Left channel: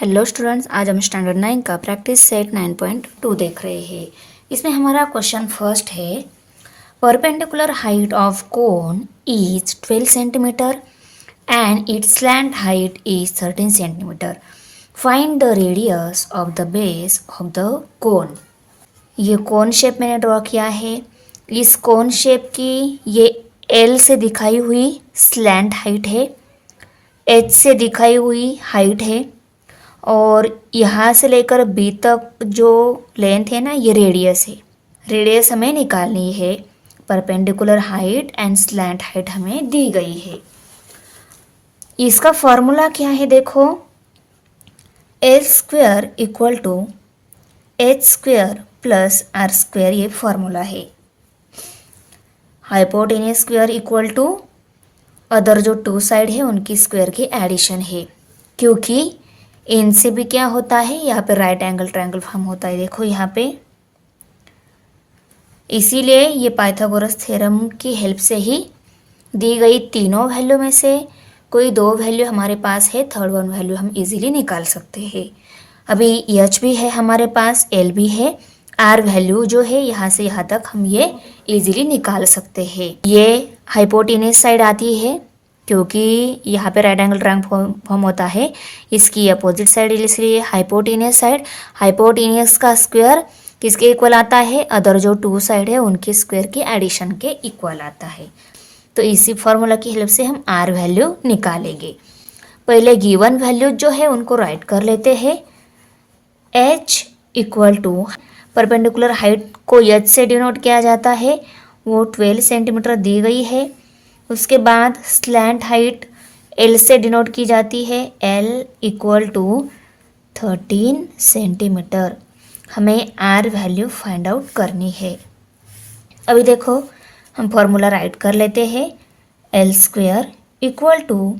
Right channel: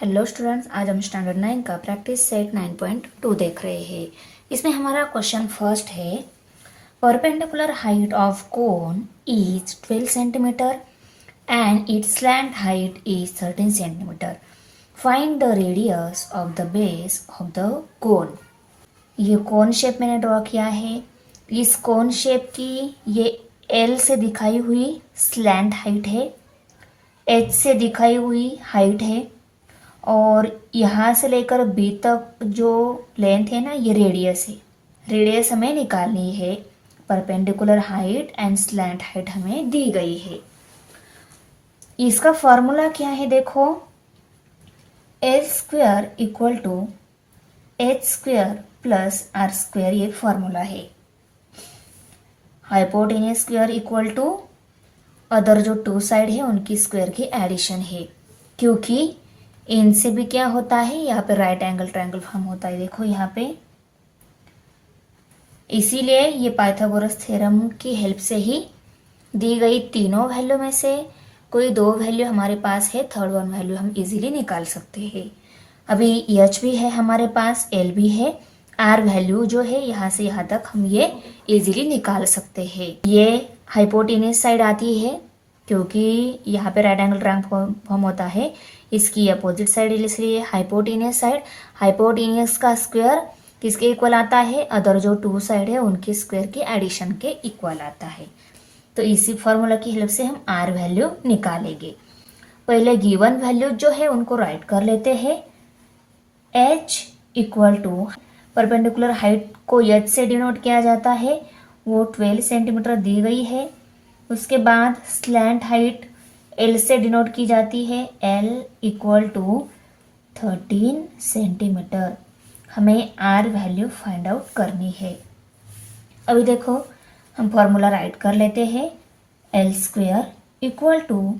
Hello students, आज हम standard 9 का प्रैक्टिस सेट 9.2 देख रहे हैं। इसमें हमारा क्वेश्चन फर्स्ट है, perpendicular height of cone is 12 centimetre and its slant height is 13 centimetre. Find the radius of the base of the कोन। ये कोन शेप मैंने ड्रॉ किया है। इस कोन शेप की ये एल से दिखाई हुई स्लैंट हाइट है, एच से दिखाई हुई हाइट है और यहाँ से लेकर बी तक जो लेंथ है ना, ये रेडियस है। रेडियस हमें निकालनी है। Perpendicular height and slant height हमें दी गई है। इसका फॉर्मूला क्या है, देखो, L square equal to H square plus R square, ये फॉर्मूला है। Hypotenuse square equal to other जो टू साइड है उनकी स्क्वेयर की एडिशन है, क्योंकि इनसे भी क्या होता है, यहाँ पे राइट एंगल ट्रायंगल फॉर्म होता है। देखो यहाँ पे, इसीलिए ये पाइथागोरस थ्योरम की हेल्प से ही दी गई तीनों वैल्यू में से कोई दो वैल्यू हमारे पास है, थर्ड वन वैल्यू हम इजीली निकाल सकते हैं। अभी एच भी है हमारे पास, एल भी है, आर वैल्यू जो है यहाँ से यहाँ तक हम ये इजीली निकाल सकते हैं। ये हाइपोटेनस साइड आती है क्योंकि यहाँ पे राइट एंगल ट्रायंगल फॉर्म होता है। इसकी अपोजिट साइड, इसलिए हाइपोटेनियस साइड, हाइपोटेनियस का स्क्वायर किसके इक्वल आता है, अदर जो टू साइड है उनके स्क्वायर के एडिशन के इक्वल आता है। तो इसी फॉर्मूला की हेल्प से हम आर वैल्यू निकालेंगे। पहले गिवन वैल्यू जो है उनको राइट कर लेते हैं। H equal to perpendicular height को एच से डिनोट किया जाता है, वो 12 सेंटीमीटर दी गई है। उसके बाद स्लैंट हाइट एल से डिनोट की जाती है, एल इक्वल टू 13 सेंटीमीटर। हमें आर वैल्यू फाइंड आउट करनी है। अभी देखो, हम फॉर्मूला राइट कर लेते हैं। L square equal to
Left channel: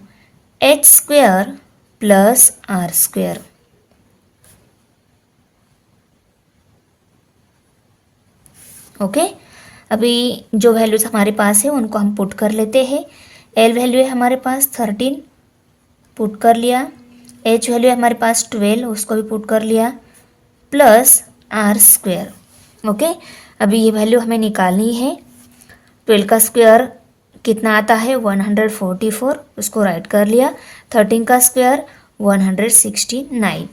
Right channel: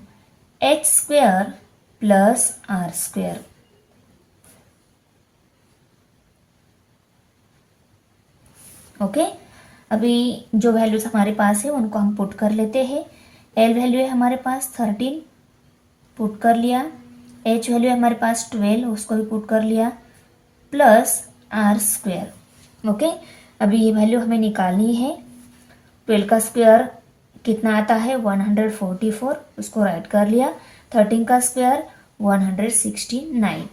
H square plus R square. Okay, अभी जो वैल्यूज हमारे पास है उनको हम पुट कर लेते हैं। एल वैल्यू है हमारे पास 13, पुट कर लिया। एच वैल्यू है हमारे पास 12, उसको भी पुट कर लिया, प्लस आर स्क्वेयर। ओके, अभी ये वैल्यू हमें निकालनी है। 12 का स्क्वायर कितना आता है, 144, उसको राइट कर लिया। 13 का स्क्वायर 169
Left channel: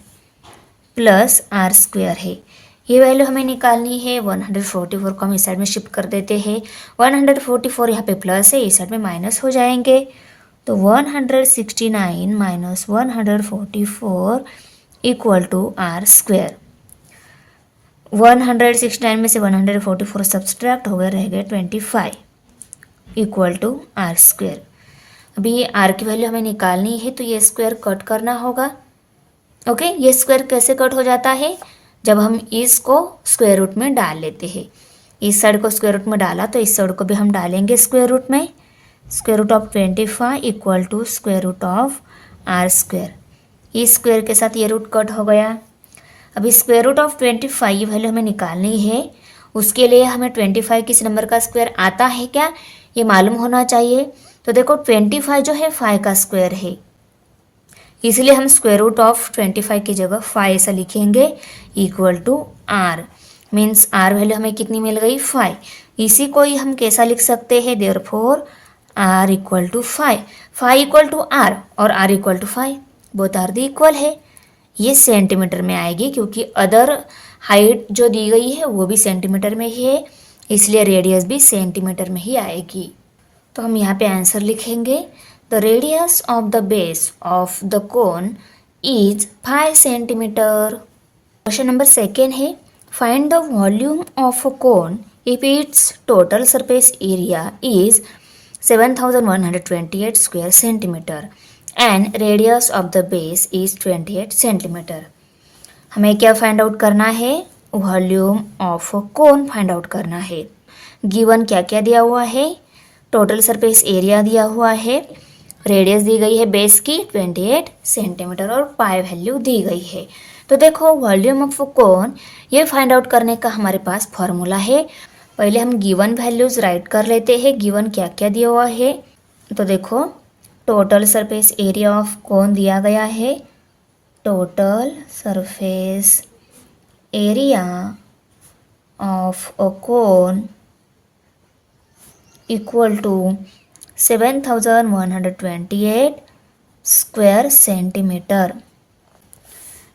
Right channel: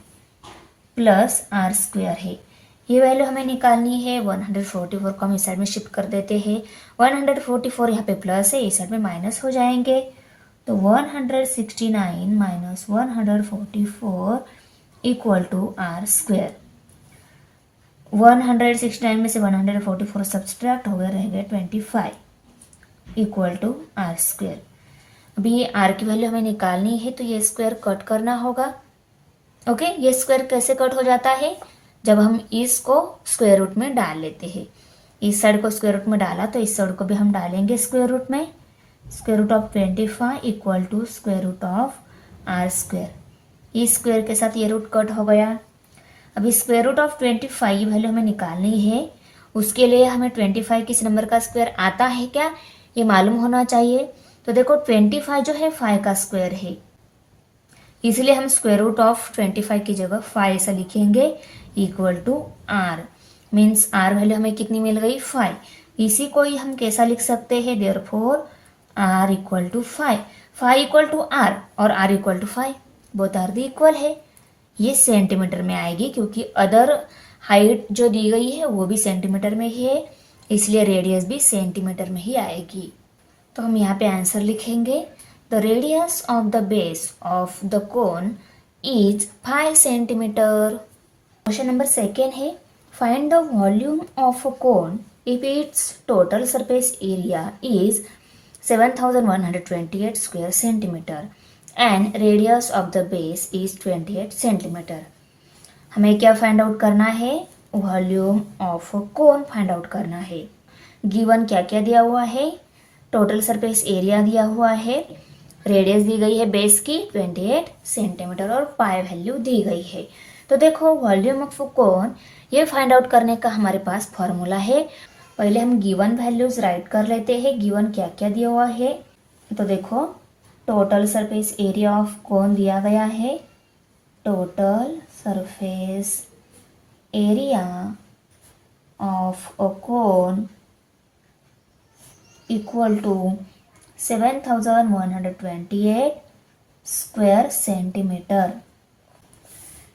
प्लस आर स्क्वायर है। ये वैल्यू हमें निकालनी है। 144 को हम इस साइड में शिफ्ट कर देते हैं। 144 यहाँ पे प्लस है, इस साइड में माइनस हो जाएंगे, तो 169 minus 144 equal to are square. 169 में से 144 सब्सट्रैक्ट हो गए, रह गए 25 इक्वल टू आर स्क्वायर। अभी ये आर की वैल्यू हमें निकालनी है, तो ये स्क्वायर कट करना होगा। ओके, ये स्क्वायर कैसे कट हो जाता है, जब हम इसको स्क्वायर रूट में डाल लेते हैं। इस साइड को स्क्वायर रूट में डाला तो इस साइड को भी हम डालेंगे स्क्वायर रूट में। Square root of 25 equal to square root of R square. इस स्क्वायर के साथ ये रूट कट हो गया। अभी स्क्वायर रूट ऑफ 25 वैल्यू हमें निकालनी है। उसके लिए हमें 25 किस नंबर का स्क्वायर आता है क्या, ये मालूम होना चाहिए। तो देखो, 25 जो है 5 का स्क्वायर है, इसलिए हम स्क्वायर रूट ऑफ 25 की जगह 5 ऐसा लिखेंगे, equal to R. Means R value हमें कितनी मिल गई, 5। इसी को ही हम कैसा लिख सकते हैं, therefore R equal to 5। 5 equal to R और R equal to 5, both are the equal है। ये सेंटीमीटर में आएगी क्योंकि अदर हाइट जो दी गई है वो भी सेंटीमीटर में ही है, इसलिए रेडियस भी सेंटीमीटर में ही आएगी। तो हम यहाँ पे आंसर लिखेंगे, the radius of the base of the cone is 5 centimetre. Question number second है, find the volume of a cone if it's total surface area is 7128 square centimetre and radius of the base is 28 centimetre. हमें क्या find out करना है, volume of cone find out करना है। Given क्या क्या दिया हुआ है, टोटल सरफेस एरिया दिया हुआ है, रेडियस दी गई है बेस की 28 सेंटीमीटर और पाई वैल्यू दी गई है। तो देखो, वॉल्यूम ऑफ कोन ये फाइंड आउट करने का हमारे पास फॉर्मूला है। पहले हम गिवन वैल्यूज राइट कर लेते हैं, गिवन क्या क्या दिया हुआ है। तो देखो, टोटल सरफेस एरिया ऑफ कोन दिया गया है total surface area of a cone equal to 7128 square centimeter.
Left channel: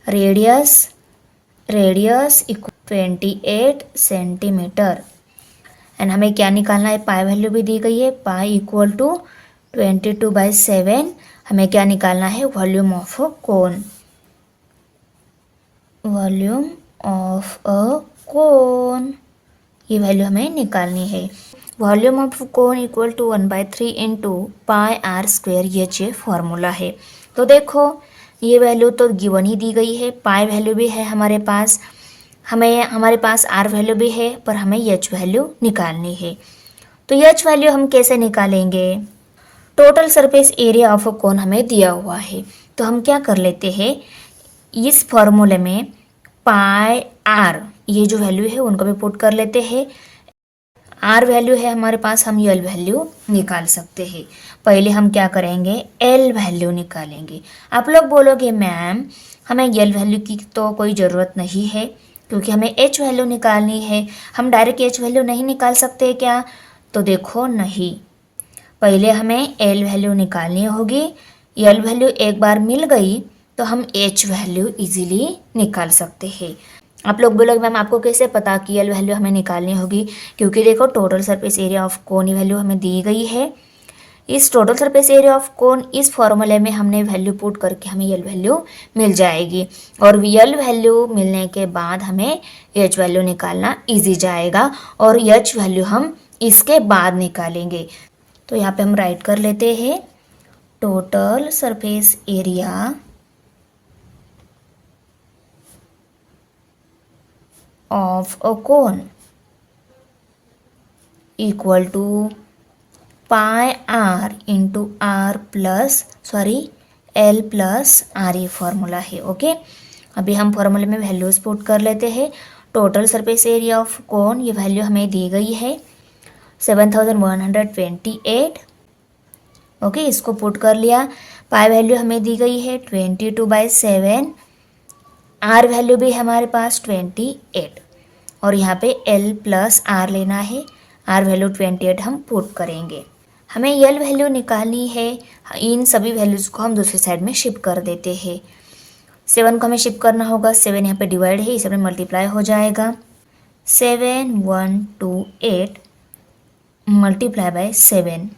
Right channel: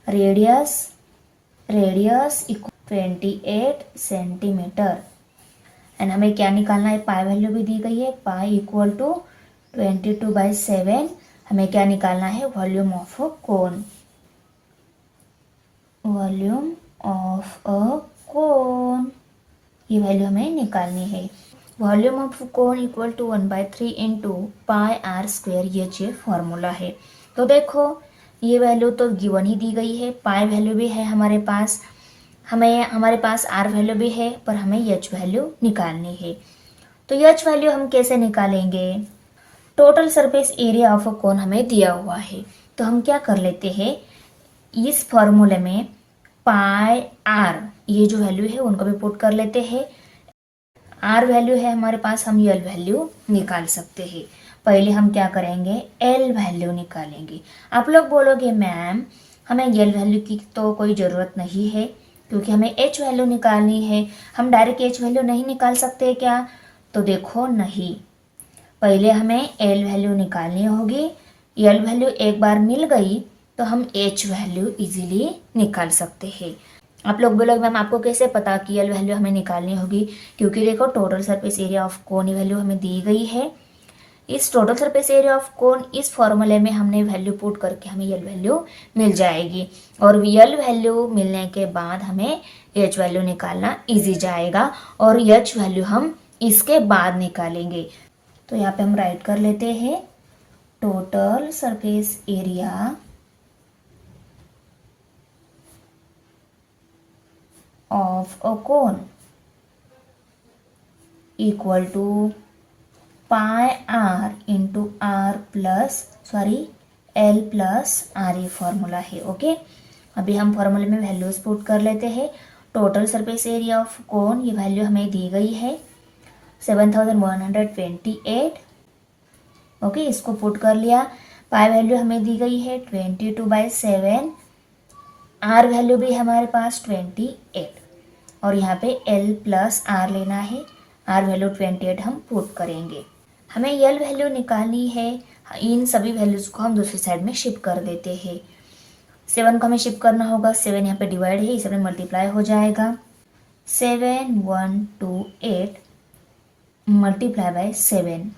Radius equal 28 centimetre. And हमें क्या निकालना है, पाई वैल्यू भी दी गई है, पाई इक्वल टू 22/7. हमें क्या निकालना है, volume of a cone. Volume of a cone, ये वैल्यू हमें निकालनी है. Volume of cone equal to 1/3 into pi R square, ये फॉर्मूला है. तो देखो ये वैल्यू तो गिवन ही दी गई है, पाई वैल्यू भी है हमारे पास, हमारे पास आर वैल्यू भी है, पर हमें एच वैल्यू निकालनी है. तो एच वैल्यू हम कैसे निकालेंगे, total surface area of a cone हमें दिया हुआ है. तो हम क्या कर लेते हैं, इस फॉर्मूले में पाई आर ये जो वैल्यू है उनको भी पुट कर लेते हैं. आर वैल्यू है हमारे पास, हम एल वैल्यू निकाल सकते हैं. पहले हम क्या करेंगे, एल वैल्यू निकालेंगे. आप लोग बोलोगे मैम हमें एल वैल्यू की तो कोई ज़रूरत नहीं है क्योंकि हमें एच वैल्यू निकालनी है, हम डायरेक्ट एच वैल्यू नहीं निकाल सकते क्या. तो देखो नहीं, पहले हमें एल वैल्यू निकालनी होगी. एल वैल्यू एक बार मिल गई तो हम एच वैल्यू इजीली निकाल सकते हैं. आप लोग बोलोगे मैम आपको कैसे पता कि एल वैल्यू हमें निकालनी होगी, क्योंकि देखो total surface area of cone value हमें दी गई है. इस टोटल सरफेस एरिया ऑफ कोन इस फॉर्मूले में हमने वैल्यू पुट करके हमें एल वैल्यू मिल जाएगी, और एल वैल्यू मिलने के बाद हमें एच वैल्यू निकालना इजी जाएगा, और एच वैल्यू हम इसके बाद निकालेंगे. तो यहाँ पे हम राइट कर लेते हैं, total surface area of a cone equal to pi r into r plus L plus r, ये फॉर्मूला है. ओके, अभी हम फॉर्मूले में वैल्यूज पुट कर लेते हैं. टोटल सरफेस एरिया ऑफ कोन ये वैल्यू हमें दी गई है 7128. ओके, इसको पुट कर लिया. पाई वैल्यू हमें दी गई है 22/7. आर वैल्यू भी हमारे पास 28, और यहाँ पे L प्लस आर लेना है. आर वैल्यू 28 हम पुट करेंगे. हमें एल वैल्यू निकालनी है. इन सभी वैल्यूज़ को हम दूसरी साइड में शिफ्ट कर देते हैं. 7 को हमें शिफ्ट करना होगा, 7 यहाँ पे डिवाइड है, इस में मल्टीप्लाई हो जाएगा. 7128 मल्टीप्लाई बाय 7.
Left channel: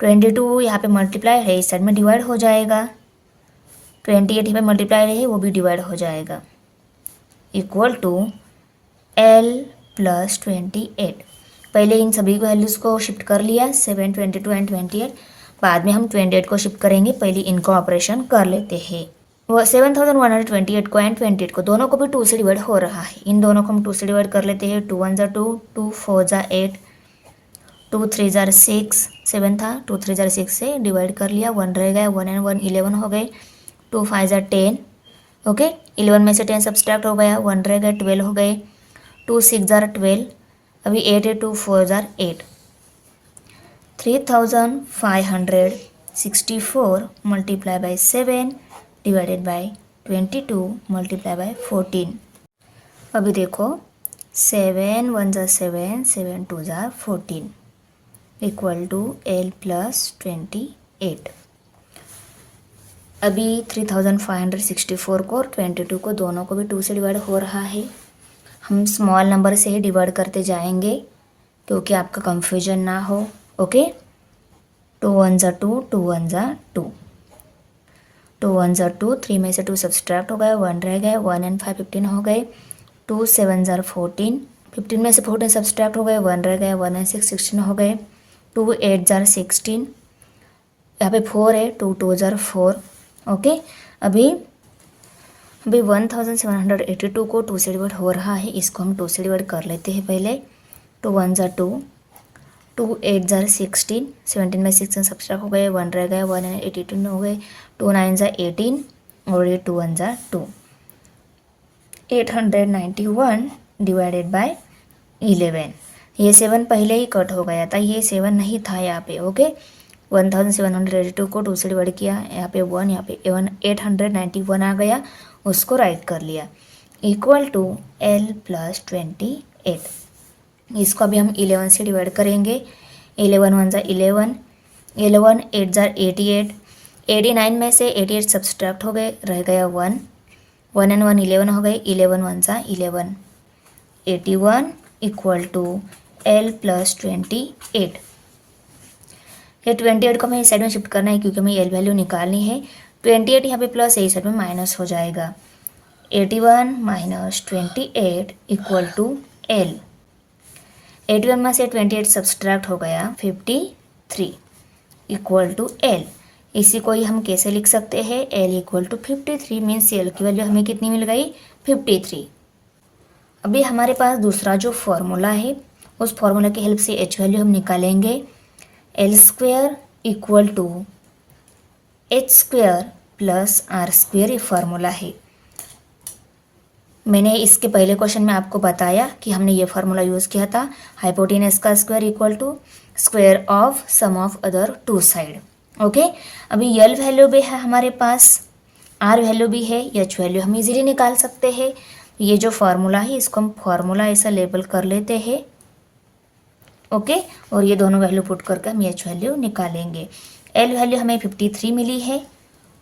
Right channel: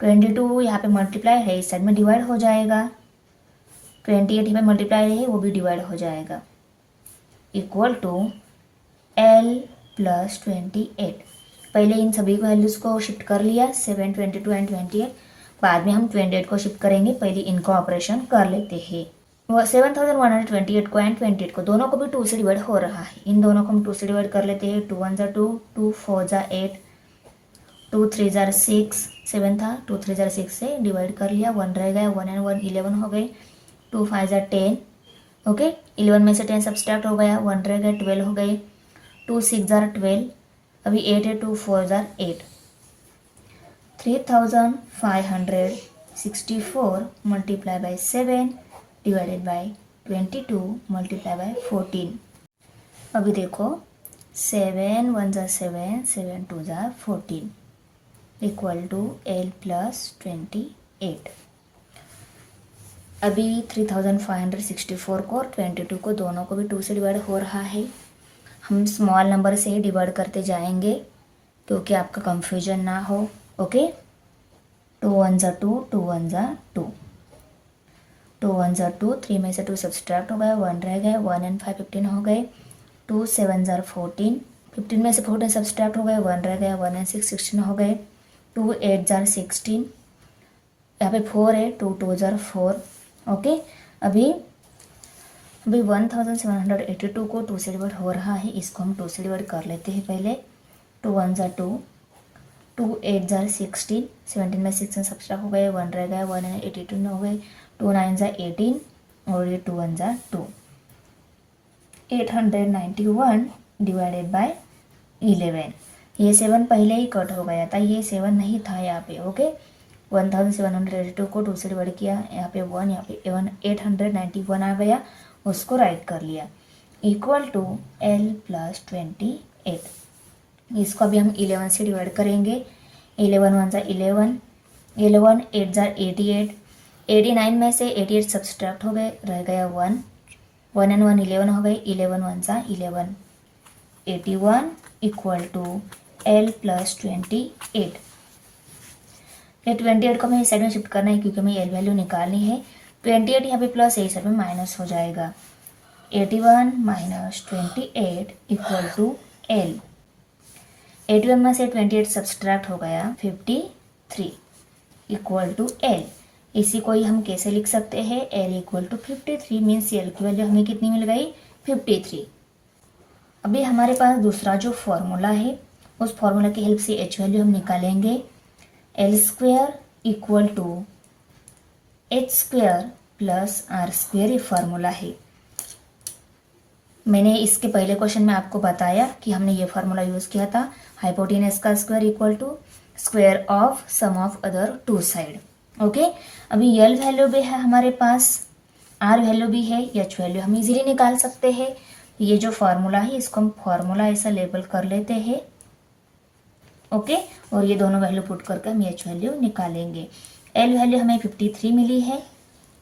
22 यहाँ पे मल्टीप्लाई है, इस साइड में डिवाइड हो जाएगा. 28 यहाँ पे मल्टीप्लाई है, वो भी डिवाइड हो जाएगा, इक्वल टू L प्लस 28. पहले इन सभी वैल्यूज़ को शिफ्ट कर लिया, 7, 22 एंड 28. बाद में हम 28 को शिफ्ट करेंगे, पहले इनको ऑपरेशन कर लेते हैं. वो 7128 को एंड 28 को दोनों को भी 2 से डिवाइड हो रहा है, इन दोनों को हम 2 से डिवाइड कर लेते हैं. 2 1 2, 2 4 8, 2 3 6, 7 था, 2 3 6 से डिवाइड कर लिया, 1 रह गया, 1 एंड 1 11 हो गए. 2 5 10. ओके, 11 में से 10 सब्सट्रैक्ट हो गया, 1 रह गया, 12 हो गए. 2 6 12. अभी 8 है, 2 4 8. 3564 multiply by 7 divided by 22 multiply bye 14. अभी देखो 7 1 7, 7 2 14 इक्वल टू L प्लस 28. अभी 3564 को और 22 को दोनों को भी 2 से डिवाइड हो रहा है. हम स्मॉल नंबर से ही डिवाइड करते जाएंगे क्योंकि आपका कंफ्यूजन ना हो. ओके, 2 1 2, 2 1 2, 2 1 2, 3 में से 2 सब्सट्रैक्ट हो गए, 1 रह गए, 1 एंड 5 15 हो गए. 2 7 14, 15 में से 14 सब्सट्रैक्ट हो गए, 1 रह गए, 1 एंड 6 16 हो गए. 2 8 16. यहाँ पे 4 है, 2 2 4. ओके, अभी 1782 को 2 से डिवाइड हो रहा है, इसको हम 2 से डिवाइड कर लेते हैं पहले. 2 1 2, 2 8 16, 17 में 6 सब्सट्रैक्ट हो गए, 1 रह गए, 1 एंड 82 हो गए. 2 9 18, और ये 2 1 2. 891 डिवाइडेड बाय 11. ये 7 पहले ही कट हो गया था, ये 7 नहीं था यहाँ पे. ओके, 1782 को 2 से डिवाइड किया, यहाँ पे 1, यहाँ पे 891 आ गया, उसको राइट कर लिया, इक्वल टू L प्लस 28। इसको अभी हम 11 से डिवाइड करेंगे। 11 1 ज़ा 11, 11 8 ज़ा 88, 89 में से 88 सब्सट्रैक्ट हो गए, रह गया 1, 1 and 1 11 हो गए, 11 1 ज़ा 11, 81 इक्वल टू L प्लस 28। ये 28 को हमें इस साइड में शिफ्ट करना है क्योंकि हमें एल वैल्यू निकालनी है। 28 यहाँ पे प्लस है, इस साइड में माइनस हो जाएगा। 81 माइनस 28 इक्वल टू L। 81 में से 28 सब्सट्रैक्ट हो गया, 53 इक्वल टू L। इसी को ही हम कैसे लिख सकते हैं, L equal to 53 means L की वैल्यू हमें कितनी मिल गई, 53। अभी हमारे पास दूसरा जो फॉर्मूला है, उस फॉर्मूला की हेल्प से H वैल्यू हम निकालेंगे। L square equal to H square plus R square, ये फार्मूला है। मैंने इसके पहले क्वेश्चन में आपको बताया कि हमने ये फार्मूला यूज़ किया था, हाइपोटेनस का square equal to square of sum of other two side. Okay, अभी L वैल्यू भी है हमारे पास, R वैल्यू भी है, H वैल्यू हम इजीली निकाल सकते हैं। ये जो फार्मूला है इसको हम फार्मूला ऐसा लेबल कर लेते हैं। ओके, और ये दोनों वैल्यू पुट करके हम H वैल्यू निकालेंगे। L वैल्यू हमें 53 मिली है,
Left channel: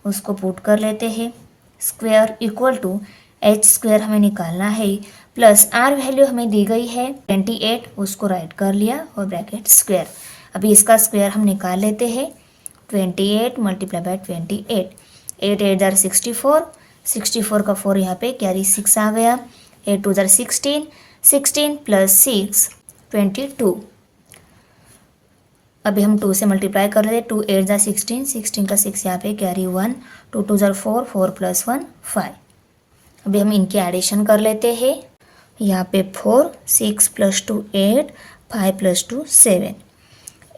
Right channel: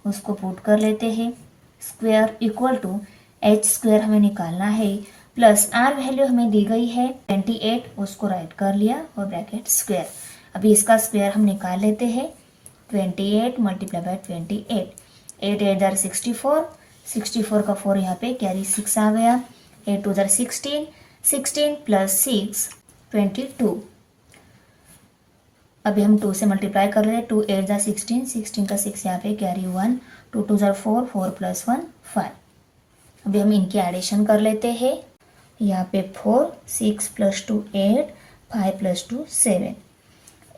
उसको पुट कर लेते हैं, square equal to H square हमें निकालना है, प्लस R वैल्यू हमें दी गई है 28, उसको राइट कर लिया और ब्रैकेट स्क्वायर। अभी इसका स्क्वायर हम निकाल लेते हैं, 28 मल्टीप्लाई बाय 28, 8 8 जार 64, 64 का 4 यहाँ पे कैरी 6 आ गया, 8 2 जार 16, 16 प्लस 6 22। अभी हम 2 से मल्टीप्लाई कर रहे हैं, 2 8 जार 16, 16 का 6 यहाँ पे कैरी 1, 2 2 जार 4, 4 प्लस 1 5। अभी हम इनके एडिशन कर लेते हैं, यहाँ पे 4, 6 प्लस 2 8, 5 प्लस 2 7,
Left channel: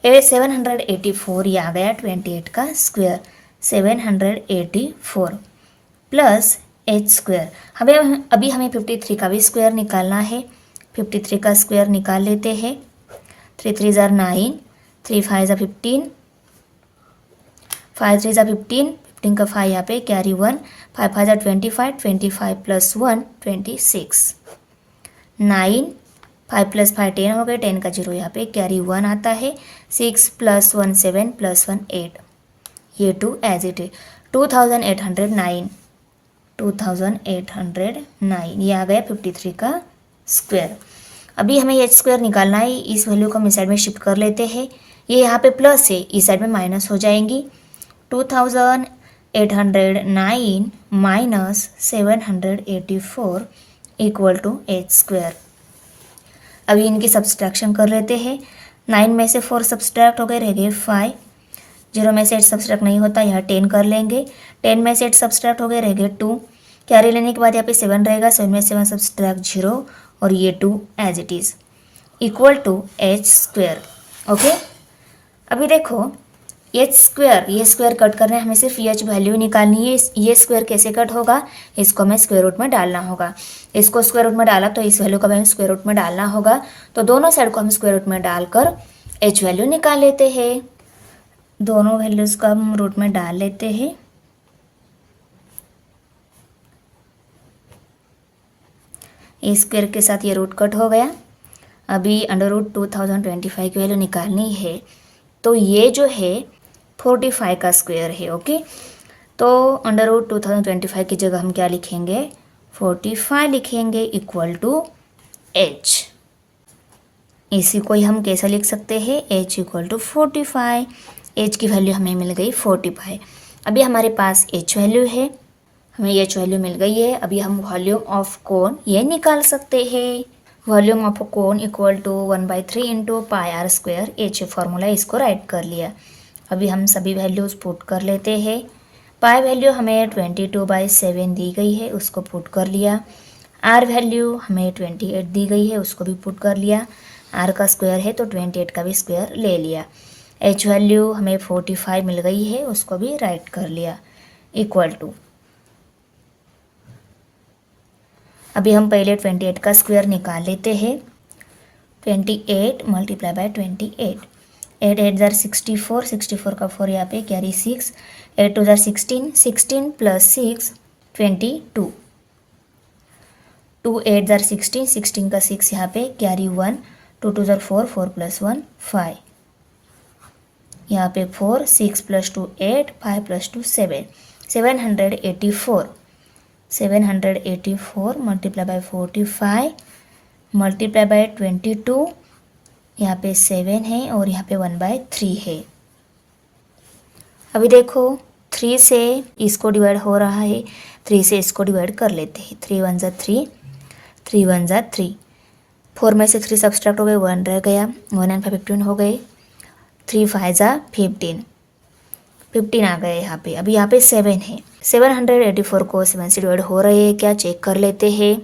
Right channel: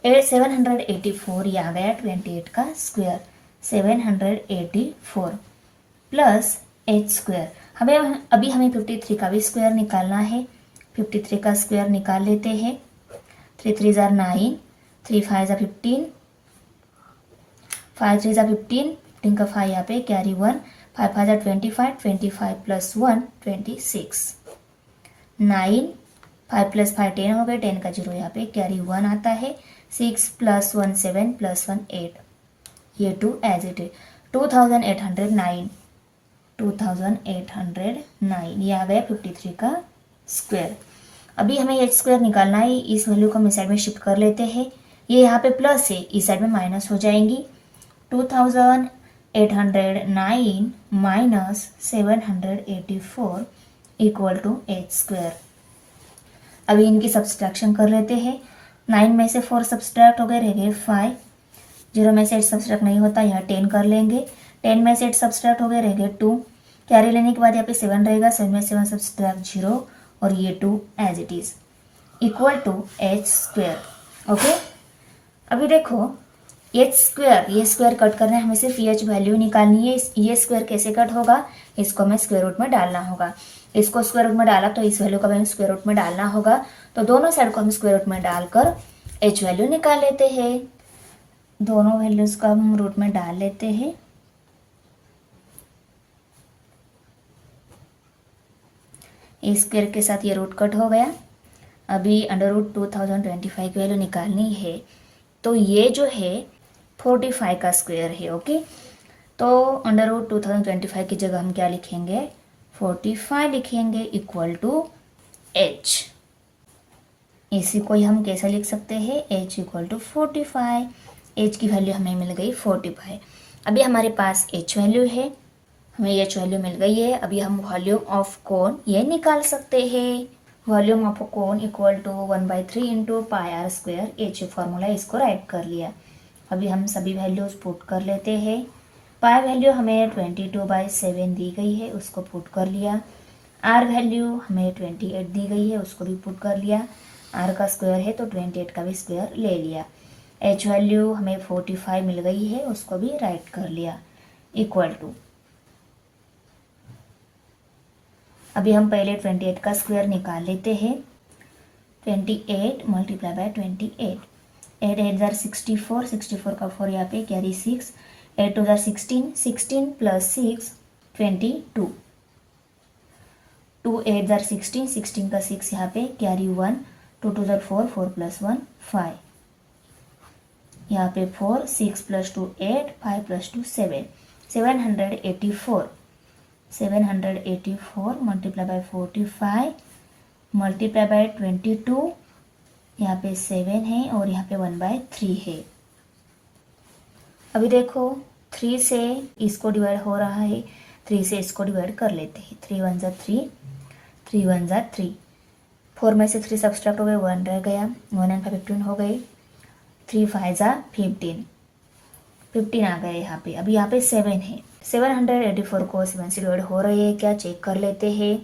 784 ये आ गया 28 का स्क्वायर, 784 प्लस H स्क्वायर। अभी हमें 53 का भी स्क्वायर निकालना है, 53 का स्क्वायर निकाल लेते हैं, 3 3 जार 9, 3 5 जार 15, 5 3 जार 15, 15 का 5 यहाँ पे कैरी 1, 5 5 जार 25, 25 प्लस 1 26, 9, 5 प्लस 5 10 हो गए, 10 का 0 यहाँ पे कैरी 1 आता है, 6 प्लस 1 7 प्लस 1 8, ये 2 एज इट है, 2809, 2809 ये आ गया 53 का स्क्वायर। अभी हमें H स्क्वायर निकालना है, इस वैल्यू को हम इस साइड में शिफ्ट कर लेते हैं, ये यहाँ पे प्लस है, इस साइड में माइनस हो जाएंगी, 2809 minus 784 equal to H square. अभी इनकी सब्सट्रैक्शन कर लेते हैं, 9 में से 4 सब्सट्रैक्ट हो गए, रह गए 5, 0 में से 8 सब्सट्रैक्ट नहीं होता, यहाँ 10 कर लेंगे, 10 में से 8 सब्सट्रैक्ट हो गए, रह गए 2, कैरी लेने के बाद यहाँ पे 7 रहेगा, 7 में 7 सब्सट्रैक्ट 0 और ये 2 as it is equal to H square. Okay, अभी देखो H स्क्वायर, ये स्क्वायर कट करना है, हमें सिर्फ H वैल्यू निकालनी है। ये स्क्वायर कैसे कट होगा, इसको हमें स्क्वायर रूट में डालना होगा, इसको स्क्वायर रूट में डाला तो इस वैल्यू को हमें स्क्वायर रूट में डालना होगा, तो दोनों साइड को हम स्क्वायर रूट में डालकर H वैल्यू निकाल लेते हैं। दोनों वैल्यूज़ को हम रूट में डाल लेते हैं, इस स्क्वायर के साथ ये रूट कट हो गया। अभी अंडर रूट 2025 की वैल्यू निकालनी है, तो ये जो है 45 का स्क्वायर है। ओके, तो अंडर रूट 2025 की जगह हम क्या लिखेंगे, 45 लिखेंगे इक्वल टू H। इसी को ही हम कैसे लिख सकते हैं, H इक्वल टू 45, H की वैल्यू हमें मिल गई 45। अभी हमारे पास H वैल्यू है, हमें H वैल्यू मिल गई है। अभी हम वॉल्यूम ऑफ कोन ये निकाल सकते हैं, volume of cone equal to 1/3 into pi R square, H formula, इसको राइट कर लिया। अभी हम सभी वैल्यूज पुट कर लेते हैं, पाई वैल्यू हमें 22/7 दी गई है, उसको पुट कर लिया। R वैल्यू हमें 28 दी गई है, उसको भी पुट कर लिया। R का स्क्वायर है तो 28 का भी स्क्वायर ले लिया। H वैल्यू हमें 45 मिल गई है, उसको भी राइट कर लिया इक्वल टू। अभी हम पहले 28 का स्क्वायर निकाल लेते हैं, 28 मल्टीप्लाई बाय 28, 8 8 जार 64, 64 का 4 यहाँ पे कैरी 6, 8 2 जार 16, 16 प्लस 6 22, 2 8 जार 16, 16 का 6 यहाँ पे कैरी 1, 2 2 जार 4, 4 प्लस 1 5, यहाँ पे 4, 6 plus 2 8, 5 plus 2 7, 784, 784 multiply by 45 multiply by 22, यहाँ पे 7 है और यहाँ पे 1/3 है। अभी देखो 3 से इसको डिवाइड हो रहा है, 3 से इसको डिवाइड कर लेते हैं। 3 1 ज़ा 3, 3 1 ज़ा 3, 4 में से 3 सब्सट्रैक्ट हो गए, 1 रह गया, 1 एंड 5 15 हो गए, 3 5 ज़ा 15, 15 आ गए यहाँ पे। अभी यहाँ पे 7 है, 784 को 7 से डिवाइड हो रहे हैं क्या, चेक कर लेते हैं।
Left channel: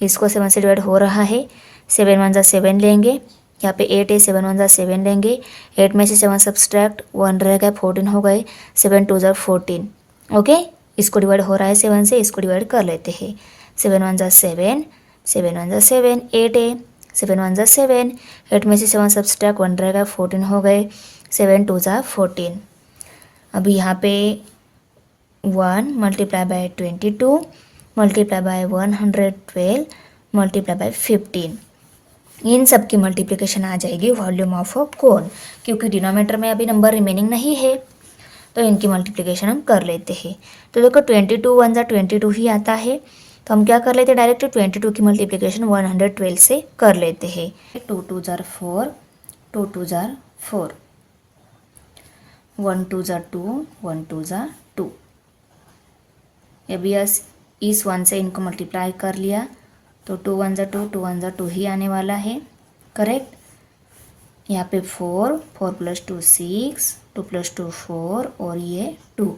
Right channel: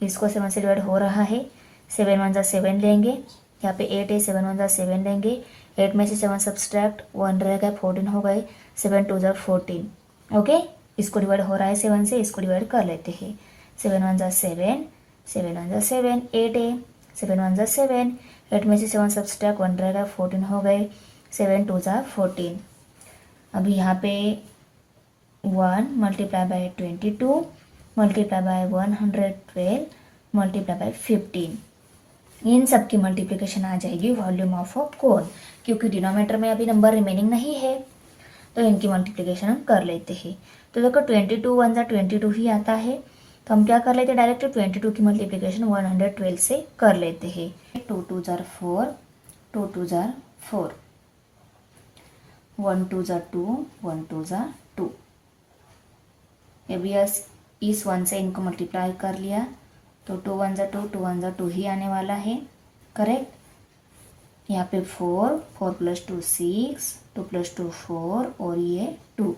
इसको 7 से डिवाइड हो रहा है, 7 1 ज़ा 7 लेंगे, यहाँ पे 8 है, 7 1 ज़ा 7 लेंगे, 8 में से 7 सब्सट्रैक्ट 1 रह गया, 14 हो गए, 7 2 ज़ा 14। ओके, इसको डिवाइड हो रहा है 7 से, इसको डिवाइड कर लेते हैं। 7 1 ज़ा 7, 7 1 ज़ा 7, 8 है, 7 1 ज़ा 7, 8 में से 7 सब्सट्रैक्ट 1 रह गया, 14 हो गए, 7 2 ज़ा 14। अभी यहाँ पे 1 multiply by 22 multiply bye 112 multiply by 15, इन सब की मल्टीप्लिकेशन आ जाएगी वॉल्यूम ऑफ अ कोन। क्योंकि डिनोमिनेटर में अभी नंबर रिमेनिंग नहीं है तो इनकी मल्टीप्लिकेशन हम कर लेते हैं। तो देखो 22 1 ज़ा 22 ही आता है, तो हम क्या कर लेते हैं, डायरेक्ट 22 की मल्टीप्लिकेशन 112 से कर लेते हैं। 2 2 ज़ा 4, 2 2 ज़ा 4, 1 2 ज़ा 2, 1 2 ज़ा 2। अभी इस 1 से इनको मल्टीप्लाई कर लिया तो 2 1 ज़ा 2, 2 1 ज़ा 2 ही आने वाला है, करेक्ट। यहाँ पे 4, 4 प्लस 2 6, 2 प्लस 2 4 और ये 2,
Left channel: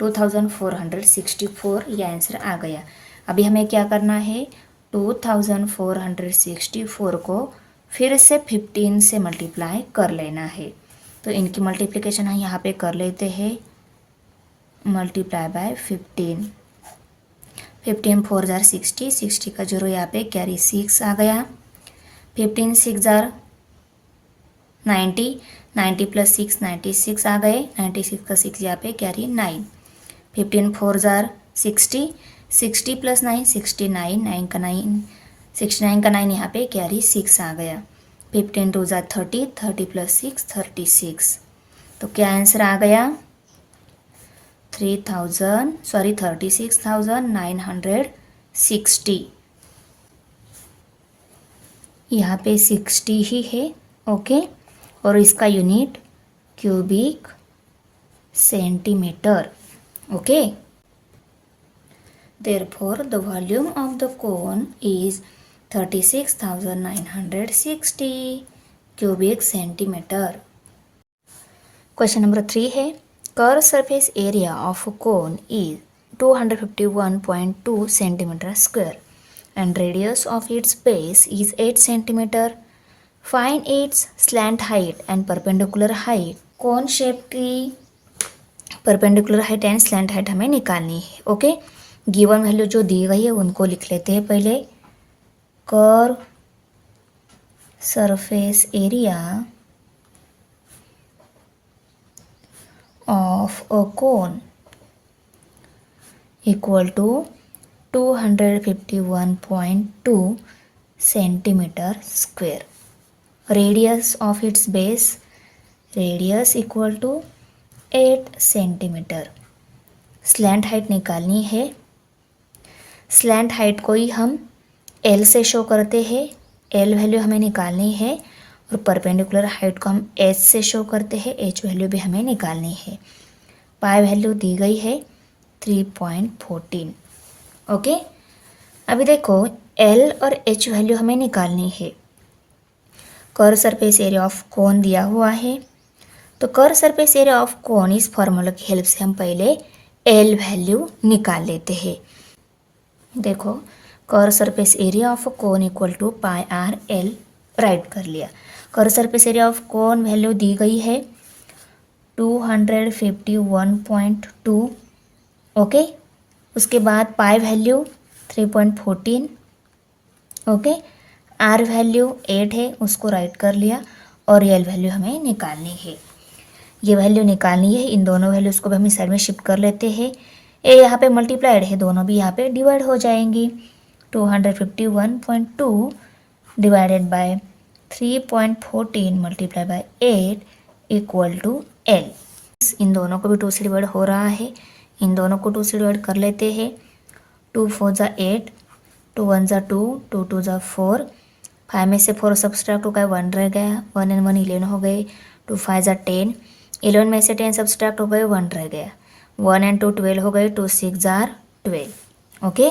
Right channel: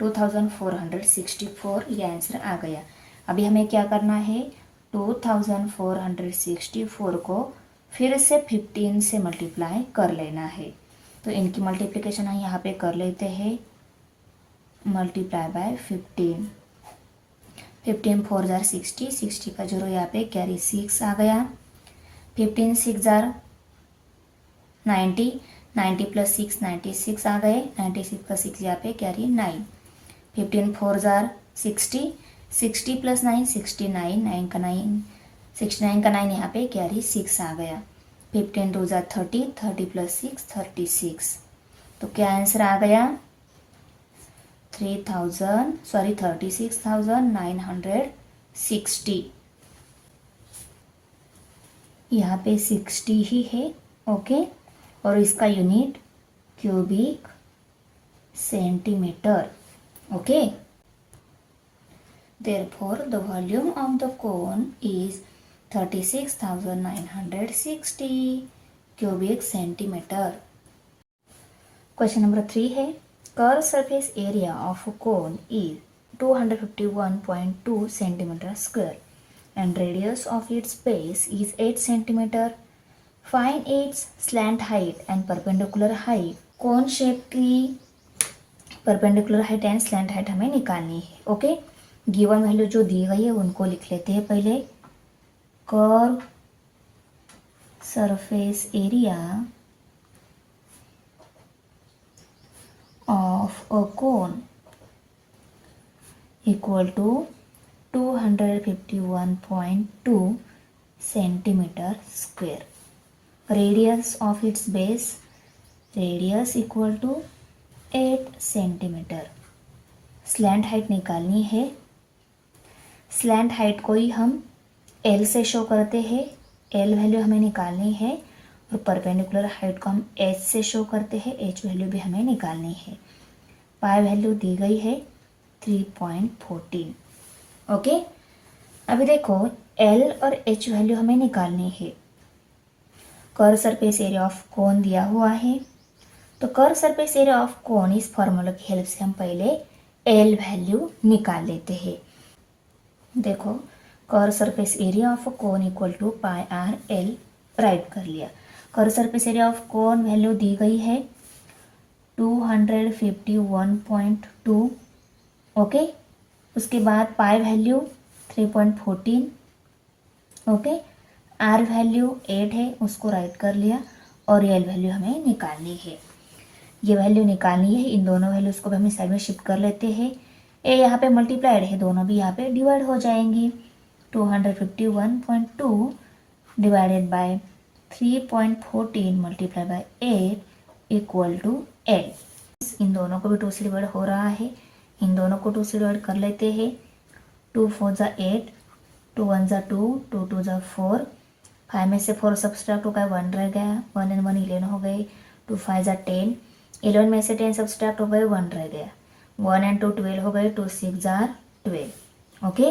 2464 ये आंसर आ गया। अभी हमें क्या करना है, 2464 को फिर से 15 से मल्टीप्लाई कर लेना है। तो इनकी मल्टीप्लिकेशन हम यहाँ पे कर लेते हैं, मल्टीप्लाई बाय 15, 15 4 ज़ार 60, 60 का 0 यहाँ पे कैरी 6 आ गया, 15 6 ज़ार 90, 90 प्लस 6 96 आ गए, 96 का 6 यहाँ पे कैरी 9, 15 4 ज़ार 60, 60 प्लस 9 69, 9 का 9 69 का 9 यहाँ पे कैरी 6 आ गया, 15 2 ज़ार 30, 30 प्लस 6 36। तो क्या आंसर आ गया, 36,960 यहाँ पे 60 ही है, ओके। और इसका unit cubic centimetre, okay. Therefore, the volume of the cone is 36,960 cubic centimeter. Question number 3 है, curved surface area of a cone is 251.2 centimeter square and radius of its base is 8 centimeter. Find its slant height and perpendicular height. cone shape की perpendicular height and slant height हमें निकालनी है, okay. Given value जो दी गई है उनको लिख लेते हैं पहले। Curve surface area of a cone equal to 251.2 centimeter square. Radius of its base, radius equal to 8 centimeter. Slant height निकालनी है, स्लैंट हाइट को ही हम L से शो करते हैं, L वैल्यू हमें निकालनी है, और परपेंडिकुलर हाइट को हम H से शो करते हैं, H वैल्यू भी हमें निकालनी है। पाई वैल्यू दी गई है 3.14, ओके। अभी देखो L और H वैल्यू हमें निकालनी है। कर्व सरफेस एरिया ऑफ कोन दिया हुआ है, तो कर्व सरफेस एरिया ऑफ कोन इस फॉर्मूला की हेल्प से हम पहले L वैल्यू निकाल लेते हैं। देखो curve surface area of cone equal to pi are L right कर लिया। Curve surface area of cone value दी गई है 251.2, ओके। उसके बाद pi value 3.14, okay. R value 8 है, उसको राइट कर लिया, और एल वैल्यू हमें निकालनी है। ये वैल्यू निकालनी है, इन दोनों वैल्यूज़ को भी हम इस साइड में शिफ्ट कर लेते हैं। ए यहाँ पे मल्टीप्लाइड है, दोनों भी यहाँ पे डिवाइड हो जाएंगी। 251.2 divided by 3.14 multiply by 8 equal to L. इन दोनों को भी 2 से डिवाइड हो रहा है, इन दोनों को 2 से डिवाइड कर लेते हैं। 2 4 ज़ा 8, 2 1 ज़ा 2, 2 2 ज़ा 4, 5 में से 4 सब्सट्रैक्ट हो गया, 1 रह गया, 1 and 1 11 हो गए। 2 5 ज़ा 10, 11 में से 10 सब्सट्रैक्ट हो गए, 1 रह गया। 1 and 2 12 हो गए, 2 6 ज़ा 12। ओके,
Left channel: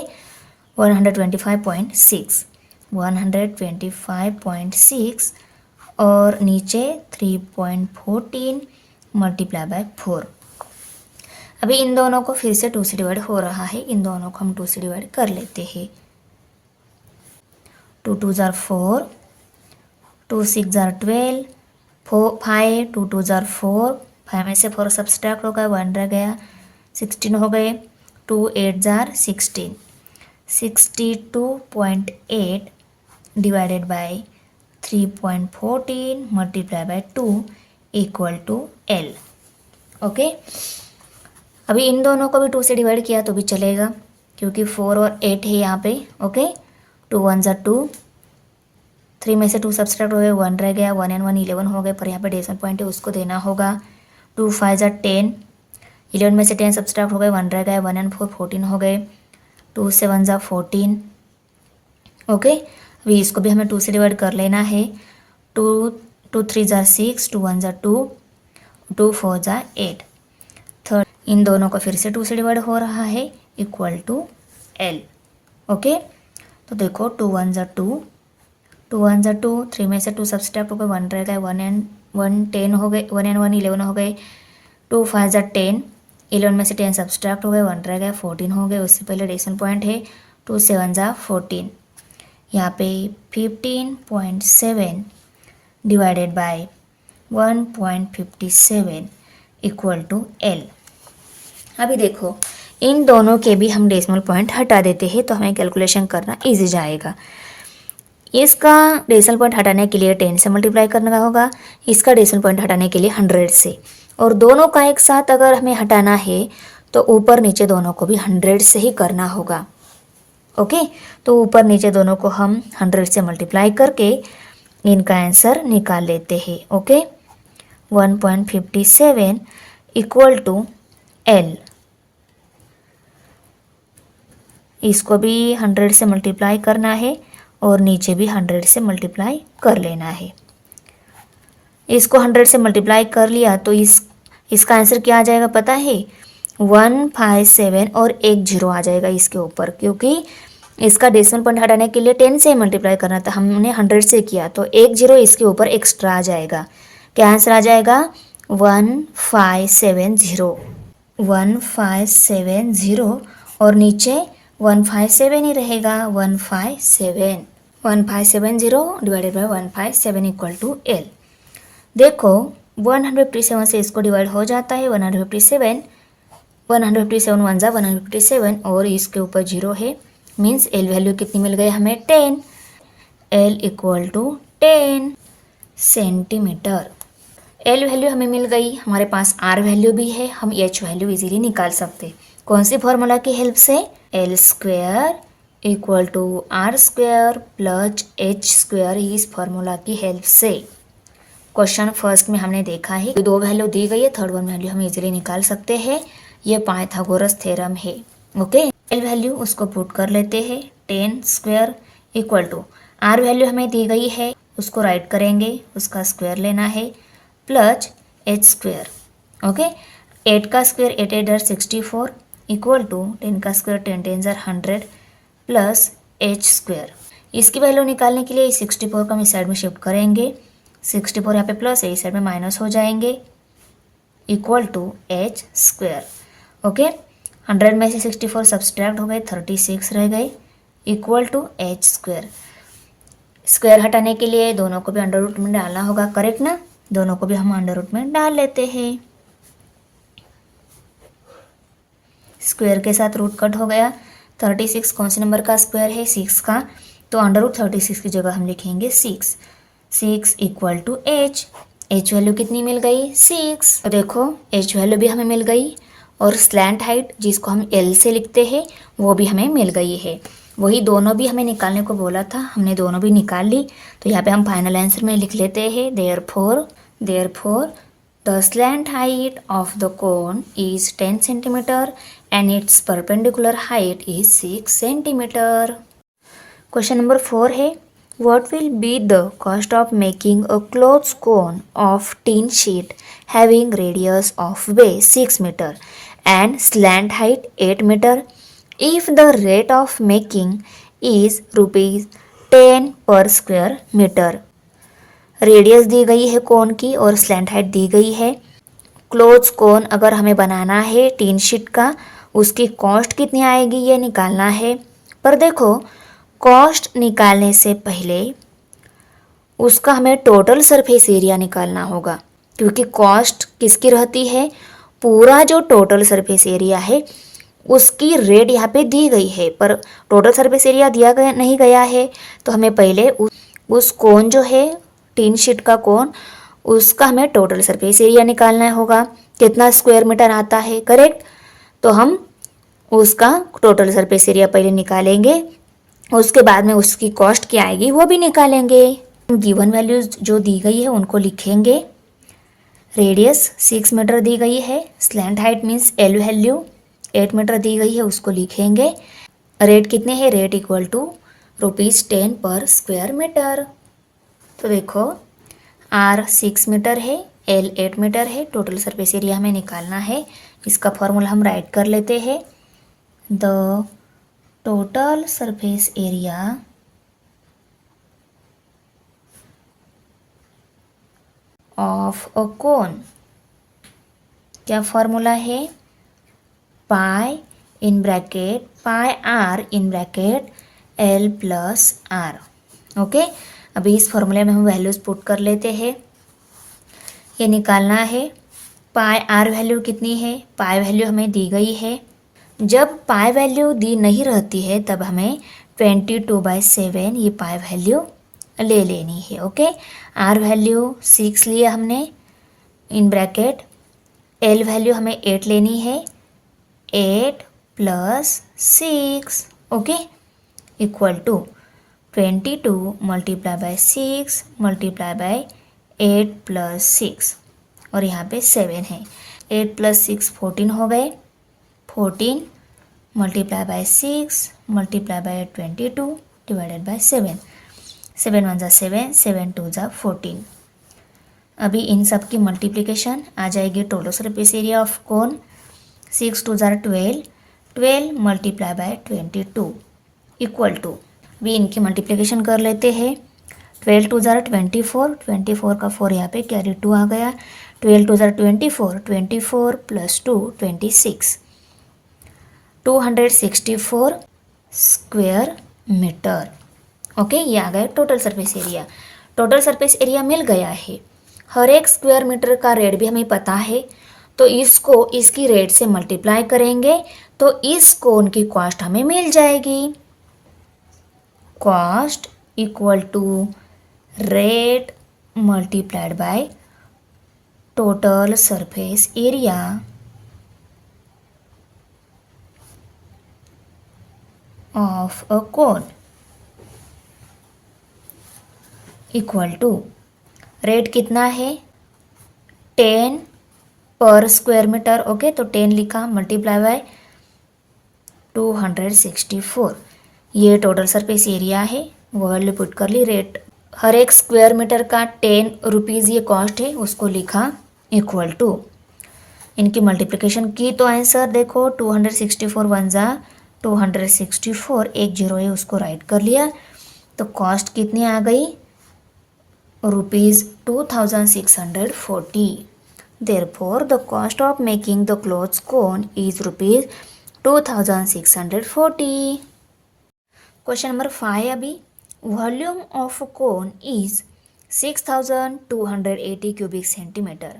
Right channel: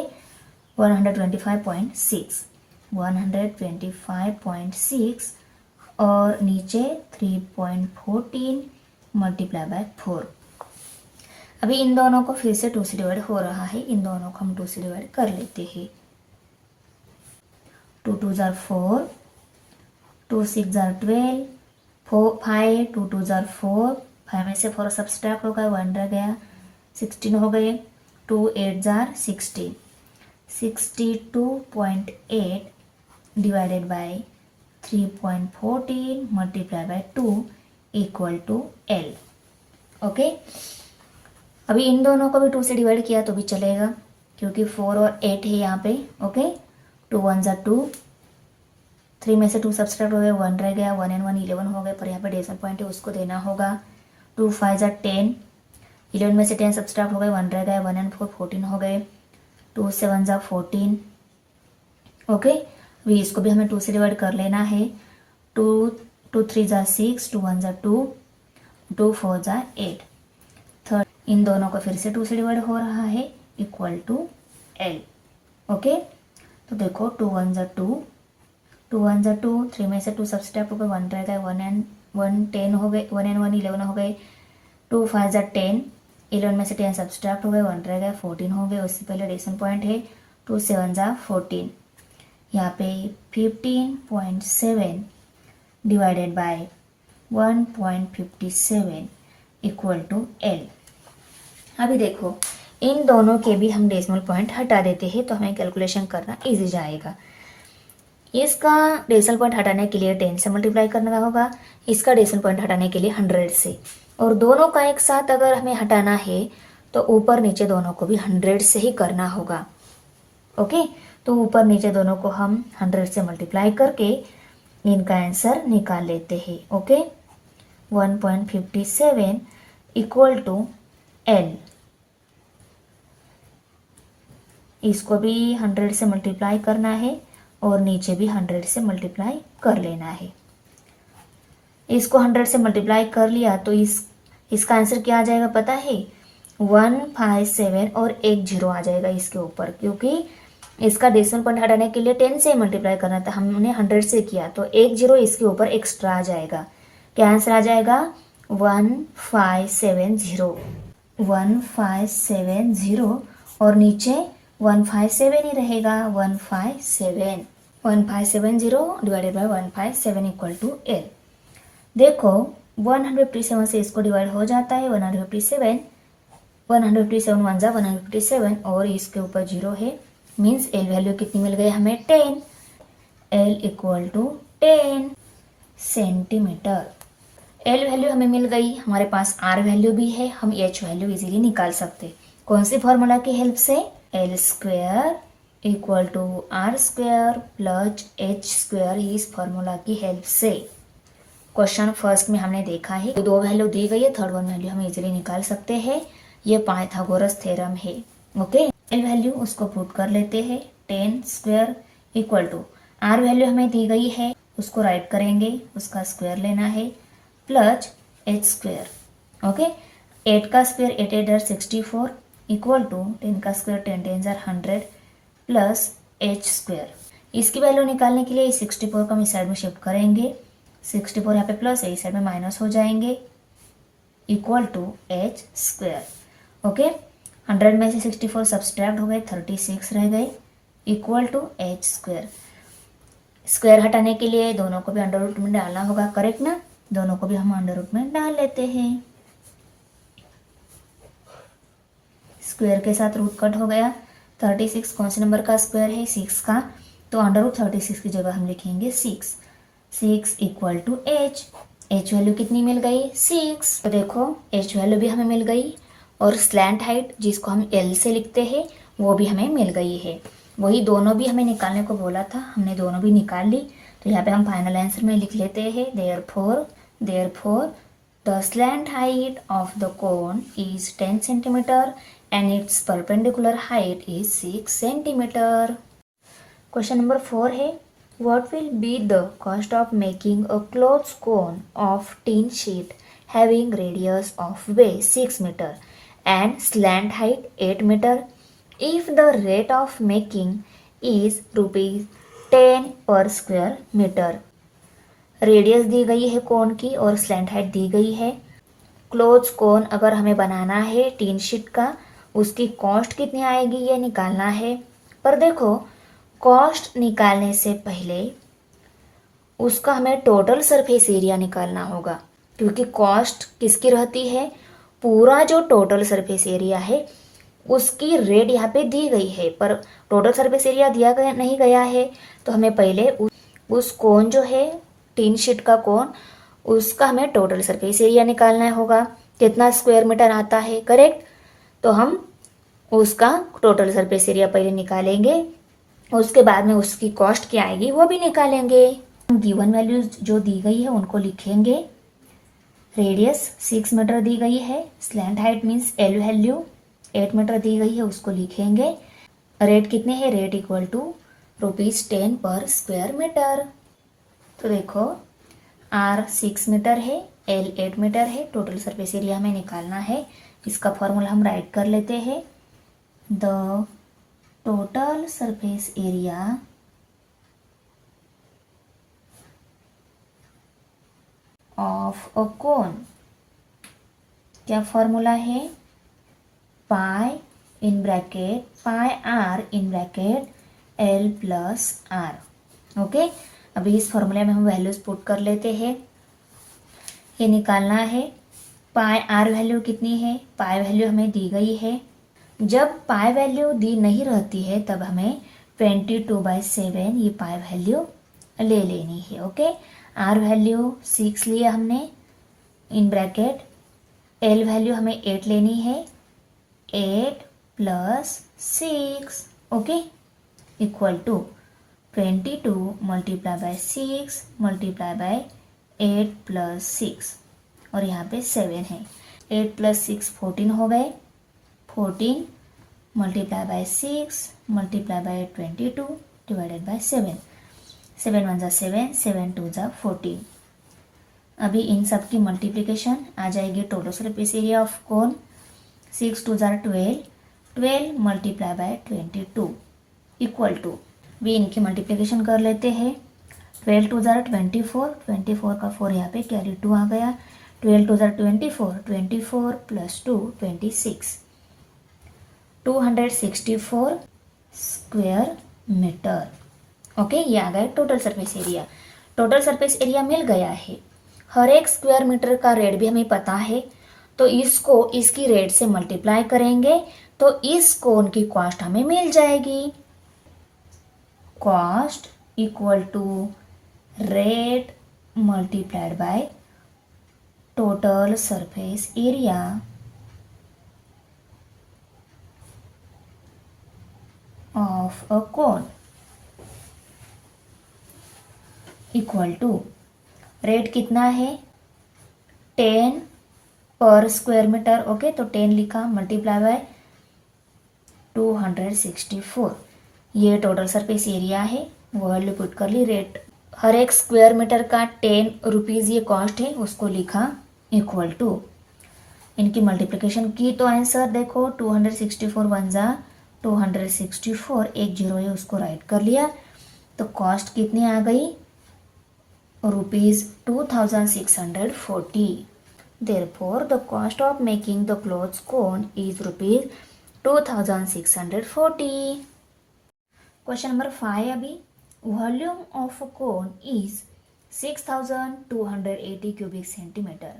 125.6 125.6 और नीचे 3.14 मल्टीप्लाई बाय 4। अभी इन दोनों को फिर से 2 से डिवाइड हो रहा है, इन दोनों को हम 2 से डिवाइड कर लेते हैं। 2 2 ज़ा 4, 2 6 ज़ा 12, 5 2 2 ज़ा 4, 5 में से 4 सब्सट्रैक्ट हो गया, 1 रह गया, 16 हो गए। 2 8 ज़ा 16, 62.8 divided by 3.14 multiply by 2 equal to L. Okay, अभी इन दोनों को भी 2 से डिवाइड किया तो भी चलेगा, क्योंकि 4 और 8 है यहाँ पे। ओके, 2 1 ज़ा 2, 3 में से 2 सब्सट्रैक्ट हो गए, 1 रह गया, 1 and 1 11 हो गए, पर यहाँ पे डेसिमल पॉइंट है उसको देना होगा। 2 5 ज़ा 10, 11 में से 10 सब्सट्रैक्ट हो गए, 1 रह गया, 1 and 4 14 हो गए। 2 7 ज़ा 14। ओके, अभी इसको भी हमें 2 से डिवाइड कर लेना है। 2 2 3 ज़ा 6, 2 1 ज़ा 2, 2 4 ज़ा 8। थर्ड, इन दोनों को फिर से 2 से डिवाइड हो रहा है, इक्वल टू एल। ओके, तो देखो 2 1 ज़ा 2, 2 1 ज़ा 2, 3 में से 2 सब्सट्रैक्ट हो गए, 1 रह गए, 1 and 1 10 हो गए, 1 and 1 11 हो गए। 2 5 ज़ा 10, 11 में से 10 सब्सट्रैक्ट हो गए, 1 रह गया, 14 हो गए। उससे पहले डेसिमल पॉइंट है। 2 7 ज़ा 14, यहाँ पे 15.7 divided by 1.57 equal to L. अभी देखो इन दोनों के भी हम डेसिमल पॉइंट हटा देते हैं, तो हमें कैलकुलेशन करना इजी जाएगा। इसका डेसिमल पॉइंट हटाने के लिए 10 से मल्टीप्लाई करना होगा, इसका डेसिमल पॉइंट हटाने के लिए 100 से, और दोनों का एक साथ अगर हमें हटाना है तो ऊपर नीचे दोनों को भी 100 से ही करना होगा। ओके, तो ऊपर नीचे दोनों को हम 100 से मल्टीप्लाई करके इनका आंसर निकाल लेते हैं। Okay, 1.57 equal to L. इसको भी 100 से मल्टीप्लाई करना है और नीचे भी 100 से मल्टीप्लाई कर लेना है। इसको 100 से मल्टीप्लाई कर लिया तो इसका आंसर क्या आ जाएगा पता है? 157 और एक जीरो आ जाएगा इसके ऊपर, क्योंकि इसका डेसिमल पॉइंट हटाने के लिए 10 से मल्टीप्लाई करना था, हमने 100 से किया, तो एक जीरो इसके ऊपर एक्स्ट्रा आ जाएगा। क्या आंसर आ जाएगा? 1570 1570 और नीचे 157 ही रहेगा। 1570 divided by 157 equal to L. देखो 157 से इसको डिवाइड हो जाता है। 157 1 जा 157 और इसके ऊपर जीरो है, मीन्स एल वैल्यू कितनी मिल गई हमें? 10। L equal to 10 centimetre. L value हमें मिल गई, हमारे पास आर वैल्यू भी है, हम एच वैल्यू इजीली निकाल सकते। कौन सी फॉर्मूला की हेल्प से? L square equal to are square plus H square, इस फॉर्मूला की हेल्प से। क्वेश्चन फर्स्ट में हमने देखा है दो वैल्यू दी गई है, थर्ड वन वैल्यू हम इजीली निकाल सकते हैं। ये पाइथागोरस थ्योरम है। ओके, एल वैल्यू उसको पुट कर लेते हैं। 10 square equal to R value हमें दी गई है, उसको राइट करेंगे, उसका स्क्वायर लेना है, प्लस एच स्क्वायर। ओके, 8 का स्क्वायर 8 8 64 इक्वल टू 10 का स्क्वायर 10 10 100 प्लस एच स्क्वायर। इसकी वैल्यू निकालने के लिए 64 को हम इस साइड में शिफ्ट करेंगे, 64 यहाँ पे प्लस है, इस साइड में माइनस हो जाएंगे, equal to H square. Okay, 100 में से 64 सब्सट्रैक्ट हो गए, 36 रह गए, equal to H square. Square हटाने के लिए दोनों को भी अंडर रूट में डालना होगा, करेक्ट ना? दोनों को भी हम अंडर रूट में डाल लेते हैं। स्क्वायर के साथ रूट कट हो गया। 36 कौन से नंबर का स्क्वायर है? 6 का, तो अंडर रूट 36 की जगह हम लिखेंगे 6। 6 इक्वल टू एच वैल्यू कितनी मिल गई 6। तो देखो एच वैल्यू भी हमें मिल गई और स्लैंट हाइट जिसको हम एल से लिखते हैं वो भी हमें मिल गई है। वही दोनों भी हमें निकालने को बोला था, हमने दोनों भी निकाल ली। तो यहाँ पे हम फाइनल आंसर में लिख लेते हैं therefore the slant height of the cone is 10 centimetre and it's perpendicular height is 6 centimetre. Question number 4 है what will be the cost of making a clothes cone of tin sheet having radius of base 6 meter and slant height 8 meter if the rate of making is rupees 10 per square meter। Radius दी गई है कोन की और slant height दी गई है। Clothes कोन अगर हमें बनाना है tin sheet का, उसकी कॉस्ट कितनी आएगी ये निकालना है। पर देखो कॉस्ट निकालने से पहले उसका हमें टोटल सरफेस एरिया निकालना होगा, क्योंकि कॉस्ट किसकी रहती है, पूरा जो टोटल सरफेस एरिया है उसकी रेट यहाँ पे दी गई है, पर टोटल सरफेस एरिया दिया गया नहीं गया है। तो हमें पहले उस कोन जो है टीन शीट का कोन, उसका हमें टोटल सरफेस एरिया निकालना होगा, कितना स्क्वायर मीटर आता है, करेक्ट। तो हम उसका टोटल सरफेस एरिया पहले निकालेंगे, उसके बाद में उसकी कॉस्ट क्या आएगी वो भी निकालेंगे। गिवन वैल्यूज जो दी गई है उनको लिखेंगे। रेडियस 6 मीटर दी गई है, slant height means L value 8 metre दी गई है उसको लिखेंगे। रेट कितने हैं, रेट इक्वल टू ₹10 पर स्क्वायर मीटर। तो देखो आर 6 मीटर है, एल 8 मीटर है, टोटल सरफेस एरिया हमें निकालना है। इसका फॉर्मूला हम राइट कर लेते हैं। The total surface area of a cone, क्या फॉर्मूला है, pi in bracket pi R in bracket L plus R. Okay, अभी इस फॉर्मूले में हम वैल्यूज पुट कर लेते हैं। ये निकालना है पाई आर वैल्यू कितनी है, पाई वैल्यू हमें दी गई है। जब पाई वैल्यू दी नहीं रहती है तब हमें 22/7 ये पाई वैल्यू ले लेनी है। ओके, आर वैल्यू 6 लिया हमने इन ब्रैकेट, एल वैल्यू हमें 8 लेनी है, 8 plus 6 okay equal to 22 multiply by 6 multiply by 8 plus 6 और यहाँ पे 7 है। 8 प्लस 6 14 हो गए, 14 multiply by 6 multiply by 22 divided by 7, 7 1 7, 7 2 14। अभी इन सब की मल्टीप्लिकेशन आ जाएगी total surface area of cone. 6 2 12, 12 multiply by 22 equal to, भी इनकी मल्टीप्लिकेशन कर लेते हैं। 12 2 24, 24 का 4 यहाँ पे कैरी 2 आ गया, 12 2 24, 24 प्लस 2 26, 264 स्क्वायर मीटर। ओके, ये आ गया total surface area. Total surface area मिल गया है, हर एक स्क्वायर मीटर का रेट भी हमें पता है, तो इसको इसकी रेट से मल्टीप्लाई करेंगे तो इस कोन की कॉस्ट हमें मिल जाएगी। Cost equal to rate multiplied by total surface area of a cone equal to, rate कितना है 10 पर स्क्वायर मीटर। ओके, तो 10 लिखा मल्टीप्लाई बाय 264, ये टोटल सरफेस एरिया है, वो वैल्यू पुट कर ली। रेट हर एक स्क्वायर मीटर का 10 रुपीज़ ये कॉस्ट है, उसको लिखा इक्वल टू, इनकी मल्टीप्लिकेशन की तो आंसर देखो 264 1 जा 264, एक जीरो है उसको राइट कर लिया, तो कॉस्ट कितनी आ गई ₹2640। Therefore, the cost of making the clothes cone is ₹2640। Question number 5 अभी, volume of cone is 6280 cubic centimeter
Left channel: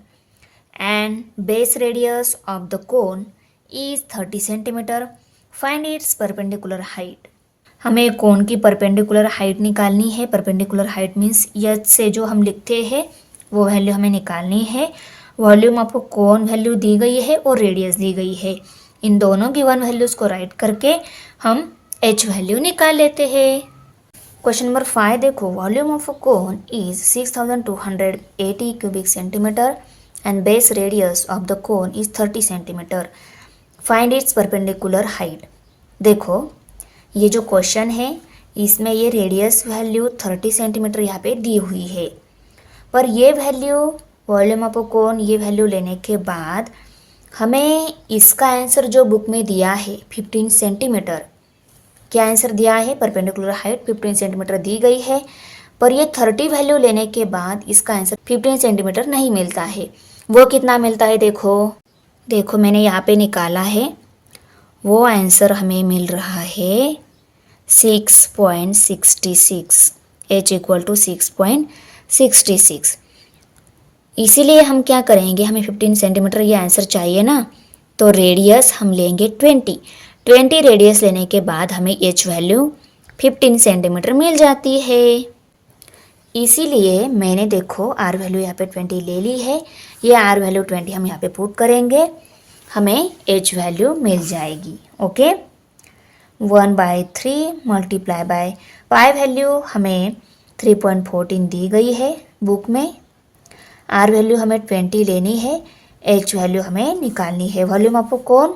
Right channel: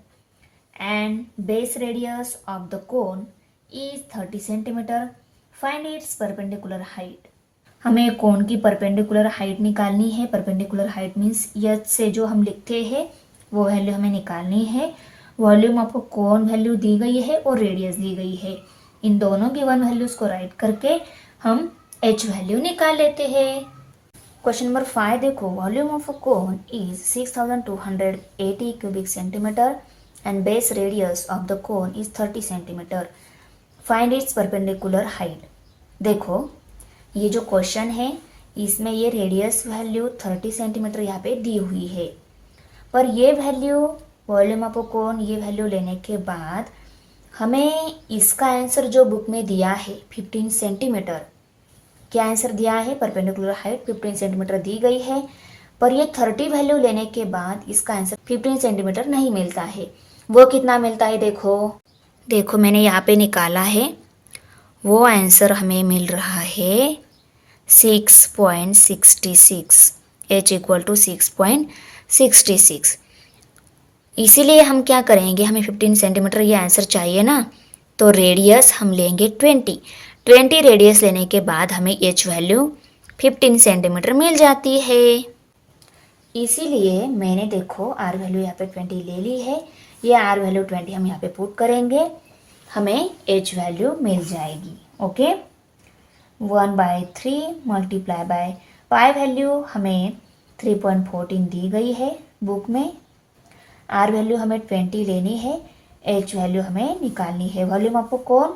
and base radius of the cone is 30 centimeter. Find its perpendicular height। हमें कोन की perpendicular height निकालनी है। Perpendicular height means H से जो हम लिखते हैं वो वैल्यू हमें निकालनी है। वॉल्यूम आपको कोन वैल्यू दी गई है और रेडियस दी गई है। इन दोनों गिवन वैल्यूज़ को राइट करके हम एच वैल्यू निकाल लेते हैं। क्वेश्चन नंबर 5 देखो, volume of a cone is 6280 cubic centimetre and base radius of the cone is 30 centimetre. Find its perpendicular height. देखो ये जो क्वेश्चन है इसमें ये रेडियस वैल्यू 30 सेंटीमीटर यहाँ पे दी हुई है, पर ये value volume of a cone ये वैल्यू लेने के बाद हमें इसका आंसर जो बुक में दिया है 15 सेंटीमीटर, क्या आंसर दिया है? परपेंडिकुलर हाइट 15 सेंटीमीटर दी गई है, पर ये 30 वैल्यू लेने के बाद इसका आंसर 15 सेंटीमीटर नहीं मिलता है। वो कितना मिलता है? देखो मैंने यहाँ पे निकाला है, वो आंसर हमें मिल रहा है 6.66, h इक्वल टू 6.66। इसीलिए हम क्या करेंगे, हमें 15 सेंटीमीटर ये आंसर चाहिए ना, तो रेडियस हम लेंगे 20 रेडियस लेने के बाद हमें एच वैल्यू 15 सेंटीमीटर मिल जाती है। इसीलिए मैंने देखो आर वैल्यू यहाँ पे 20 ले ली है। ये आर वैल्यू 20 हम यहाँ पे पुट करेंगे, हमें एच वैल्यू मिल जाएगी। Okay, 1/3 multiply by pi value हमें 3.14 दी गई है बुक में। आर वैल्यू हमें 20 लेनी है, एच वैल्यू हमें निकालनी है। वॉल्यूम ऑफ कोन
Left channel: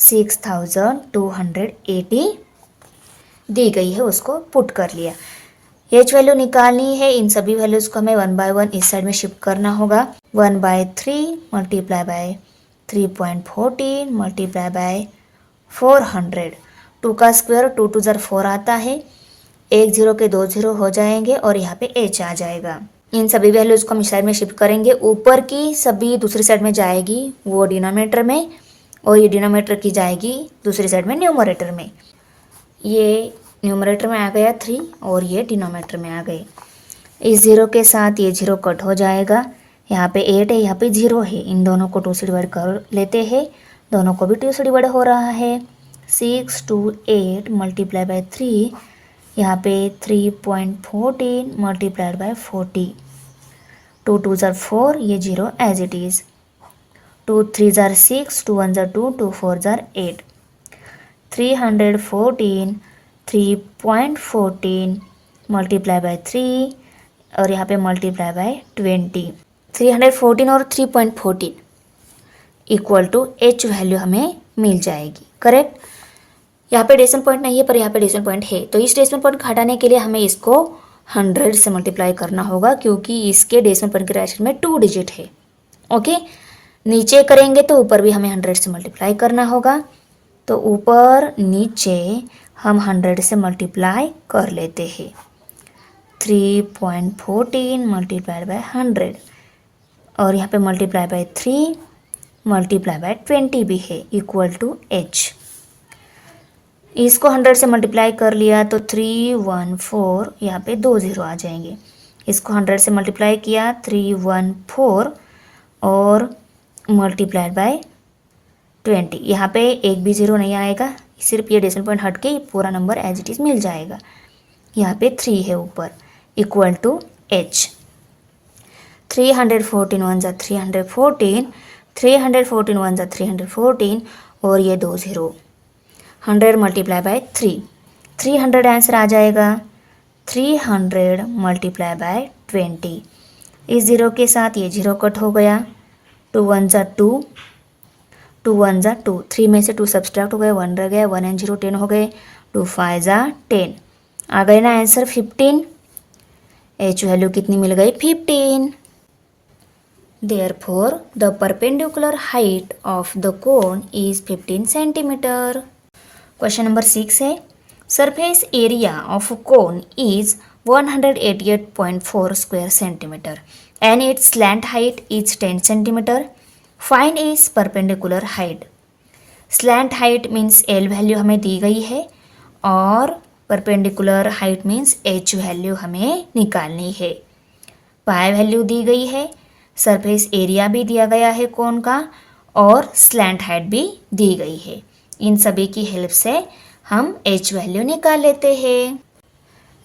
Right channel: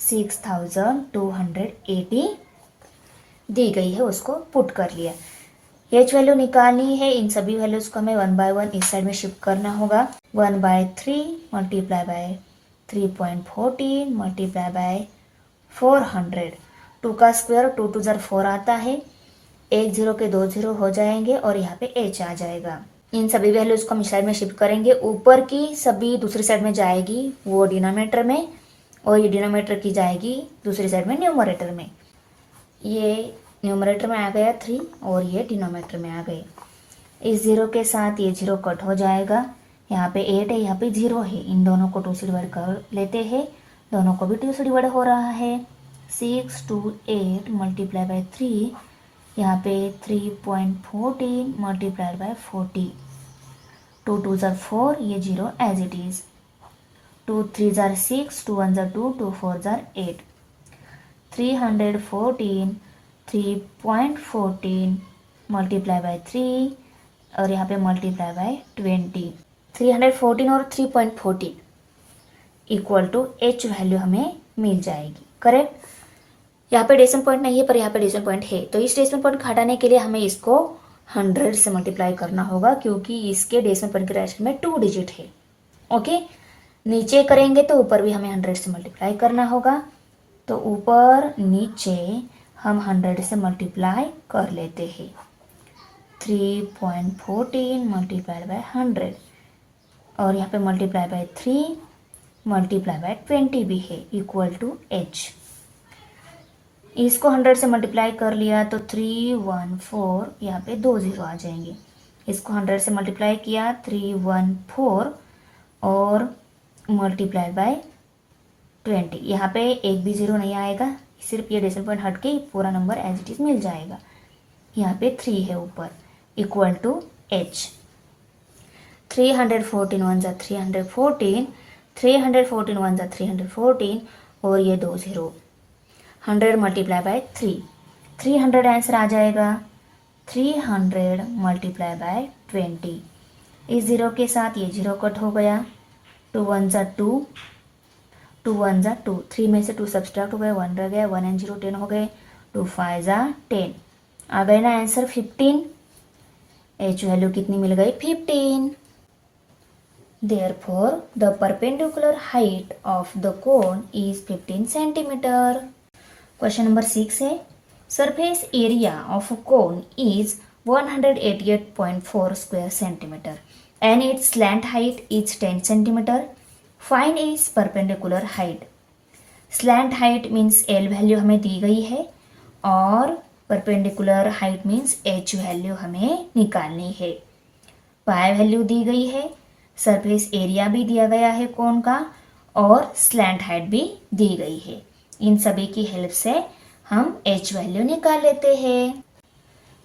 6280 दी गई है, उसको पुट कर लिया। एच वैल्यू निकालनी है, इन सभी वैल्यूज को हमें 1 बाय 1 इस साइड में शिफ्ट करना होगा। 1/3 मल्टीप्लाई बाय 3.14 मल्टीप्लाई बाय 400। 2 का स्क्वायर 2 2 ज़र 4 आता है, 1 0 के 2 0 हो जाएंगे और यहाँ पे एच आ जाएगा। इन सभी वैल्यूज को हम इस साइड में शिफ्ट करेंगे। ऊपर की सभी दूसरी साइड में जाएगी वो डिनोमिनेटर में, और ये डिनोमिनेटर की जाएगी दूसरी साइड में न्यूमरेटर में। ये न्यूमरेटर में आ गया 3 और ये डिनोमिनेटर में आ गई। इस 0 के साथ ये 0 कट हो जाएगा। यहाँ पे 8 है, यहाँ पे 0 है, इन दोनों को 2 से डिवाइड कर लेते हैं। दोनों को भी 2 से डिवाइड हो रहा है। 6 2 8 मल्टीप्लाई बाय 3, यहाँ पे 3.14 मल्टीप्लाइड बाय 40। 2 2 ज़र 4, ये 0 एज इट इज़। 2 3 ज़र 6, 2 1 ज़र 2, 2 4 ज़र 8। 314 3.14 मल्टीप्लाई बाय 3 और यहाँ पे मल्टीप्लाई बाय 20। 314 और 3.14 इक्वल टू एच वैल्यू हमें मिल जाएगी। करेक्ट। यहाँ पे डेसिमल पॉइंट नहीं है, पर यहाँ पे डेसिमल पॉइंट है, तो इस डेसिमल पॉइंट को हटाने के लिए हमें इसको 100 से मल्टीप्लाई करना होगा, क्योंकि इसके डेसिमल पॉइंट के राइट में 2 डिजिट है। ओके, नीचे करेंगे तो ऊपर भी हमें 100 से मल्टीप्लाई करना होगा, तो ऊपर नीचे हम 100 से मल्टीप्लाई कर लेते हैं। 3.14 मल्टीप्लाइड बाय 100 और यहाँ पे मल्टीप्लाई बाय 3 मल्टीप्लाई बाय 20 भी है, इक्वल टू एच। इसको 100 से मल्टीप्लाई कर लिया तो 314, यहाँ पे 2 0 आ जाएंगे। इसको 100 से मल्टीप्लाई किया 314 और मल्टीप्लाइड बाय 20, यहाँ पे एक भी 0 नहीं आएगा, सिर्फ ये डेसिमल पॉइंट हट के पूरा नंबर एज इट इज़ मिल जाएगा। यहाँ पे 3 है ऊपर, इक्वल टू एच। 314 1 ज़ा 314, 314 1 ज़ा 314 और ये 2 0। 100 मल्टीप्लाई बाय 300 आंसर आ जाएगा। 300 मल्टीप्लाई बाय 20, इस 0 के साथ ये 0 कट हो गया। 2 1 ज़ा 2, 2 1 ज़ा 2, 3 में से 2 सब्सट्रैक्ट हो गए, 1 रह गया, 1 and 0 10 हो गए, 2 5 ज़ा 10 आ गए ना आंसर 15। एच वैल्यू कितनी मिल गई? 15। Therefore, the perpendicular height of the cone is 15 centimeter. Question number 6 है, surface area of a cone is 188.4 square centimeter and its slant height is 10 centimeter. Find its perpendicular height. Slant height means L value हमें दी गई है और perpendicular height means H value हमें निकालनी है। Pi value दी गई है, सरफेस एरिया भी दिया गया है कोन का और स्लैंट हाइट भी दी गई है। इन सभी की हेल्प से हम एच वैल्यू निकाल लेते हैं।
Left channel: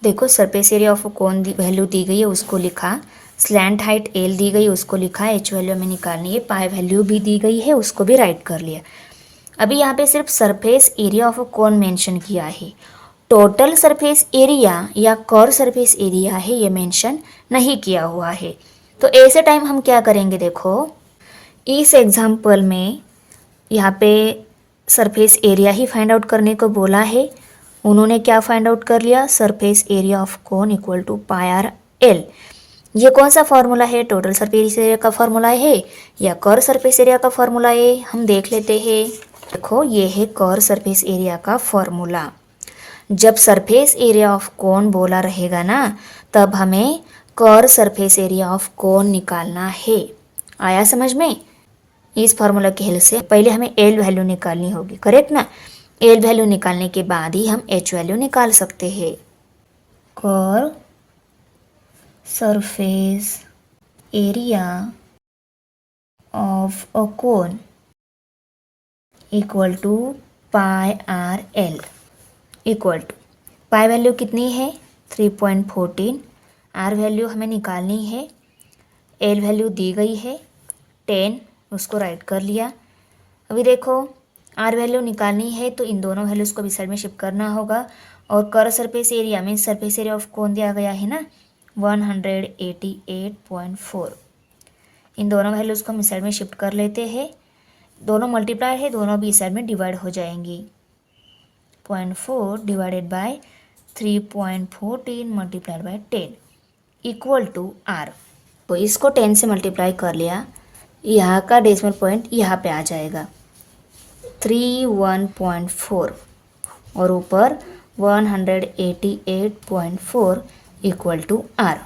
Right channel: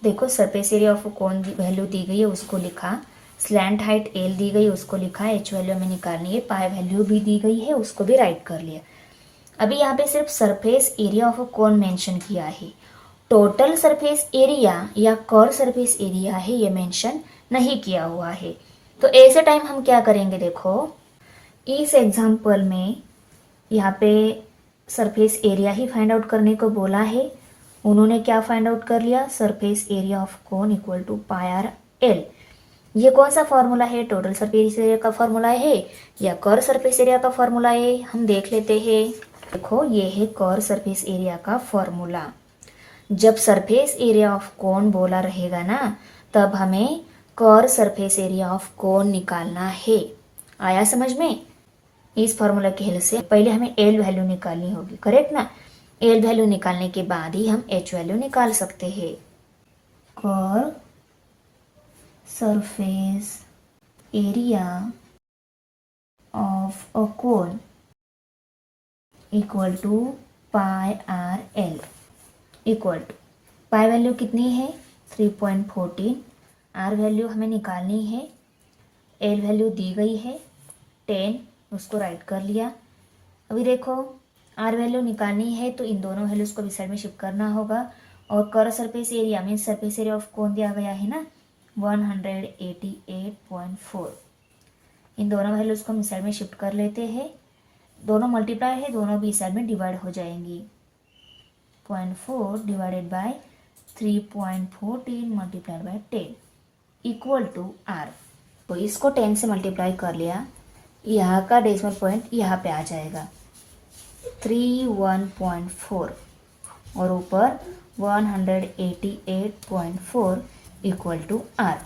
देखो surface area of cone value दी गई है उसको लिखा, स्लैंट हाइट एल दी गई उसको लिखा, एच वैल्यू हमें निकालनी है, पाई वैल्यू भी दी गई है उसको भी राइट कर लिया। अभी यहाँ पे सिर्फ surface area of cone mention किया है, टोटल सरफेस एरिया या कर्व सरफेस एरिया है ये मेंशन नहीं किया हुआ है। तो ऐसे टाइम हम क्या करेंगे, देखो इस एग्जाम्पल में यहाँ पे सरफेस एरिया ही फाइंड आउट करने को बोला है। उन्होंने क्या फाइंड आउट कर लिया, surface area of cone equal to pi are l. ये कौन सा फॉर्मूला है, टोटल सरफेस एरिया का फॉर्मूला है या कर्व सरफेस एरिया का फॉर्मूला है, हम देख लेते हैं। देखो ये है कर्व सरफेस एरिया का फॉर्मूला। जब सरफेस एरिया ऑफ कोन बोला रहेगा ना तब हमें curve surface area of cone निकालना है। आया समझ में? इस फॉर्मूला की हेल्प से पहले हमें एल वैल्यू निकालनी होगी, करेक्ट ना। एल वैल्यू निकालने के बाद ही हम एच वैल्यू निकाल सकते हैं। Curve surface area of a cone equal to pi are l equal to, pi value कितनी है 3.14, आर वैल्यू हमें निकालनी है, एल वैल्यू दी गई है 10, उसको राइट कर लिया। अभी देखो आर वैल्यू निकालनी है तो इन दोनों वैल्यूज़ को भी साइड में शिफ्ट करना होगा, और कर्व सरफेस एरिया में सरफेस एरिया ऑफ कोन दिया गया है ना 188.4, इन दोनों वैल्यूज़ को हम इस साइड में शिफ्ट कर लेते हैं। दोनों मल्टीप्लाई है, दोनों भी इस साइड में डिवाइड हो जाएंगी। 0.4 divided by 3.14 multiplied by 10 equal to r. तो इसको 10 से मल्टीप्लाई कर लिया, यहाँ का डेसिमल पॉइंट यहाँ पे आ जाएगा 31.4 और ऊपर 188.4 इक्वल टू आर।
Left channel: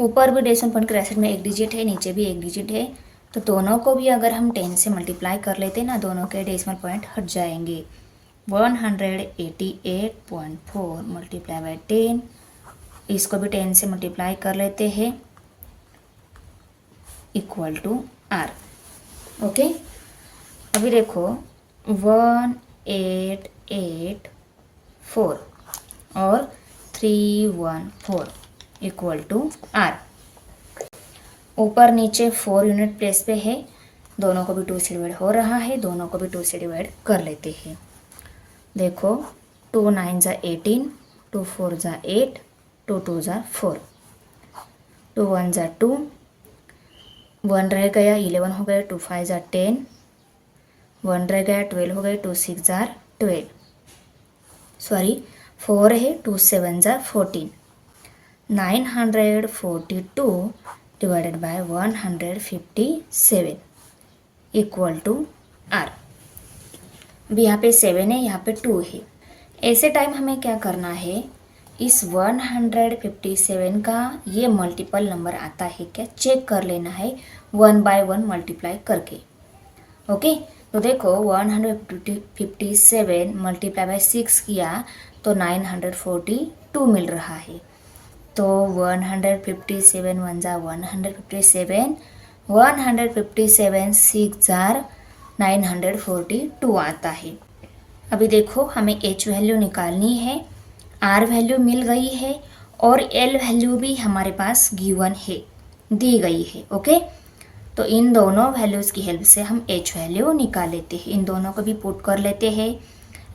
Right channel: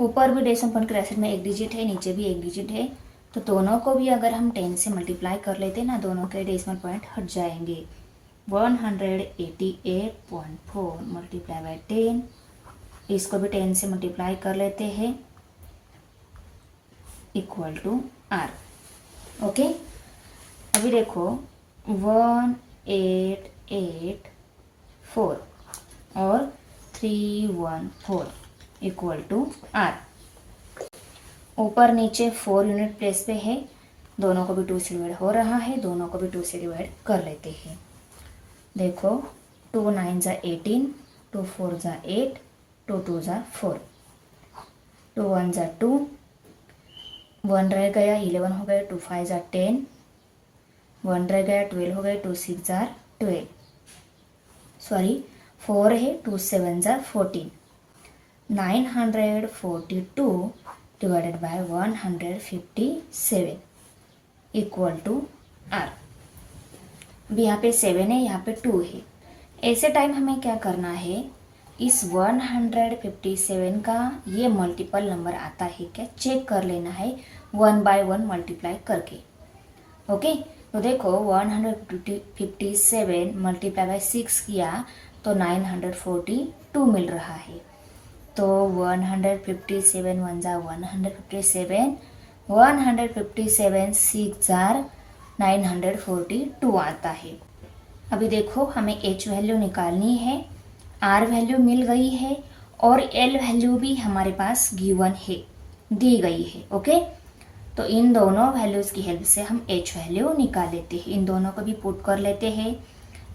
ऊपर भी डेसिमल पॉइंट के राइट साइड में एक डिजिट है, नीचे भी एक डिजिट है, तो दोनों को भी अगर हम 10 से मल्टीप्लाई कर लेते ना दोनों के डेसिमल पॉइंट हट जाएंगे। 188.4 मल्टीप्लाई बाय 10, इसको भी 10 से मल्टीप्लाई कर लेते हैं इक्वल टू आर। ओके, अभी देखो 1884 और 314 इक्वल टू आर। ऊपर नीचे 4 यूनिट प्लेस पे है, दोनों को भी 2 से डिवाइड हो रहा है, दोनों को भी 2 से डिवाइड कर लेते हैं। देखो 2 9 ज़ा 18, 2 4 ज़ा 8, 2 2 ज़ा 4, 2 1 ज़ा 2, 1 रह गया 11 हो गया, 2 5 ज़ा 10, 1 रह गया 12 हो गया, 2 6 ज़ा 12, सॉरी 4 है, 2 7 ज़ा 14, 942 divided by 157 equal to r. अभी यहाँ पे 7 है, यहाँ पे 2 है। ऐसे टाइम हमें क्या करना है, इस 157 का ये मल्टीपल नंबर आता है क्या चेक कर लेना है 1 बाय 1 मल्टीप्लाई करके। ओके, तो देखो 157 मल्टीप्लाई बाय 6 किया तो 942 मिल रहा है। तो 157 1 ज़ा 157, 157 6 जार 942 आता है। अभी देखो हमें एच वैल्यू निकालनी है, आर वैल्यू मिल गई है और एल वैल्यू भी हमारे पास गिवन है, दी गई है। ओके, तो इन दोनों वैल्यूज़ की हेल्प से हम एच वैल्यू निकाल लेते हैं। इन दोनों को भी पुट कर लेते हैं।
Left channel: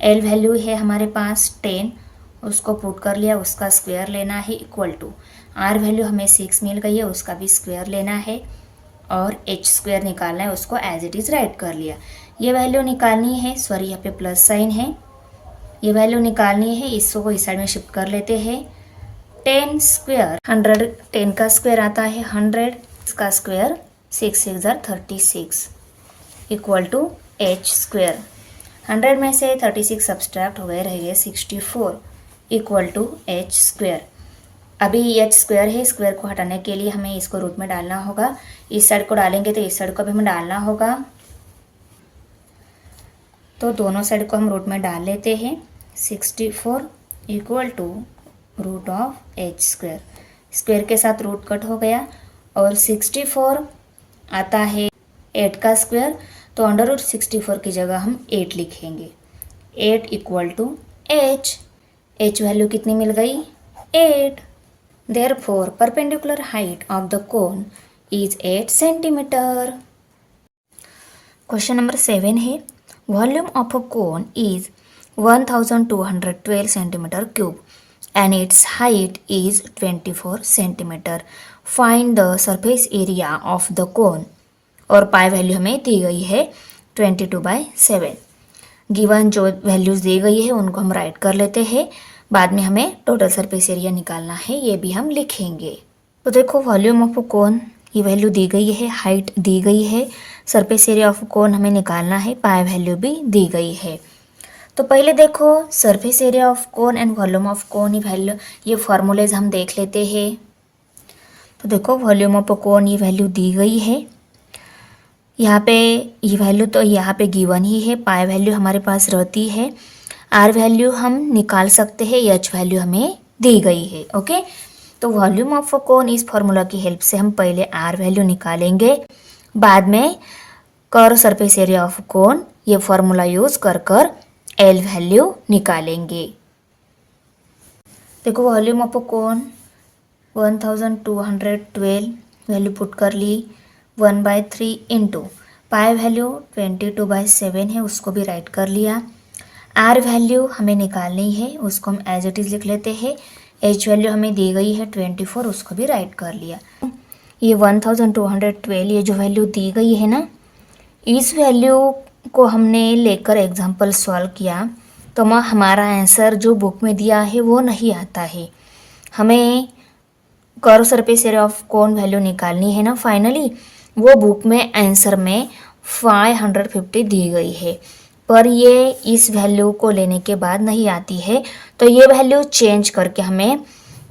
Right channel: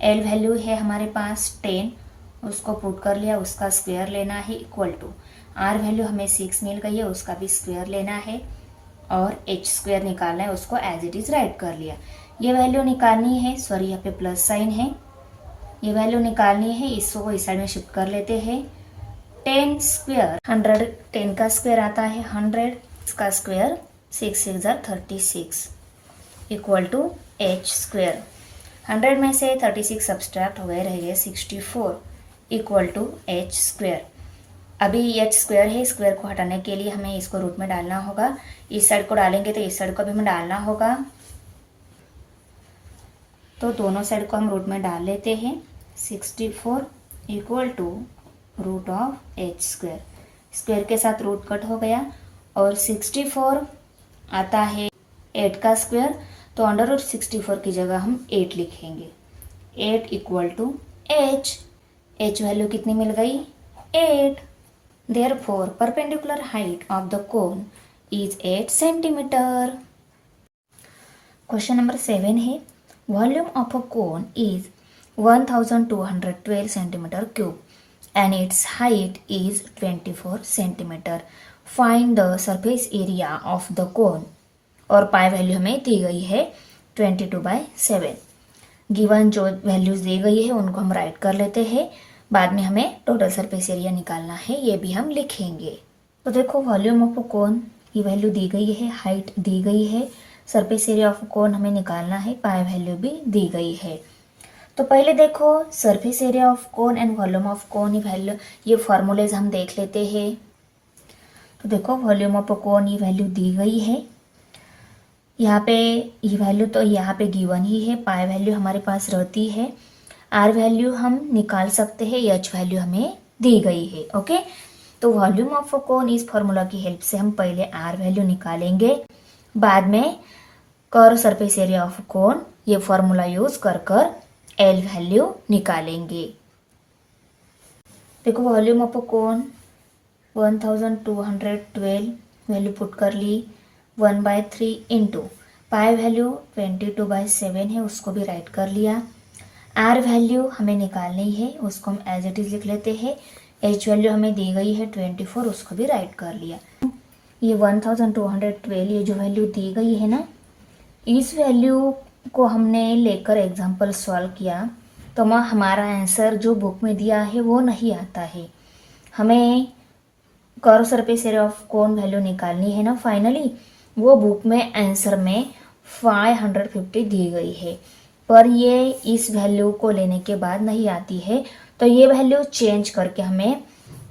एल वैल्यू है हमारे पास 10, उसको पुट कर लिया, उसका स्क्वायर लेना है इक्वल टू, आर वैल्यू हमें 6 मिल गई है, उसका भी स्क्वायर लेना है और एच स्क्वायर निकालना है, उसको एज इट इज़ राइट कर लिया। ये वैल्यू निकालनी है, सॉरी यहाँ पे प्लस साइन है, ये वैल्यू निकालनी है, इसको इस साइड में शिफ्ट कर लेते हैं। 10 स्क्वायर 100, 10 का स्क्वायर आता है 100, इसका स्क्वायर 6 6 जार 36 इक्वल टू एच स्क्वायर। 100 में से 36 सब्सट्रैक्ट हो गए, रह गए 64 इक्वल टू एच स्क्वायर। अभी एच स्क्वायर है, स्क्वायर को हटाने के लिए हमें इसको रूट में डालना होगा, इस साइड को डालेंगे तो इस साइड को भी हमें डालना होगा, तो दोनों साइड को हम रूट में डाल लेते हैं। 64 equal to root of h square, square के साथ रूट कट हो गया और 64 आता है 8 का स्क्वायर, तो अंडर रूट 64 की जगह हम 8 लिखेंगे। 8 इक्वल टू एच वैल्यू कितनी मिल गई 8। Therefore perpendicular height of the cone is 8 centimetre. Question number 7 है volume of a cone is 1212 centimetre cube and its height is 24 centimeter. Find the surface area of the cone और पाई value हमें दी गई है 22/7। Given जो values दी गई है उनको हम राइट कर लेते हैं, बाद में हमें टोटल सरफेस एरिया निकालना है, ये भी हम लिखेंगे। तो देखो वॉल्यूम ऑफ कोन ये वैल्यू दी गई है, हाइट दी गई है, सरफेस एरिया ऑफ कोन हमें निकालना है, पाई वैल्यू भी दी गई है। तो पहले देखो surface area of cone and volume of कोन ये फार्मूलेज हम देख लेते हैं। तो देखो वॉल्यूम ऑफ कोन ये वैल्यू दी गई है, यहाँ पे ये वैल्यू तो यहाँ पे गिवन ही है, पाई वैल्यू हमारे पास रहती है, आर वैल्यू हम निकाल सकते हैं, एच वैल्यू हमें दी गई है। ओके, तो वॉल्यूम ऑफ कोन इस फार्मूला की हेल्प से हम पहले आर वैल्यू निकालेंगे, बाद में कर्व सरफेस एरिया ऑफ कोन ये फार्मूला यूज कर एल वैल्यू निकालेंगे। देखो volume of cone 1212 value put कर ली, 1/3 इंटू पाई वैल्यू 22/7 है, उसको भी राइट कर लिया। आर वैल्यू हमें निकालनी है, उसको हम एज इट इज़ लिख लेते हैं। एच वैल्यू हमें दी गई है 24, उसको भी राइट कर लिया। ये 1212 ये जो वैल्यू दी गई है ना, इस वैल्यू को हमने लेकर एग्जाम्पल सॉल्व किया तो हमारा आंसर जो बुक में दिया है वो नहीं आता है। हमें curve surface area of cone value निकालनी है ना, फाइनली वो बुक में आंसर में 550 दी गई है, पर ये इस वैल्यू को लेने के बाद नहीं आती है, तो ये वैल्यू चेंज करके हमें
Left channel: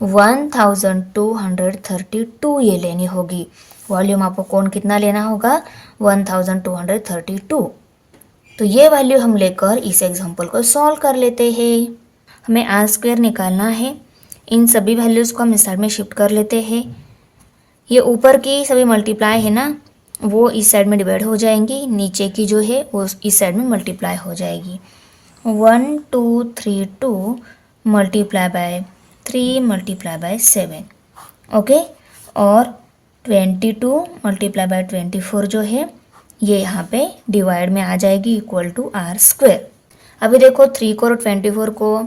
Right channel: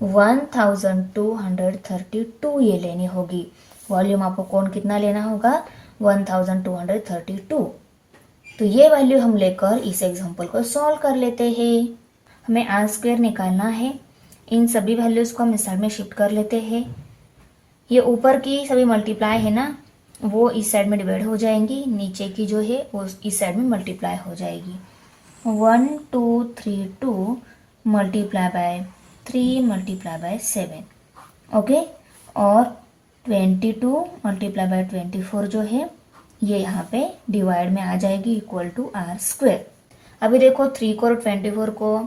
1232 ये लेनी होगी। वॉल्यूम ऑफ कोन कितना लेना होगा 1232। तो ये वैल्यू हम लेकर इस एग्जांपल को सॉल्व कर लेते हैं। हमें आर स्क्वायर निकालना है, इन सभी वैल्यूज़ को हम इस साइड में शिफ्ट कर लेते हैं। ये ऊपर की सभी मल्टीप्लाई है ना, वो इस साइड में डिवाइड हो जाएंगी, नीचे की जो है वो इस साइड में मल्टीप्लाई हो जाएगी। 1232 multiply by 3 multiply by 7 okay, और 22 मल्टीप्लाई बाय 24 जो है ये यहाँ पे डिवाइड में आ जाएगी इक्वल टू आर स्क्वायर। अभी देखो 3 को और 24 को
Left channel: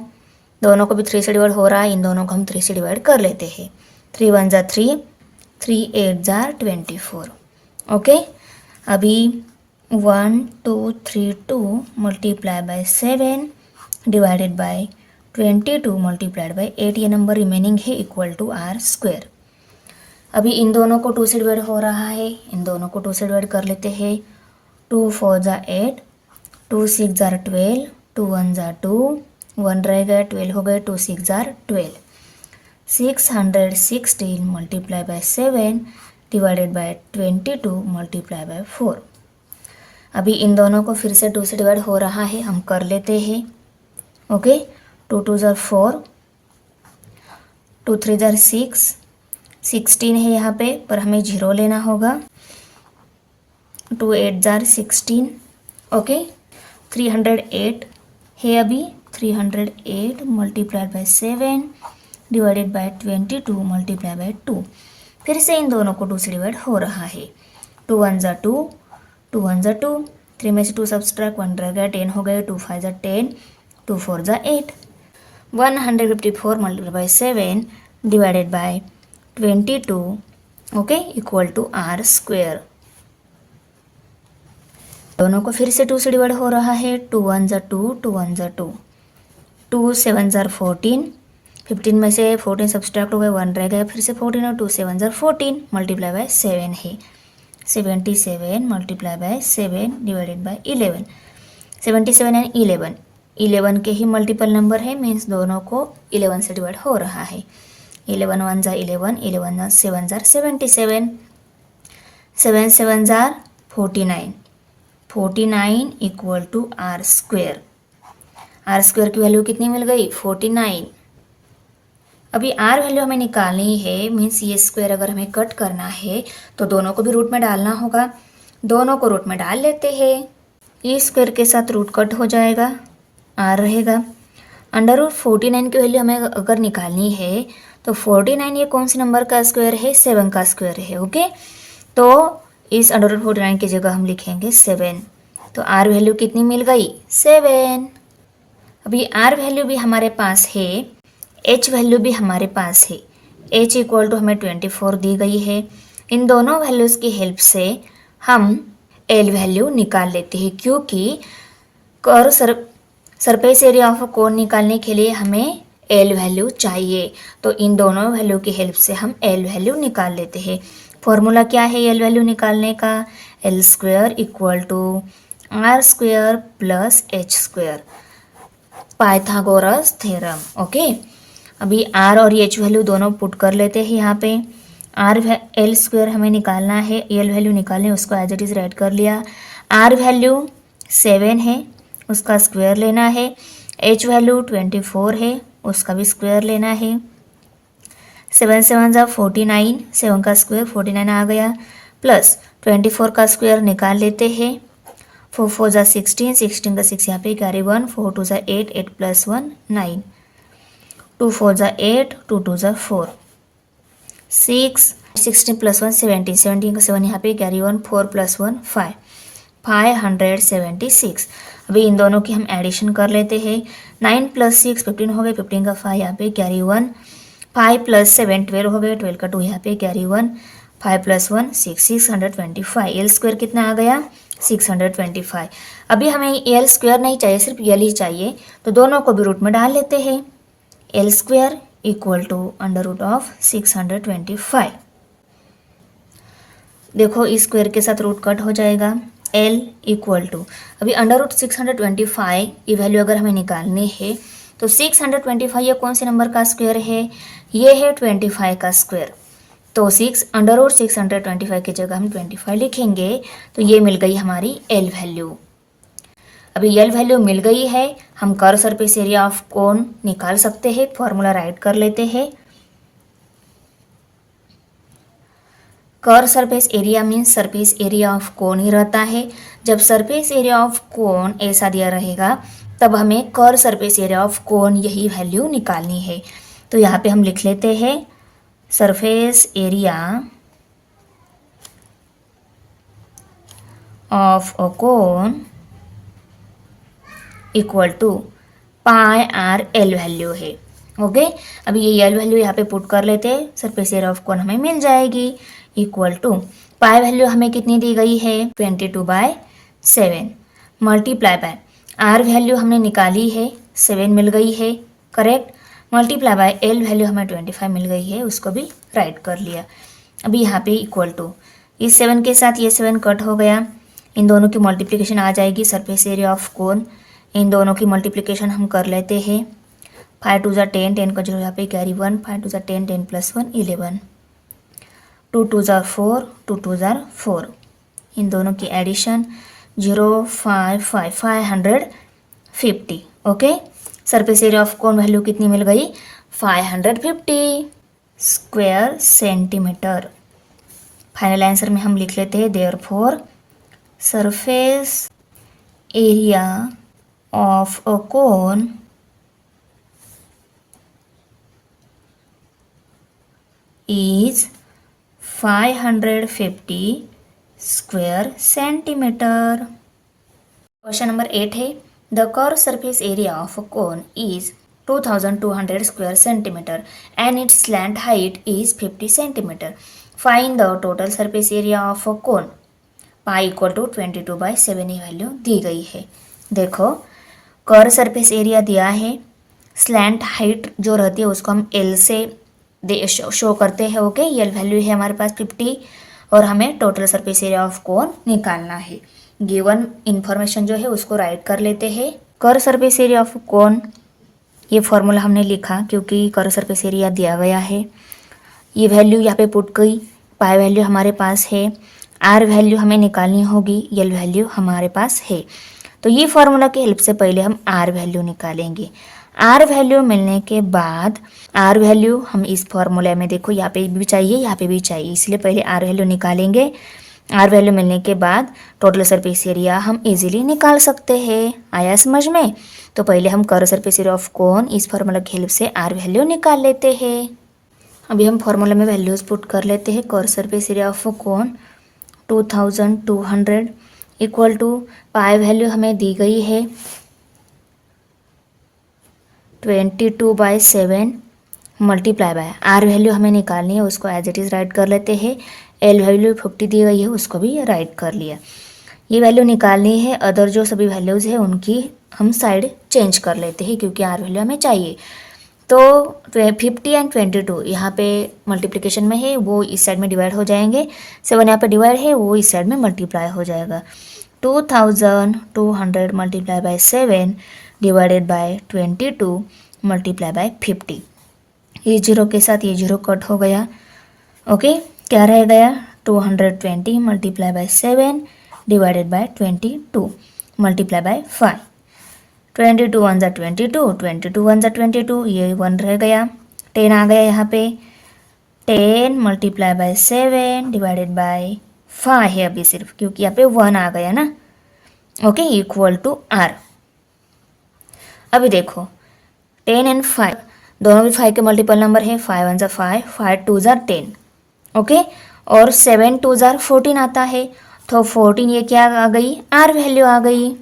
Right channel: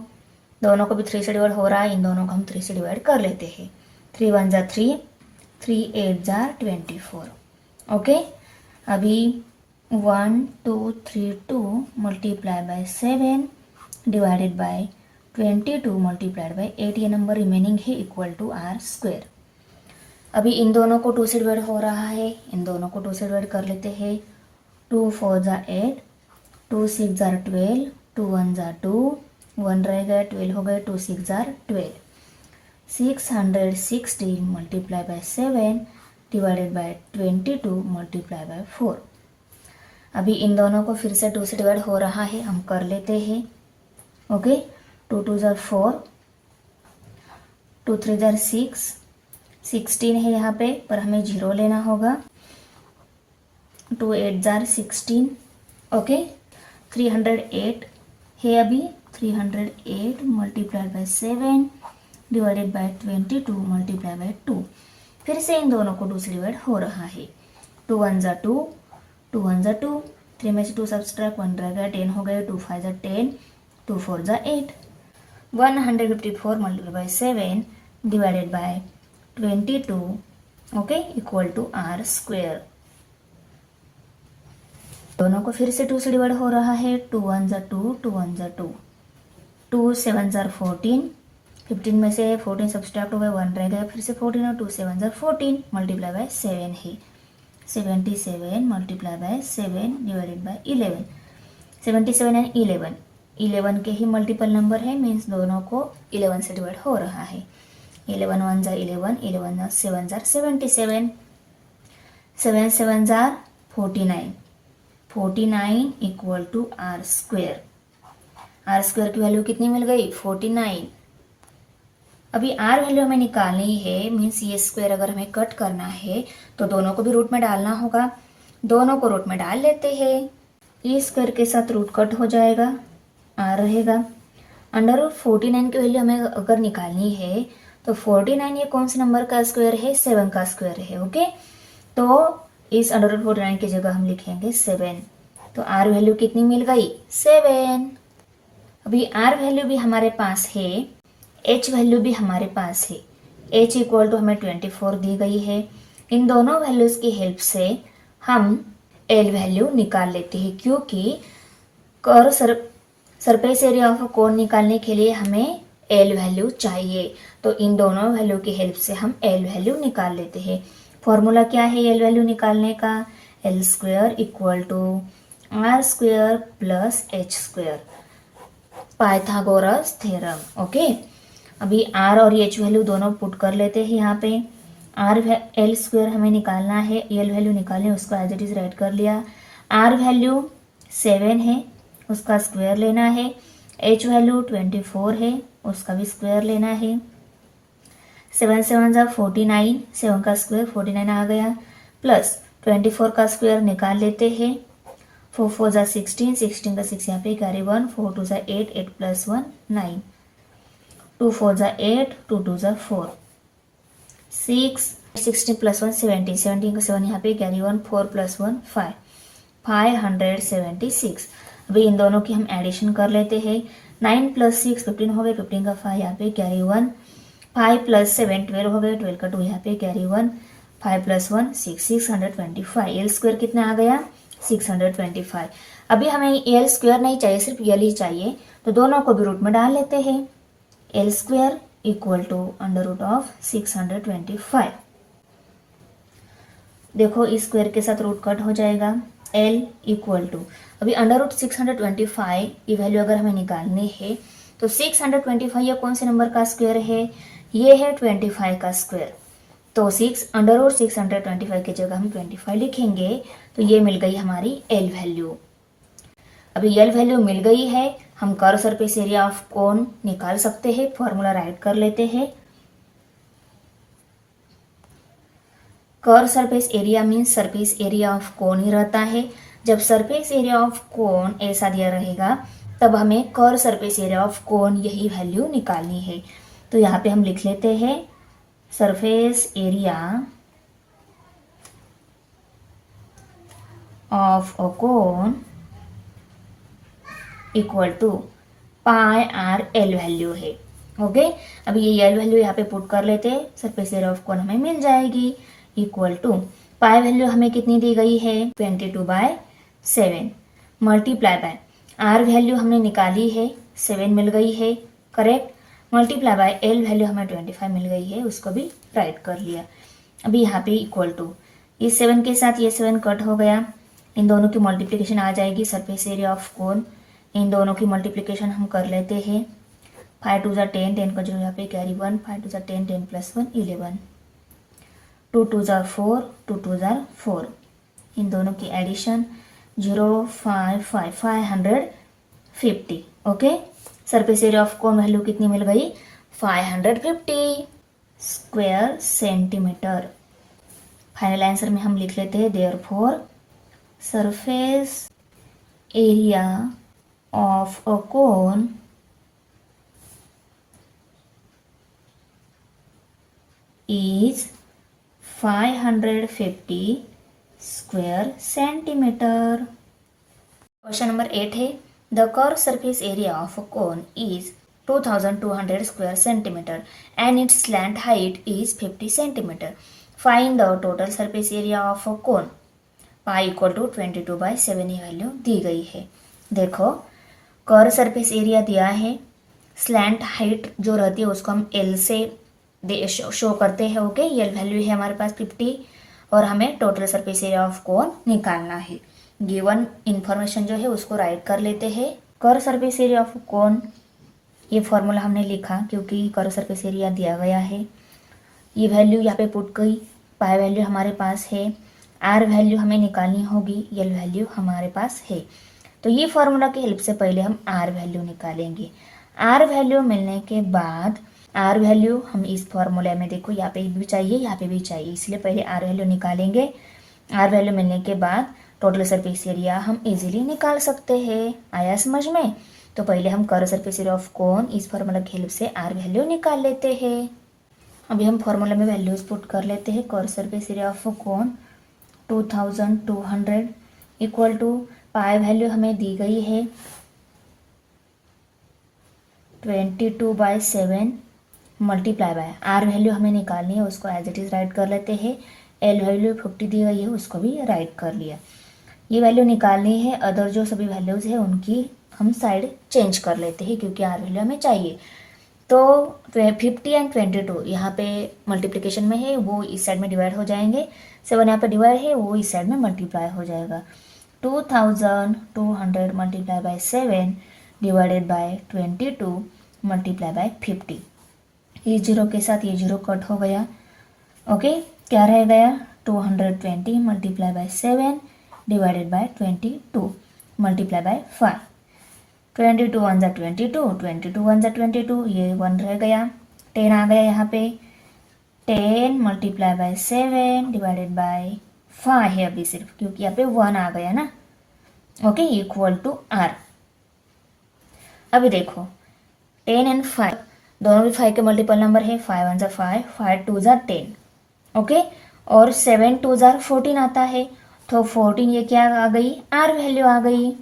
दोनों को भी 3 से डिवाइड हो रहा है, इन दोनों को हम 3 से डिवाइड कर लेते हैं। 3 1 ज़ा 3, 3 8 ज़ा 24 ओके। अभी 1232 multiply by 7 divided by 22 multiplied by 8 ये नंबर रिमेनिंग है इक्वल टू आर स्क्वायर। अभी इन दोनों को 2 से डिवाइड हो रहा है, इन दोनों को 2 से डिवाइड कर लेते हैं। 2 4 ज़ा 8, 2 6 ज़ा 12, 2 1 ज़ा 2, 1 रह गया 12 हो गए, 2 6 ज़ा 12। 616 multiply by 7 divided by 22 multiply bye 4। अभी इन दोनों को फिर से 2 से डिवाइड हो रहा है, हम कर लेते हैं ओके। 2 2 ज़ा 4, 2 3 ज़ा 6, 16 है यहाँ पे, पर हमें 0 लेना होगा। 2 8 ज़ा 16 ओके। 308 है अभी, 308 multiplied by 7 divided by 22 multiply by 2। फिर से इन दोनों को 2 से डिवाइड हो रहा है। 2 1 ज़ा 2, 2 1 ज़ा 2, 3 में से 2 सब्सट्रैक्ट 1 रह गया, 10 हो गए। 2 5 ज़ा 10, 2 4 ज़ा 8। 154 multiply by 7 divided by 22 okay equal to are square. दोनों को फिर से 2 से डिवाइड हो रहा है। 2 1 ज़ा 2, 2 1 ज़ा 2, 2 7 ज़ा 14, 15 में से 14 सब्सट्रैक्ट हो गए, 1 रह गया, फिर से 14 और 2 7 ज़ा 14 मल्टीप्लाई बाय 7 है। 77 multiply by 7 divided bye 11। 77 and 11 के ही मल्टीपल नंबर है, मीन्स दोनों को 11 से डिवाइड हो रहा है। 11 1 ज़ा 11, 11 7 ज़ा 77, 7 7 ज़ा 49, 49 equal to are square. R square की वैल्यू कितनी मिल गई 49। अभी आर वैल्यू हमें निकालनी है, मीन्स ये स्क्वायर अगर हमें कट करना है तो दोनों को भी रूट में डालना होगा। दोनों को रूट में डाल लेते हैं, ये स्क्वायर के साथ रूट कट हो जाएगा, आर रहेगा। अंडर रूट 49 की वैल्यू हमें अगर निकालनी है तो 49 ये कौन से नंबर का स्क्वायर है, 7 का स्क्वायर है। ओके, तो इस अंडर रूट 49 की जगह हम लिखेंगे 7। तो आर वैल्यू कितनी मिल गई, 7। अभी आर वैल्यू भी हमारे पास है, एच वैल्यू भी हमारे पास है। एच इक्वल टू हमें 24 दी गई है। इन दोनों वैल्यूज़ की हेल्प से हम एल वैल्यू निकाल लेते हैं, क्योंकि कर्व सरफेस एरिया ऑफ कोन निकालने के लिए हमें एल वैल्यू चाहिए। तो इन दोनों वैल्यू की हेल्प से हम एल वैल्यू निकाल लेते हैं। फॉर्मूला क्या है एल वैल्यू निकालने का, l square equal to are square plus H square, Pythagoras theorem. Okay, अभी आर और एच वैल्यू दोनों पुट कर लेते हैं यहाँ पे। आर एल स्क्वायर हमें निकालना है, एल वैल्यू निकालने, उसको एज इट इज़ राइट कर लिया। आर वैल्यू 7 है, उसका स्क्वायर लेना है। एच वैल्यू 24 है, उसका भी स्क्वायर लेना है। 7 7 जा 49, 7 का स्क्वायर 49 आ गया, प्लस 24 का स्क्वायर निकाल लेते हैं। 4 4 जा 16, 16 का 6 यहाँ पे कैरी 1, 4 2 जा 8, 8 प्लस 1 9, 2 4 जा 8, 2 2 जा 4, 6, 16 प्लस 1 17, 17 का 7 यहाँ पे कैरी 1, 4 प्लस 1 5, 576। अभी इन दोनों की हम एडिशन कर लेते हैं। 9 प्लस 6 15 हो गए, 15 का 5 यहाँ पे कैरी 1, 5 प्लस 7 12 हो गए, 12 का 2 यहाँ पे कैरी 1, 5 प्लस 1 6, 625। एल स्क्वायर कितना आ गया, 625। अभी हमें एल स्क्वायर नहीं चाहिए, सिर्फ एल ही चाहिए, तो दोनों को भी रूट में डाल लेते हैं। L square equal to under root of 625। देखो इस स्क्वायर के साथ रूट कट हो जाएगा। L इक्वल टू, अभी अंडर रूट 625 ये वैल्यू अगर हमें निकालनी है तो 625 ये कौन से नंबर का स्क्वायर है, ये है 25 का स्क्वायर। तो 6 अंडर रूट 625 की जगह हम 25 लिखेंगे, तो ये मिल गई हमारी L वैल्यू। अभी L वैल्यू मिल गई है, हम curve surface area of cone निकाल सकते हैं। फॉर्मूला राइट कर लेते हैं। Curve surface area means surface area of cone ही रहता है। जब सरफेस एरिया ऑफ कोन ऐसा दिया रहेगा तब हमें कर्व सरफेस एरिया ऑफ कोन यही वैल्यू निकालनी है। तो यहाँ पे हम लिख लेते हैं surface area of a cone equal to pi are l value है। ओके, अभी ये एल वैल्यू यहाँ पे पुट कर लेते हैं, सरफेस एरिया ऑफ कोन हमें मिल जाएगी इक्वल टू पाई वैल्यू हमें कितनी दी गई है 22/7 मल्टीप्लाई बाय आर वैल्यू हमने निकाली है 7 मिल गई है correct, multiply by L value हमें 25 मिल गई है, उसको भी राइट कर लिया। अभी यहाँ पे इक्वल टू इस 7 के साथ ये 7 कट हो गया, इन दोनों की मल्टीप्लिकेशन आ जाएगी सरफेस एरिया ऑफ कोन। इन दोनों की मल्टीप्लिकेशन हम कर लेते हैं। 5 2 जा 10, 10 का 0 यहाँ पे कैरी 1, 5 2 जा 10, 10 प्लस 1 11, 2 2 जा 4, 2 2 जा 4, इन दोनों की addition 0 5 5 550। Okay, surface area of cone value कितनी मिल गई 550 स्क्वायर सेंटीमीटर। फाइनल आंसर में हम लिख लेते हैं therefore surface area of a cone is 550 square centimetre. Question number 8 है the curve surface area of a cone is 2200 square centimetre and its slant height is 50 centimetre. Find the total surface area of a cone. Pi equal to 22/7 ये value दी गई है। देखो curve surface area दिया है, slant height जो रहती है उसको हम एल से शो करते हैं। ओके, एल वैल्यू है हमारे पास 50 और हमें total surface area of cone निकालना है। गिवन इंफॉर्मेशन जो है उसको राइट कर लेते हैं। कर्व सरफेस एरिया ऑफ कोन ये फॉर्मूला हमने लिखा क्योंकि कर्व सरफेस एरिया दिया गया है। ये वैल्यू यहाँ पे पुट गई, पाई वैल्यू हमारे पास है, आर वैल्यू हमें निकालनी होगी, एल वैल्यू हमारे पास है। तो ये फॉर्मूला की हेल्प से पहले हम आर वैल्यू निकालेंगे। आर वैल्यू मिलने के बाद आर वैल्यू हम इस फॉर्मूले में देखो यहाँ पे भी चाहिए यहाँ पे भी चाहिए, इसलिए पहले आर वैल्यू निकालेंगे। आर वैल्यू मिलने के बाद टोटल सरफेस एरिया हम इजीली निकाल सकते हैं। आया समझ में? तो पहले हम कर्व सरफेस एरिया ऑफ कोन इस फार्मूला की हेल्प से आर वैल्यू निकाल लेते हैं। अभी हम फार्मूला में वैल्यूज पुट कर लेते हैं। Curve surface area of cone 2200 equal to pi value हमें दी गई है 22/7 मल्टीप्लाई बाय आर वैल्यू हमें निकालनी है, उसको एज इट इज़ राइट कर लेते हैं। एल वैल्यू 50 दी गई है, उसको भी राइट कर लिया। ये वैल्यू निकालनी है, अदर जो सभी वैल्यूज़ है उनकी हम साइड चेंज कर लेते हैं क्योंकि आर वैल्यू हमें चाहिए। तो 50 एंड 22 यहाँ पे मल्टीप्लिकेशन में है, वो इस साइड में डिवाइड हो जाएंगे। 7 यहाँ पे डिवाइड है, वो इस साइड में मल्टीप्लाई हो जाएगा। 2200 multiply by 7 divided by 22 multiply bye 50। ये जीरो के साथ ये जीरो कट हो गया। ओके, क्या रह गया 220 multiply by 7 divided by 22 multiply bye 5। 22 1 ज़ा 22, 22 1 ज़ा 22, ये 1 रह गया। 10 आ गया यहाँ पे, 10 मल्टीप्लाई बाय 7 डिवाइडेड बाय 5 है अभी सिर्फ, क्योंकि यहाँ पे 1 आ गया ना। Okay, equal to r. अभी देखो 10 एंड 5 दोनों भी 5 के मल्टीपल नंबर है। 5 1 ज़ा 5, 5 2 ज़ा 10। ओके, और 7 2 ज़ा 14 आता है, तो 14 ये क्या आ गई, आर वैल्यू आ गई।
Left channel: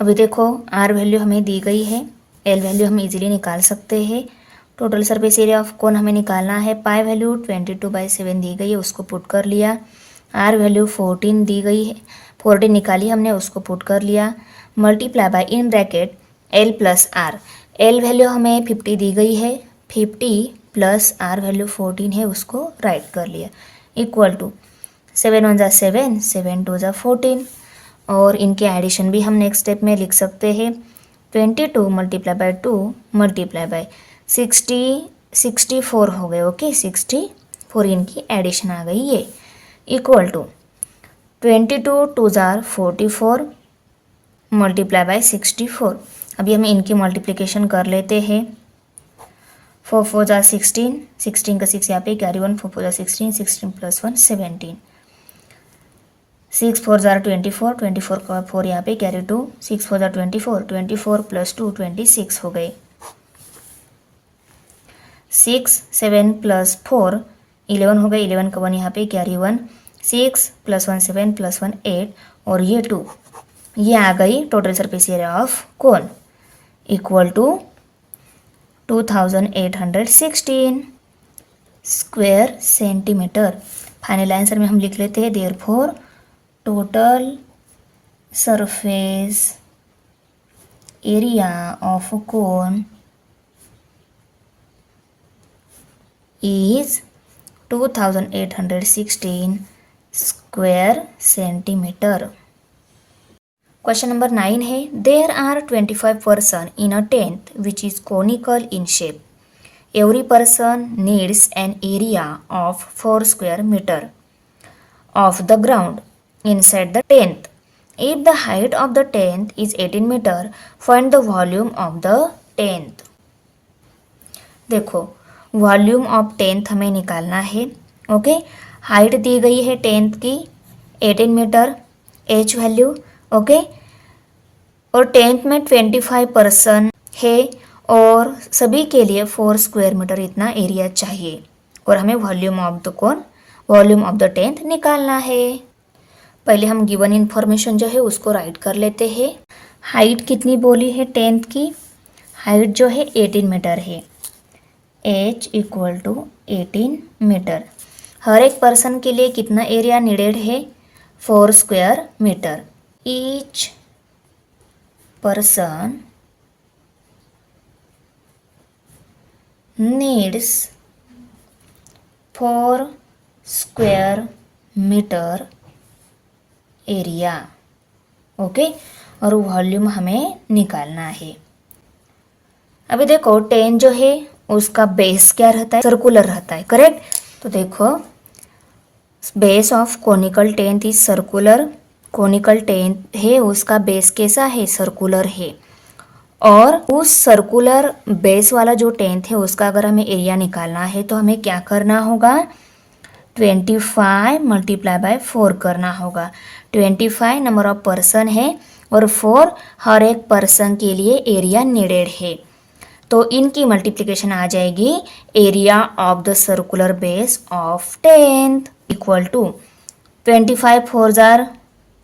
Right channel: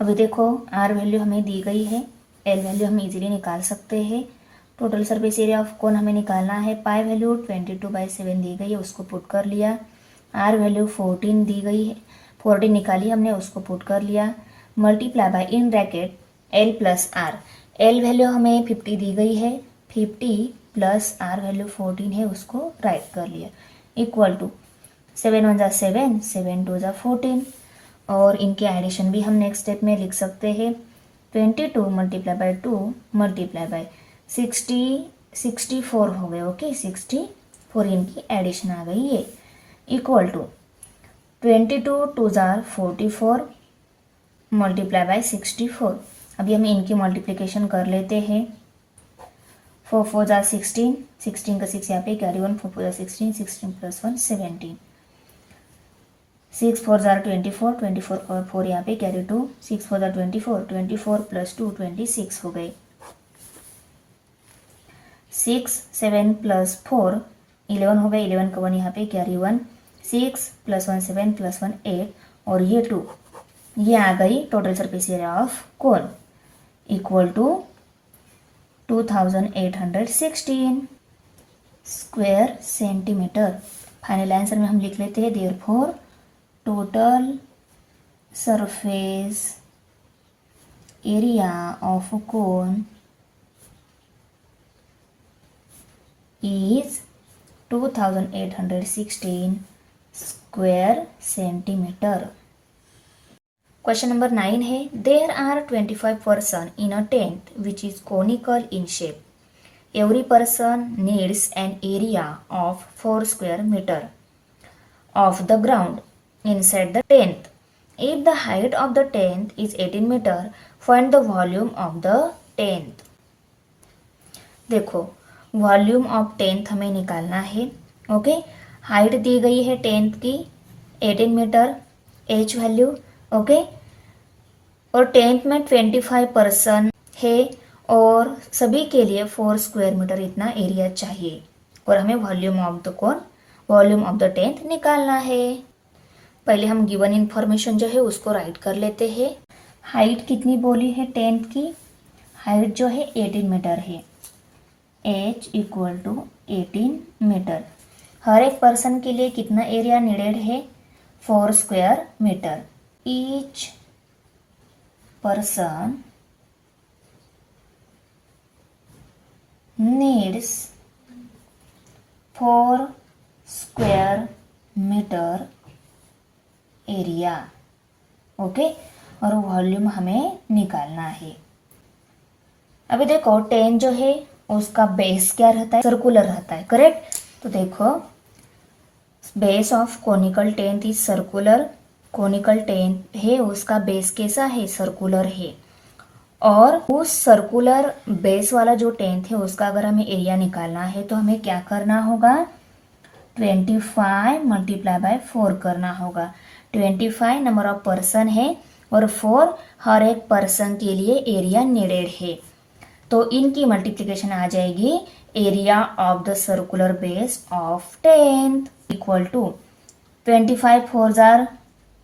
अभी देखो आर वैल्यू हमें दी गई है, एल वैल्यू हम इजीली निकाल सकते हैं। टोटल सरफेस एरिया ऑफ कोन हमें निकालना है। पाई वैल्यू 22/7 दी गई है, उसको पुट कर लिया। आर वैल्यू 14 दी गई है, 14 निकाली हमने, उसको पुट कर लिया। Multiply by in bracket L plus r. L value हमें 50 दी गई है, 50 प्लस आर वैल्यू 14 है, उसको राइट कर लिया। इक्वल टू 7 1 ज़ा 7, 7 2 ज़ा 14, और इनके एडिशन भी हम नेक्स्ट स्टेप में लिख सकते हैं। 22 मल्टीप्लाई बाय 2 मल्टीप्लाई बाय 64 हो गए। ओके, 64 इनकी एडिशन आ गई ये। इक्वल टू 22 2 ज़ा 44 मल्टीप्लाई बाय 64। अभी हम इनकी मल्टीप्लिकेशन कर लेते हैं। 4 4 ज़ा 16, 16 का 6 यहाँ पे कैरी 1, 4 4 ज़ा 16, 16 प्लस 1 17, 6 4 ज़ा 24, 24 का 4 यहाँ पे कैरी 2, 6 4 ज़ा 24, 24 प्लस 2 26 हो गए। 6 7 प्लस 4 11 हो गए, 11 का 1 यहाँ पे कैरी 1, 6 प्लस 1 7 प्लस 1 8, और ये 2, ये आ गई total surface area of cone equal to 2816 square centimetre. Final answer में हम लिख लेते हैं therefore total surface area of cone is 2816 square centimeter. Question number 9 है, there are 25 person in a tent which is conical in shape. Every person needs an area of 4 square meter of the ground inside the tent. If the height of the tent is 18 meter, find the volume of the tent. देखो volume of tenth हमें निकालना है। Okay, height दी गई है tenth की 18 metre, H value. Okay, और tenth में 25 person है और सभी के लिए 4 स्क्वायर मीटर इतना एरिया चाहिए, और हमें वॉल्यूम ऑफ द टेंथ निकालना है। पहले हम गिवन इन्फॉर्मेशन जो है उसको राइट कर लेते हैं। हाइट कितनी बोली है टेंथ की, हाइट जो है 18 मीटर है, h इक्वल टू 18 मीटर। हर एक पर्सन के लिए कितना एरिया नीडेड है, 4 square metre. Each person needs 4 square metre area. Okay, और वॉल्यूम हमें निकालना है। अभी देखो 10 जो है उसका बेस क्या रहता है, सर्कुलर रहता है, करेक्ट। तो देखो base of conical tenth is circular. Conical tenth है, उसका बेस कैसा है, सर्कुलर है। और उस सर्कुलर बेस वाला जो टेंथ है उसका अगर हमें एरिया निकालना है तो हमें क्या करना होगा, 25 मल्टीप्लाई बाय 4 करना होगा। 25 नंबर ऑफ पर्सन है और 4 हर एक पर्सन के लिए एरिया नीडेड है। तो इनकी मल्टीप्लिकेशन आ जाएगी area of the circular base of 10th equal to 25 4 जार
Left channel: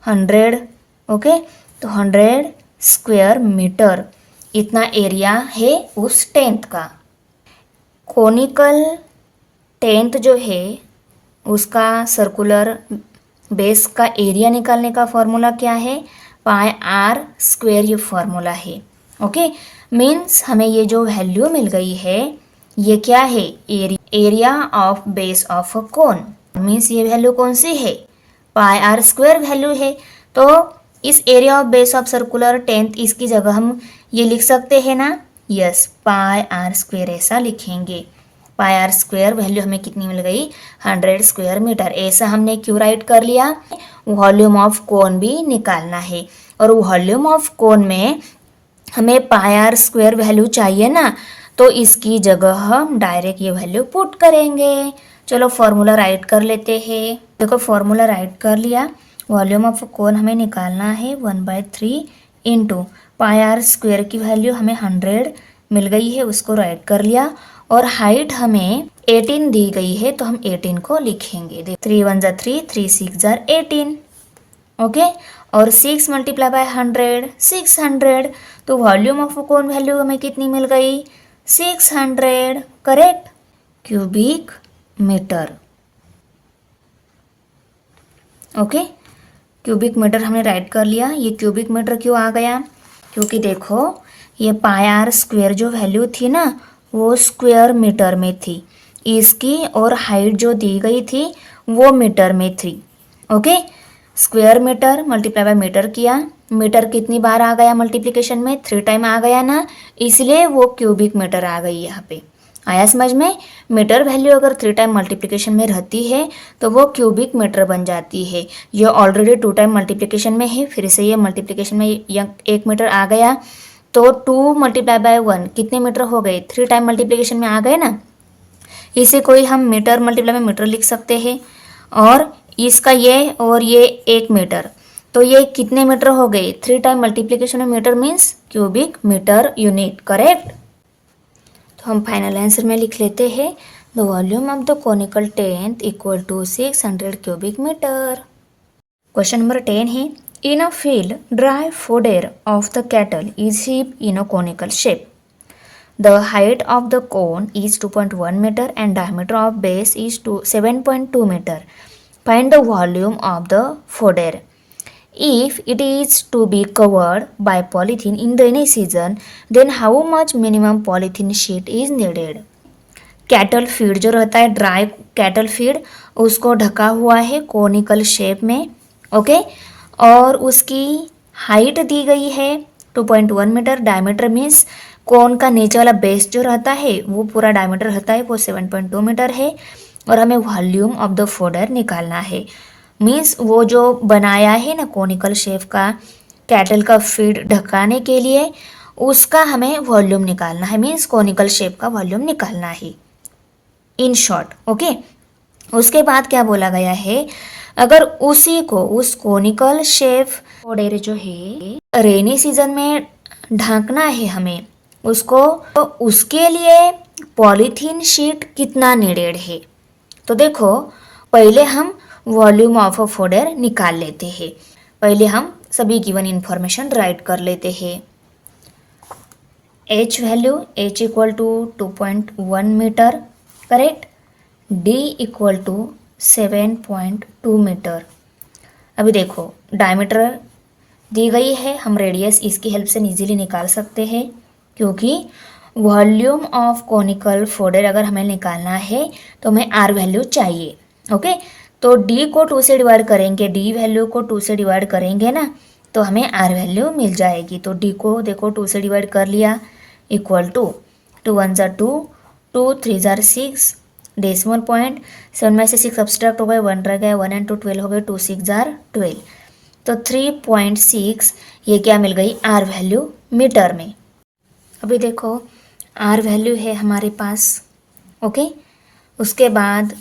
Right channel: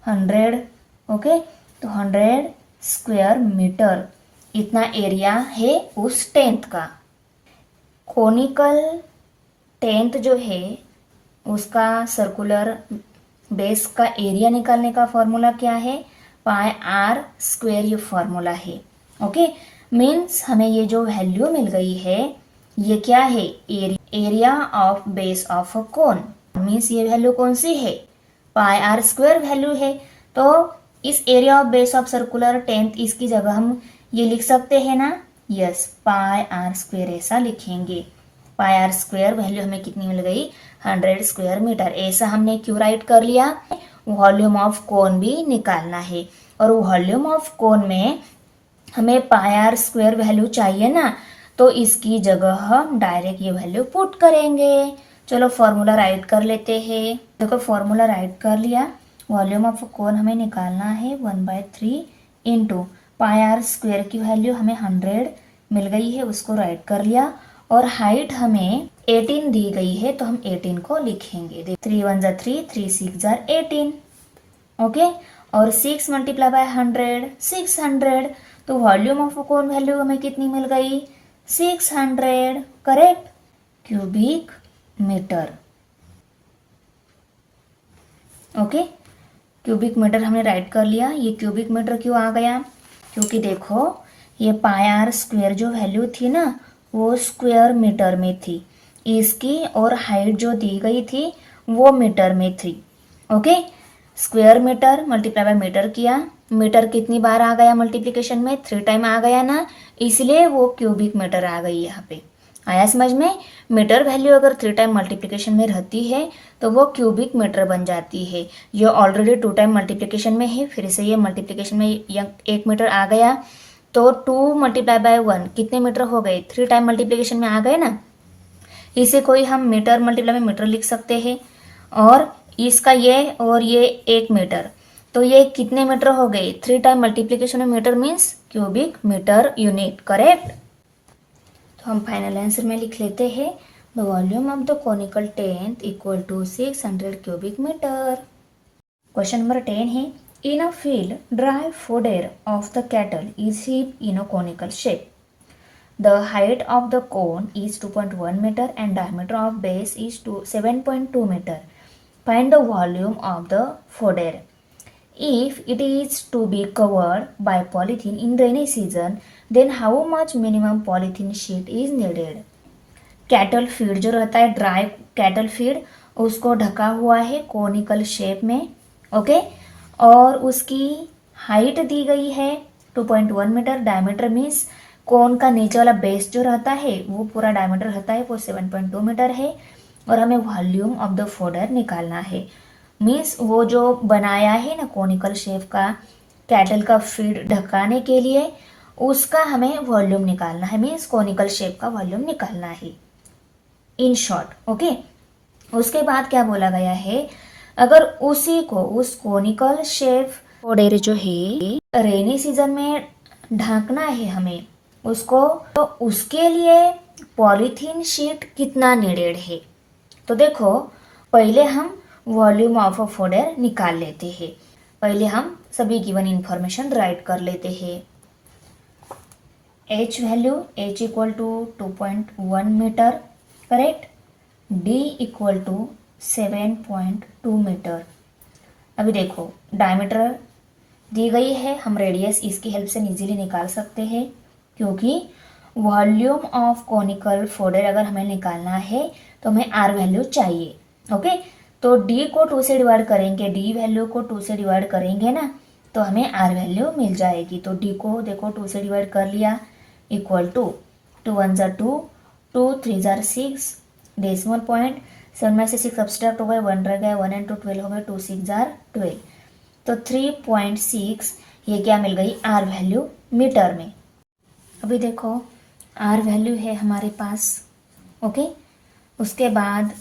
100, ओके, तो 100 स्क्वायर मीटर इतना एरिया है उस 10th का। कोनिकल 10th जो है उसका सर्कुलर बेस का एरिया निकालने का फॉर्मूला क्या है, पाई आर स्क्वायर ये फॉर्मूला है। ओके, मीन्स हमें ये जो वैल्यू मिल गई है ये क्या है, area of base of a cone, means ये वैल्यू कौन सी है, पाई आर स्क्वायर वैल्यू है। तो इस area of base of circular 10th इसकी जगह हम ये लिख सकते हैं ना, यस, पाई आर स्क्वायर ऐसा लिखेंगे। पाई आर स्क्वायर वैल्यू हमें कितनी मिल गई, 100 स्क्वायर मीटर। ऐसा हमने क्यों राइट कर लिया, वॉल्यूम ऑफ कोन भी निकालना है और वॉल्यूम ऑफ कोन में हमें पाई आर स्क्वायर वैल्यू चाहिए ना, तो इसकी जगह हम डायरेक्ट ये वैल्यू पुट करेंगे। चलो फॉर्मूला राइट कर लेते हैं। देखो फॉर्मूला राइट कर लिया, वॉल्यूम ऑफ कोन हमें निकालना है 1/3 इंटू पाई आर स्क्वायर की वैल्यू हमें 100 मिल गई है, उसको राइट कर लिया। और हाइट हमें 18 दी गई है तो हम 18 को लिखेंगे। 3 1 जार 3, 3 6 जार 18, ओके, और 6 मल्टीप्लाई बाय 100 600, तो वॉल्यूम ऑफ कोन वैल्यू हमें कितनी मिल गई, 600, correct, cubic metre. Okay, cubic metre हमने राइट कर लिया। ये क्यूबिक मीटर क्यों आ गया, क्योंकि देखो ये पाई आर स्क्वायर जो वैल्यू थी ना वो स्क्वायर मीटर में थी, इसकी और हाइट जो दी गई थी वो मीटर में थी। Okay, square metre multiply by metre किया, मीटर कितनी बार आ गया मल्टीप्लिकेशन में, 3 टाइम आ गया ना, इसलिए वो क्यूबिक मीटर आ गई यहाँ पे। आया समझ में, मीटर वैल्यू अगर 3 टाइम मल्टीप्लिकेशन में रहती है तो वो क्यूबिक मीटर बन जाती है। ये ऑलरेडी 2 टाइम मल्टीप्लिकेशन में है, फिर से ये मल्टीप्लिकेशन में 1 मीटर आ गया, तो 2 मल्टीप्लाई बाय 1 कितने मीटर हो गए, 3 टाइम मल्टीप्लिकेशन में आ गए ना। इसे कोई हम मीटर मल्टीप्लाई में मीटर लिख सकते हैं, और इसका ये और ये 1 मीटर, तो ये कितने मीटर हो गए, 3 टाइम मल्टीप्लिकेशन में metre means cubic metre unit, correct. तो हम फाइनल आंसर में लिख लेते हैं, the volume of the conical 10th equal to 600 cubic metre. Question number 10 है, in a field dry fodder of the cattle is heaped in a conical shape. The height of the cone is 2.1 meter and diameter of base is 7.2 meter. Find the volume of the fodder. If it is to be covered by polythene in rainy season, then how much minimum polythene sheet is needed? Cattle feed जो रहता है, dry cattle feed, उसको ढका हुआ है conical shape में, okay, और उसकी हाइट दी गई है 2.1 मीटर, डायमीटर मीन्स कोन का नीचे वाला बेस जो रहता है वो पूरा डायमीटर रहता है वो 7.2 मीटर है, और हमें वॉल्यूम ऑफ द फोडर निकालना है। मीन्स वो जो बनाया है ना कोनिकल शेप का कैटल का फीड ढकाने के लिए, उसका हमें वॉल्यूम निकालना है, मीन्स कोनिकल शेप का वॉल्यूम निकालना है इन शॉर्ट, ओके। उसके बाद क्या बोला गया है, अगर उसी को उस कोनिकल शेप फोडर जो है रेनी सीजन में ढांकना है हमें उसको, तो उसके लिए पॉलीथीन शीट कितना नीडेड है। तो देखो पहले हम वॉल्यूम ऑफ अ फोडर निकाल लेते हैं। पहले हम सभी गिवन इंफॉर्मेशन राइट कर लेते हैं। H value, h equal to 2.1 metre, correct, d equal to 7.2 metre. अभी देखो डायमीटर दी गई है, हम रेडियस इसकी हेल्प से इजीली निकाल सकते हैं, क्योंकि वॉल्यूम ऑफ कोनिकल फोडर अगर हमें निकालना है तो हमें आर वैल्यू चाहिए, ओके। तो डी को 2 से डिवाइड करेंगे, डी वैल्यू को 2 से डिवाइड करेंगे ना तो हमें आर वैल्यू मिल जाएगी। तो डी को देखो 2 से डिवाइड कर लिया, इक्वल टू 2 1 जार 2, 2 3 जार 6, डेसिमल पॉइंट 7 में से 6 सब्सट्रैक्ट हो गए, 1 रह गया, 1 and 2 12 हो गए, 2 6 जार 12, तो 3.6 ये क्या मिल गई आर वैल्यू मीटर में। अभी देखो आर वैल्यू है हमारे पास, ओके। उसके बाद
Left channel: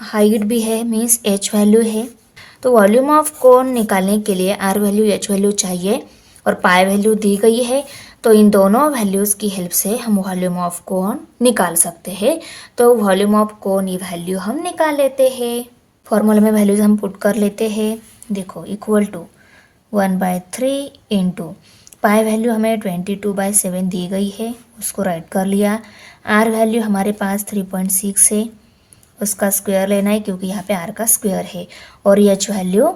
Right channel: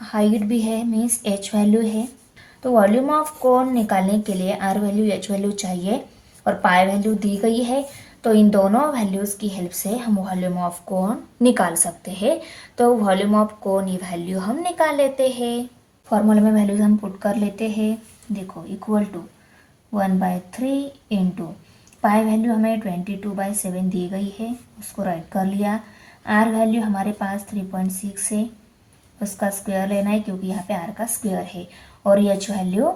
हाइट भी है मीन्स एच वैल्यू है। तो वॉल्यूम ऑफ कोन निकालने के लिए आर वैल्यू एच वैल्यू चाहिए, और पाई वैल्यू दी गई है, तो इन दोनों वैल्यूज़ की हेल्प से हम वॉल्यूम ऑफ कोन निकाल सकते हैं। तो वॉल्यूम ऑफ कोन ये वैल्यू हम निकाल लेते हैं। फॉर्मूले में वैल्यूज हम पुट कर लेते हैं। देखो equal to 1/3 into pi value हमें 22/7 दी गई है, उसको राइट कर लिया। आर वैल्यू हमारे पास 3.6 है, उसका स्क्वायर लेना है क्योंकि यहाँ पे आर का स्क्वायर है। और एच वैल्यू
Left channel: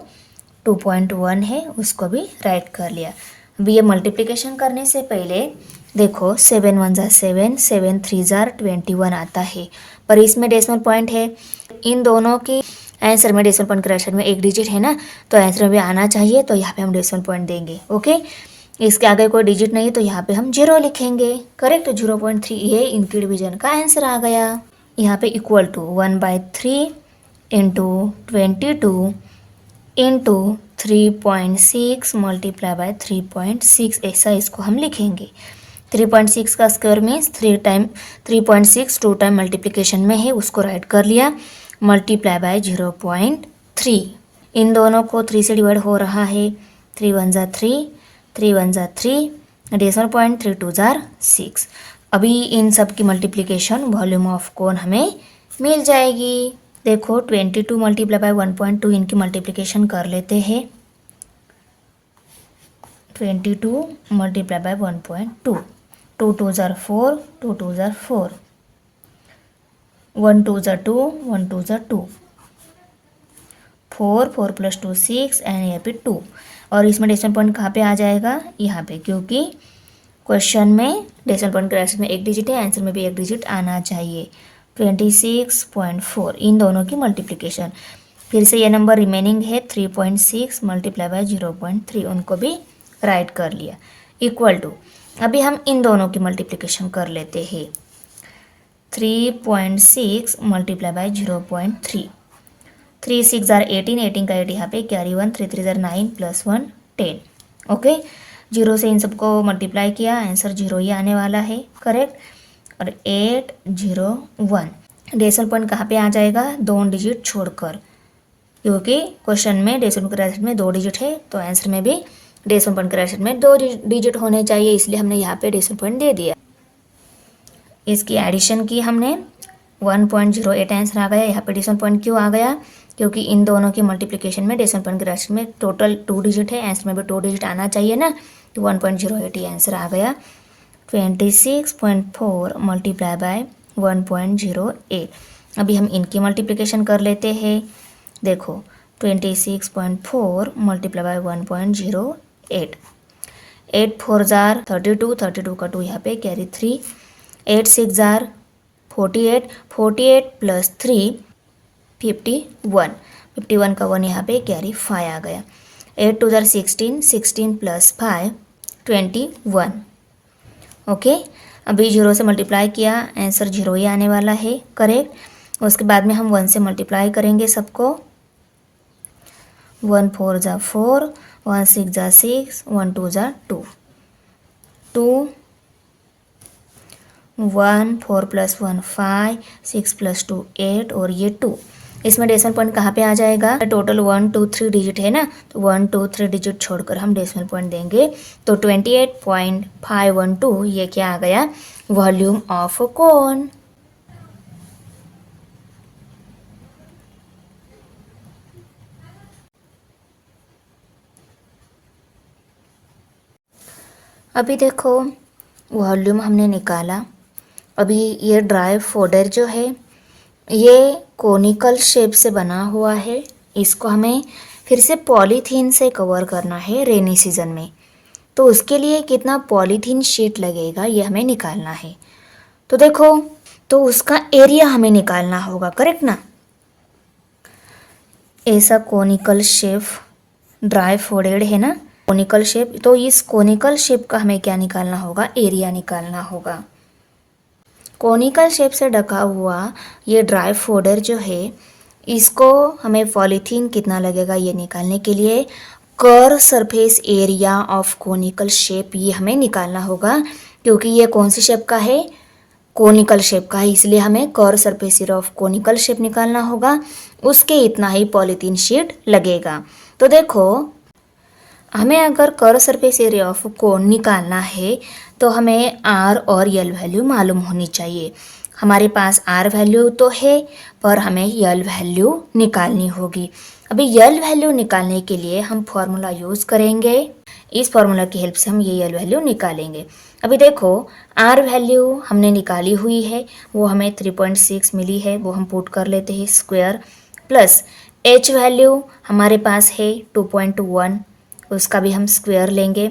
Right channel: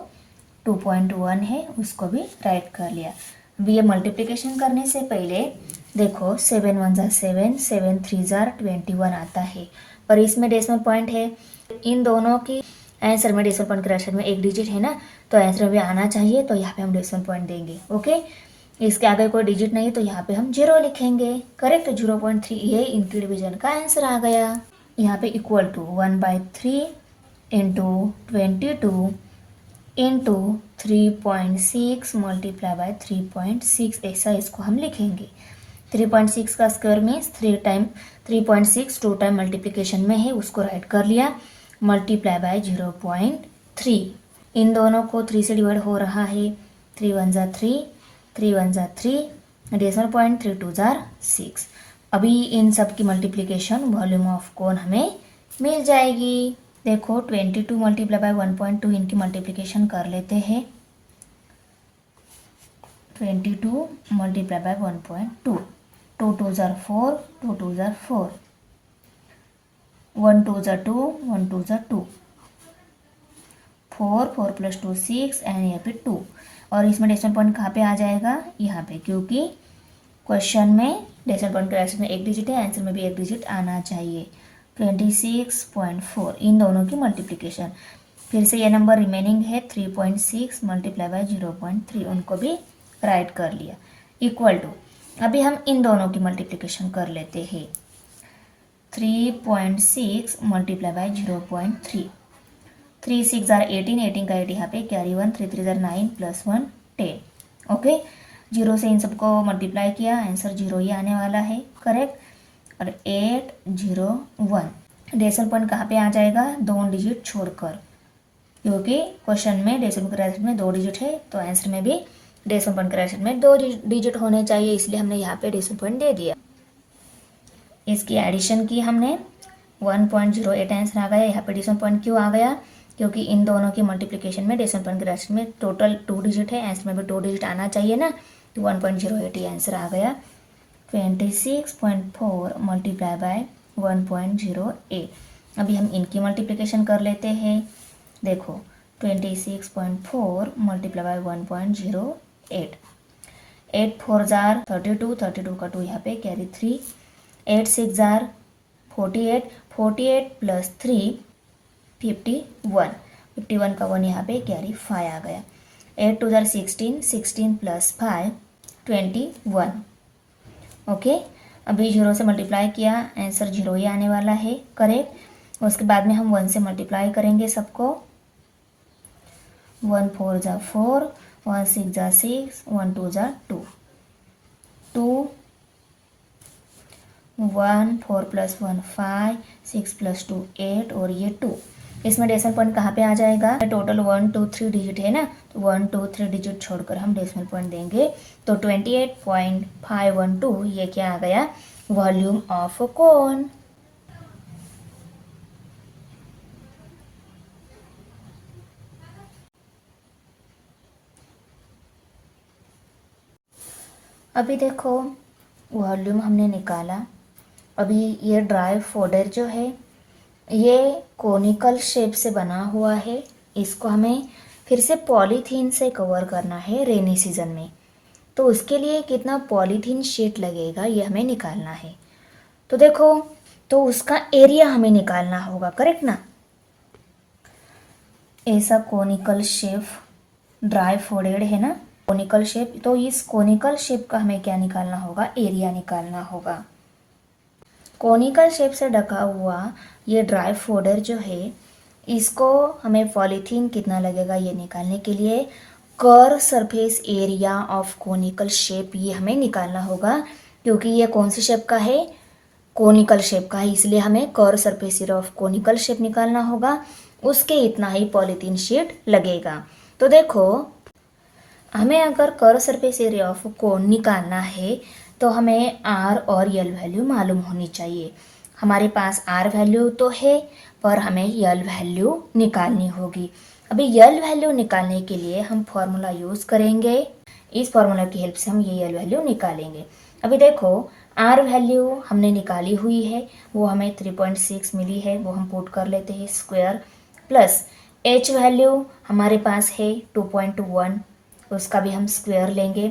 2.1 है, उसको भी राइट कर लिया। अभी ये मल्टीप्लिकेशन करने से पहले देखो 7 1 ज़ा 7, 7 3 ज़ा 21 आता है, पर इसमें डेसिमल पॉइंट है। इन दोनों की आंसर में डेसिमल पॉइंट करेक्शन में एक डिजिट है ना, तो आंसर में भी आना चाहिए, तो यहाँ पे हम डेसिमल पॉइंट देंगे। ओके, इसके आगे कोई डिजिट नहीं है तो यहाँ पे हम 0 लिखेंगे। करेक्ट, 0.3 ये इनकी डिवीजन का आंसर आ गया। यहाँ पे equal to 1/3 into 22 into 3.6 multiply by 3.6, ऐसा इसको हम लिखेंगे। 3.6 का स्क्वायर मीन्स 3.6 2 टाइम मल्टीप्लिकेशन में है, उसको राइट कर लिया। मल्टीप्लाई बाय 0.3, इन दोनों को 3 से डिवाइड हो रहा है। 3 1 ज़ा 3, 3 1 ज़ा 3, डेसिमल पॉइंट 3 2 ज़ा 6। अभी इन सब की मल्टीप्लिकेशन वॉल्यूम ऑफ कोन हमें मिल जाएगी। देखो 22 मल्टीप्लाई बाय 1.2, इनकी मल्टीप्लिकेशन कर लेते हैं। 22 मल्टीप्लाई बाय 1.2, 2 2 ज़ा 4, 2 2 ज़ा 4, 1 2 ज़ा 2, 1 2 ज़ा 2, 4 4 प्लस 2 6 एंड यहाँ पे 2। और इसमें डेसिमल पॉइंट कहाँ पे आ जाएगा, यहाँ पे, क्योंकि क्वेश्चन में डेसिमल पॉइंट करेक्शन में एक डिजिट है, आंसर में भी एक डिजिट आना चाहिए। 26.4, इन दोनों की मल्टीप्लिकेशन। फिर से ये नंबर रिमेनिंग है 3.6 मल्टीप्लाई बाय 0.3, उनको भी राइट कर लिया। इक्वल टू, अभी हम इन दोनों की मल्टीप्लिकेशन कर लेते हैं। 3.6 मल्टीप्लाई बाय 0.3, 3 6 ज़ा 18, 18 का 8 यहाँ पे कैरी 1, 3 3 ज़ा 9 प्लस 1 10। ओके, 0 से इन सबको मल्टीप्लाई किया, आंसर 0 ही आने वाला है। करेक्ट, और 8 0 1, डेसिमल पॉइंट कहाँ पे आ जाएगा, 2 डिजिट छोड़कर, क्योंकि क्वेश्चन में डेसिमल करेक्शन में 2 डिजिट है, तो आंसर में भी डेसिमल पॉइंट करेक्शन में 2 डिजिट होने चाहिए, इसलिए हमने यहाँ पे डेसिमल पॉइंट दे दिया। इसकी एडिशन की हमने 1.08 आंसर आ गया। यहाँ पे डेसिमल पॉइंट क्यों आ गया, क्योंकि इन दोनों की मल्टीप्लिकेशन में डेसिमल पॉइंट करेक्शन में टोटल 2 डिजिट है, आंसर में भी 2 डिजिट आना चाहिए ना, तो 1.08 ही आंसर आ गया। 26.4 मल्टीप्लाई बाय 1.08। अभी हम इनकी मल्टीप्लिकेशन कर लेते हैं। देखो 26.4 मल्टीप्लाई बाय 1.08, 8 4 ज़ार 32, 32 का 2 यहाँ पे कैरी 3, 8 6 ज़ार 48, 48 प्लस 3 51, 51 का 1 यहाँ पे कैरी 5 आ गया। 8 2 ज़ार 16, 16 प्लस 5 21। ओके, अभी 0 से मल्टीप्लाई किया, आंसर 0 ही आने वाला है। करेक्ट, उसके बाद में हम 1 से मल्टीप्लाई करेंगे सबको। 1 4 ज़ा 4, 1 6 ज़ा 6, 1 2 ज़ा 2, 2 1 4 प्लस 1 5, 6 प्लस 2 8, और ये 2। इसमें डेसिमल पॉइंट कहाँ पे आ जाएगा, टोटल 1 2 3 डिजिट है ना, तो 1 2 3 डिजिट छोड़कर हम डेसिमल पॉइंट देंगे, तो 28.512 ये क्या आ गया, वॉल्यूम ऑफ कोन। अभी देखो वॉल्यूम हमने निकाला। अभी ये ड्राई फोल्डर जो है ये कोनिकल शेप से बना हुआ है, इसको हमें फिर से पॉलीथीन से कवर करना है रेनी सीजन में, तो उसके लिए कितना पॉलीथीन शीट लगेगा ये हमें निकालना है। तो देखो, तो उसका एरिया हमें निकालना होगा। करेक्ट ना, ऐसा कोनिकल शेप ड्राई फोल्डेड है ना, कोनिकल शेप, तो इस कोनिकल शेप का हमें क्या निकालना होगा, एरिया निकालना होगा। कोनिकल शेप से ढका हुआ ये ड्राई फोल्डर जो है, इसको हमें पॉलीथीन कितना लगेगा ये निकालने के लिए curve surface area of conical shape ये हमें निकालना होगा, क्योंकि ये कौन सी शेप का है, कोनिकल शेप का है, इसलिए हमें curve surface area of conical shape निकालना होगा। उसके इतना ही पॉलीथीन शीट लगेगा। तो देखो हमें अगर curve surface area of cone निकालना है तो हमें आर और यल वैल्यू मालूम होनी चाहिए। हमारे पास आर वैल्यू तो है पर हमें यल वैल्यू निकालनी होगी। अभी यल वैल्यू निकालने के लिए हम फॉर्मूला यूज़ करेंगे। इस फॉर्मूला की हेल्प से हम ये यल वैल्यू निकालेंगे। अभी देखो आर वैल्यू हमने निकाली हुई है, वो हमें 3.6 मिली है, वो हम पुट कर लेते हैं स्क्वायर, प्लस एच वैल्यू हमारे पास है 2.1, उसका भी हम स्क्वायर लेंगे।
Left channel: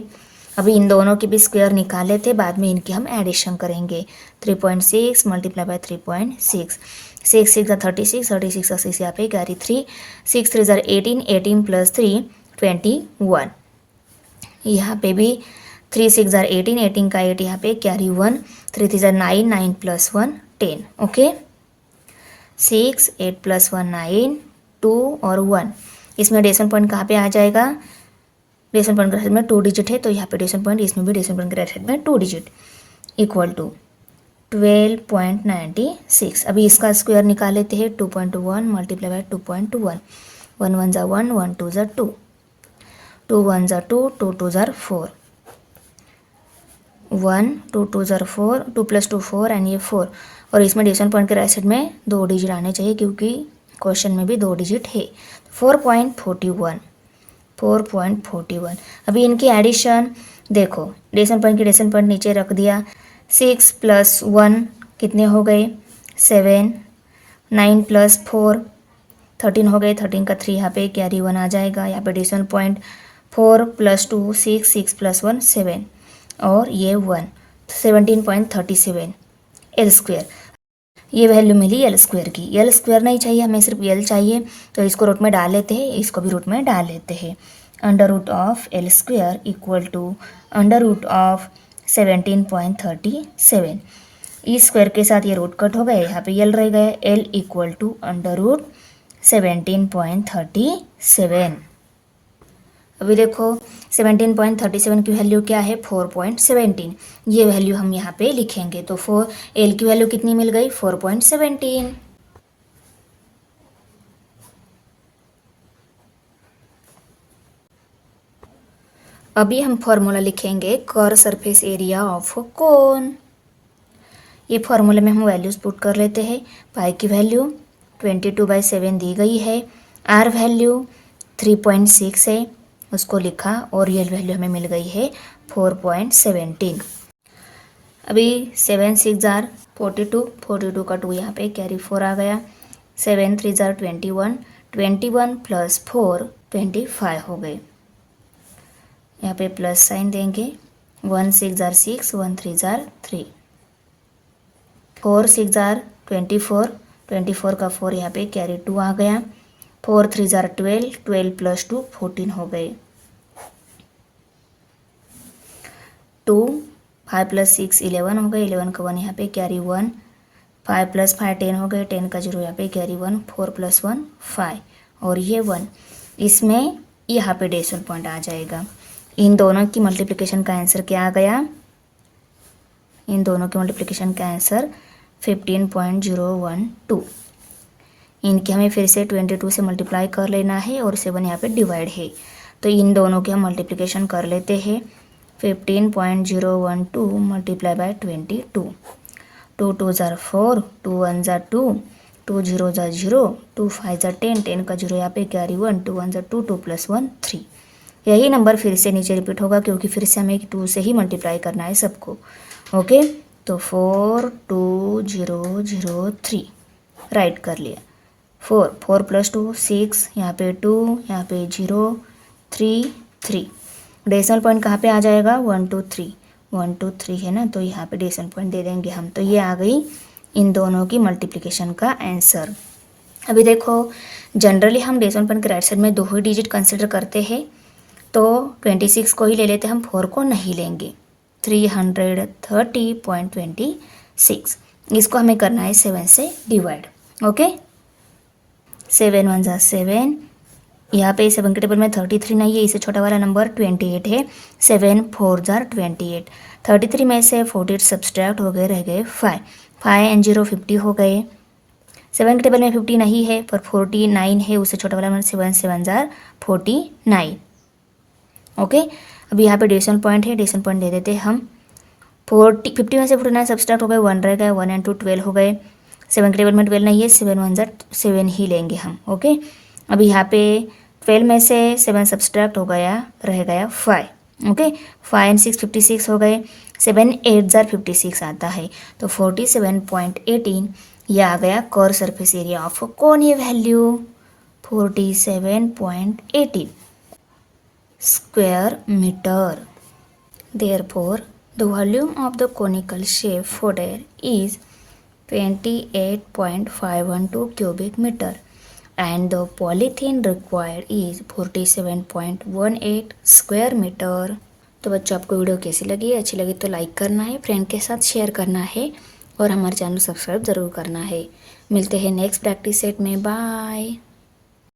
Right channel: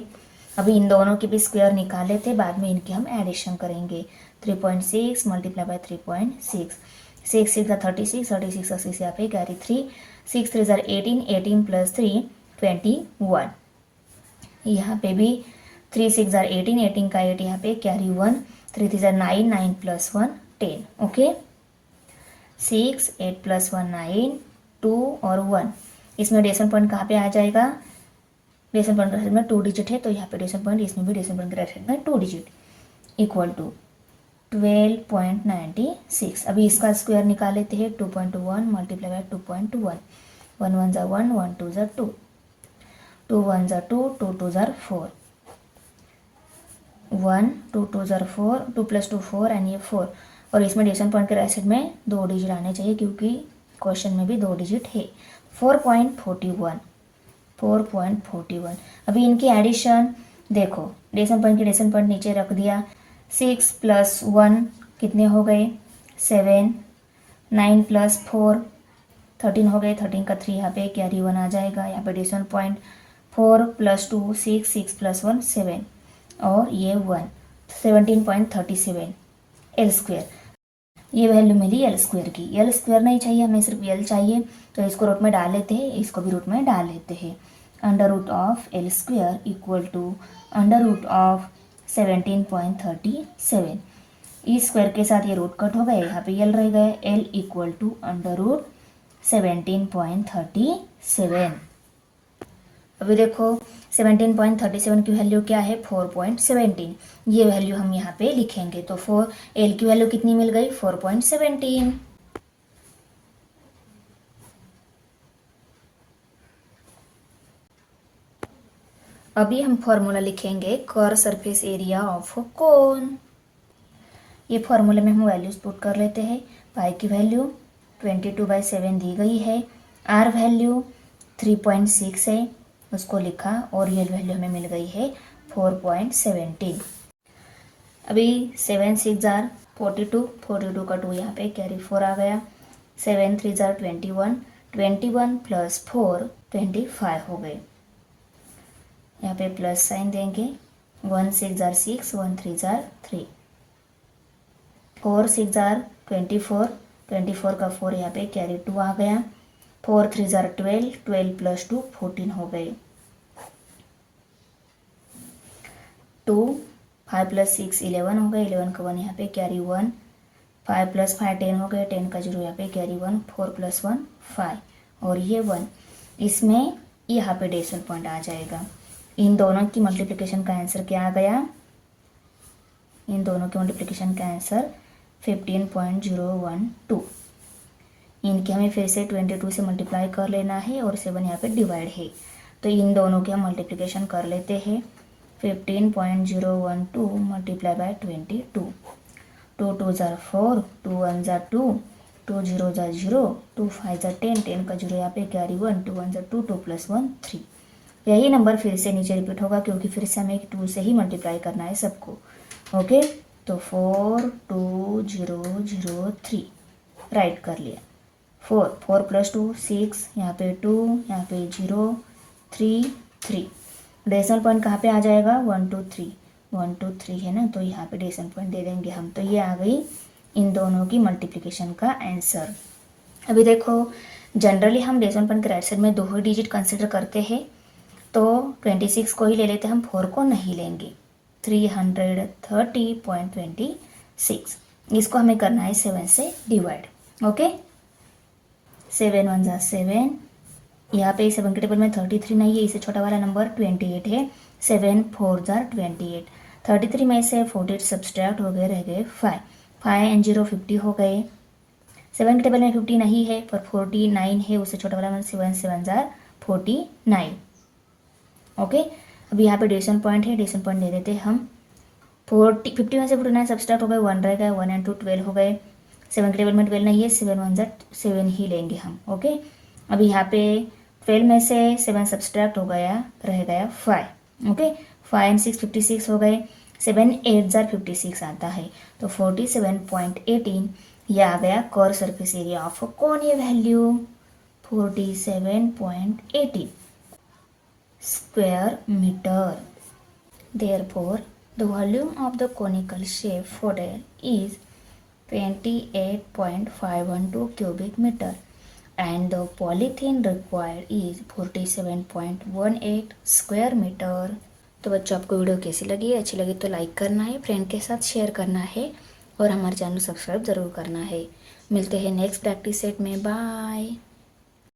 अभी इन दोनों की भी स्क्वायर निकाल लेते हैं, बाद में इनकी हम एडिशन करेंगे। 3.6 मल्टीप्लाई बाय 3.6, 6 6 36, 36 का 6 यहाँ पे कैरी 3, 6 3 18, 18 प्लस 3 21। यहाँ पे भी 3 6 18, 18 का 8 यहाँ पे कैरी 1, 3 3 9, 9 प्लस 1 10। ओके 6 8 प्लस 1 9 2 और 1। इसमें डेसिमल पॉइंट कहाँ पे आ जाएगा? डेसिमल पॉइंट के राइट साइड में 2 डिजिट है तो यहाँ पे डेसिमल पॉइंट, इसमें भी डेसिमल पॉइंट के राइट साइड में 2 डिजिट, इक्वल टू 12.96। अभी इसका स्क्वायर निकाल लेते हैं। 2.1 मल्टीप्लाई बाय 2.1, 1 1 ज़ा 1, 1 2 ज़ा 2, 2 1 ज़ा 2, 2 2 ज़ा 4, 1 2 2 ज़ा 4, 2 प्लस 2 4 एंड ये 4। और इसमें डेसिमल पॉइंट के राइट साइड में 2 डिजिट आने चाहिए क्योंकि क्वेश्चन में भी 2 डिजिट है। 4.41, 4.41। अभी इनकी एडिशन देखो, डेसिमल पॉइंट की डेसिमल पॉइंट नीचे रख दिया। 6 प्लस 1 कितने हो गए? 7, 9 प्लस 4 13 हो गए, 13 का 3 यहाँ पे कैरी 1 आ जाएगा। यहाँ पे डेसिमल पॉइंट 4 प्लस 2 6, 6 प्लस 1 7 और ये 1, 17.37 एल स्क्वायर। ये वैल्यू मिली एल स्क्वायर की। एल स्क्वायर नहीं चाहिए हमें, सिर्फ एल चाहिए, तो इसको रूट में डाल लेते हैं, इसको भी रूट में डाल लेते हैं। Under root of l square equal to under root of 17.37। इस स्क्वायर के साथ ये रूट कट हो गए, यहाँ पे एल रह गया, l equal to under root 17.37। अभी देखो 17.37 की वैल्यू क्या है? 4.17। ये वैल्यू हम यहाँ पे लिखेंगे तो एल की वैल्यू कितनी मिल गई? 4.17। अभी हम फॉर्मूला लिखेंगे कर्व सरफेस एरिया ऑफ कोन। ये फॉर्मूले में हम वैल्यूज पुट कर लेते हैं। पाई की वैल्यू 22/7 दी गई है, आर वैल्यू 3.6 है, उसको लिखा, और रियल वैल्यू हमें मिल गई है 4.17। अभी 7 6 जार 42, 42 का 2 यहाँ पे कैरी 4 आ गया। 7 3 जार 21, 21 प्लस 4 25 हो गए। यहाँ पे प्लस साइन देंगे। 1 6 जार 6, 1 3 जार 3, 4 6 जार 24, 24 का 4 यहाँ पे कैरी 2 आ गया। 4 3 जार 12, 12 प्लस 2 14 हो गए। 2 5 प्लस 6 11 हो गए, 11 का 1 यहाँ पे कैरी 1, 5 प्लस 5 10 हो गए, 10 का 0 यहाँ पे कैरी 1, 4 प्लस 1 5 और ये 1। इसमें यहाँ पे डेसिमल पॉइंट आ जाएगा। इन दोनों की मल्टीप्लिकेशन का आंसर क्या आ गया? इन दोनों के मल्टीप्लिकेशन का आंसर 15.012। इनके हमें फिर से 22 से मल्टीप्लाई कर लेना है और 7 यहाँ पे डिवाइड है, तो इन दोनों के हम मल्टीप्लिकेशन कर लेते हैं। 15.012 मल्टीप्लाई बाय 22, 2 2 ज़ा 4, 2 1 ज़ा 2, 2 0 ज़ा 0, 2 5 ज़ा 10, 10 का 0 यहाँ पे कैरी 1, 2 1 ज़ा 2, 2 प्लस 1 3। यही नंबर फिर से नीचे रिपीट होगा क्योंकि फिर से हमें 2 से ही मल्टीप्लाई करना है सबको। ओके, तो 42003 राइट कर लिया। 4 प्लस 2 6, यहाँ पे 2, यहाँ पे 0 3 3। डेसिमल पॉइंट कहाँ पे आ जाएगा? 1 2 3, 1 2 3 है ना, तो यहाँ पे डेसिमल पॉइंट दे देंगे हम। तो ये आ गई इन दोनों की मल्टीप्लिकेशन का आंसर। अभी देखो जनरली हम डेसिमल पॉइंट के राइट साइड में 2 ही डिजिट कंसिडर करते हैं, तो 26 को ही ले लेते हैं हम, 4 को नहीं लेंगे। 330.26, इसको हमें करना है 7 से डिवाइड। ओके, 7 1 ज़ा 7, यहाँ पे 7 के टेबल में 33 नहीं है, इससे छोटा वाला नंबर 28 है। 7 4 ज़ा 28, 33 में से 48 सब्सट्रैक्ट हो गए, रह गए 5, 5 एंड 0 50 हो गए। 7 के टेबल में 50 नहीं है पर 49 है, उससे छोटा वाला नंबर 7 7 ज़ा 49। ओके, अब यहाँ पे डेसिमल पॉइंट है, डेसिमल पॉइंट दे देते हैं हम। 50 में से 49 सब्सट्रैक्ट हो गए, 1 रह गए, 1 एंड 2 12 हो गए। 7 के टेबल में 12 नहीं है, 7 1 ज़ा 7 ही लेंगे हम। ओके, अब यहाँ पे 12 में से 7 सब्सट्रैक्ट हो गया, रह गया 5। ओके, 5 एंड 6 56 हो गए, 7 8 ज़ा 56 आता है, तो 47.18 ये आ गया कर्व सरफेस एरिया ऑफ कौन ये value 47.18 square meter. Therefore, the volume of the conical shape fodder is 28.512 cubic meter and the polythene required is 47.18 square meter. तो बच्चों, आपको वीडियो कैसी लगी? अच्छी लगी तो लाइक करना है, फ्रेंड के साथ शेयर करना है और हमारे चैनल सब्सक्राइब ज़रूर करना है। मिलते हैं नेक्स्ट प्रैक्टिस सेट में। बाय।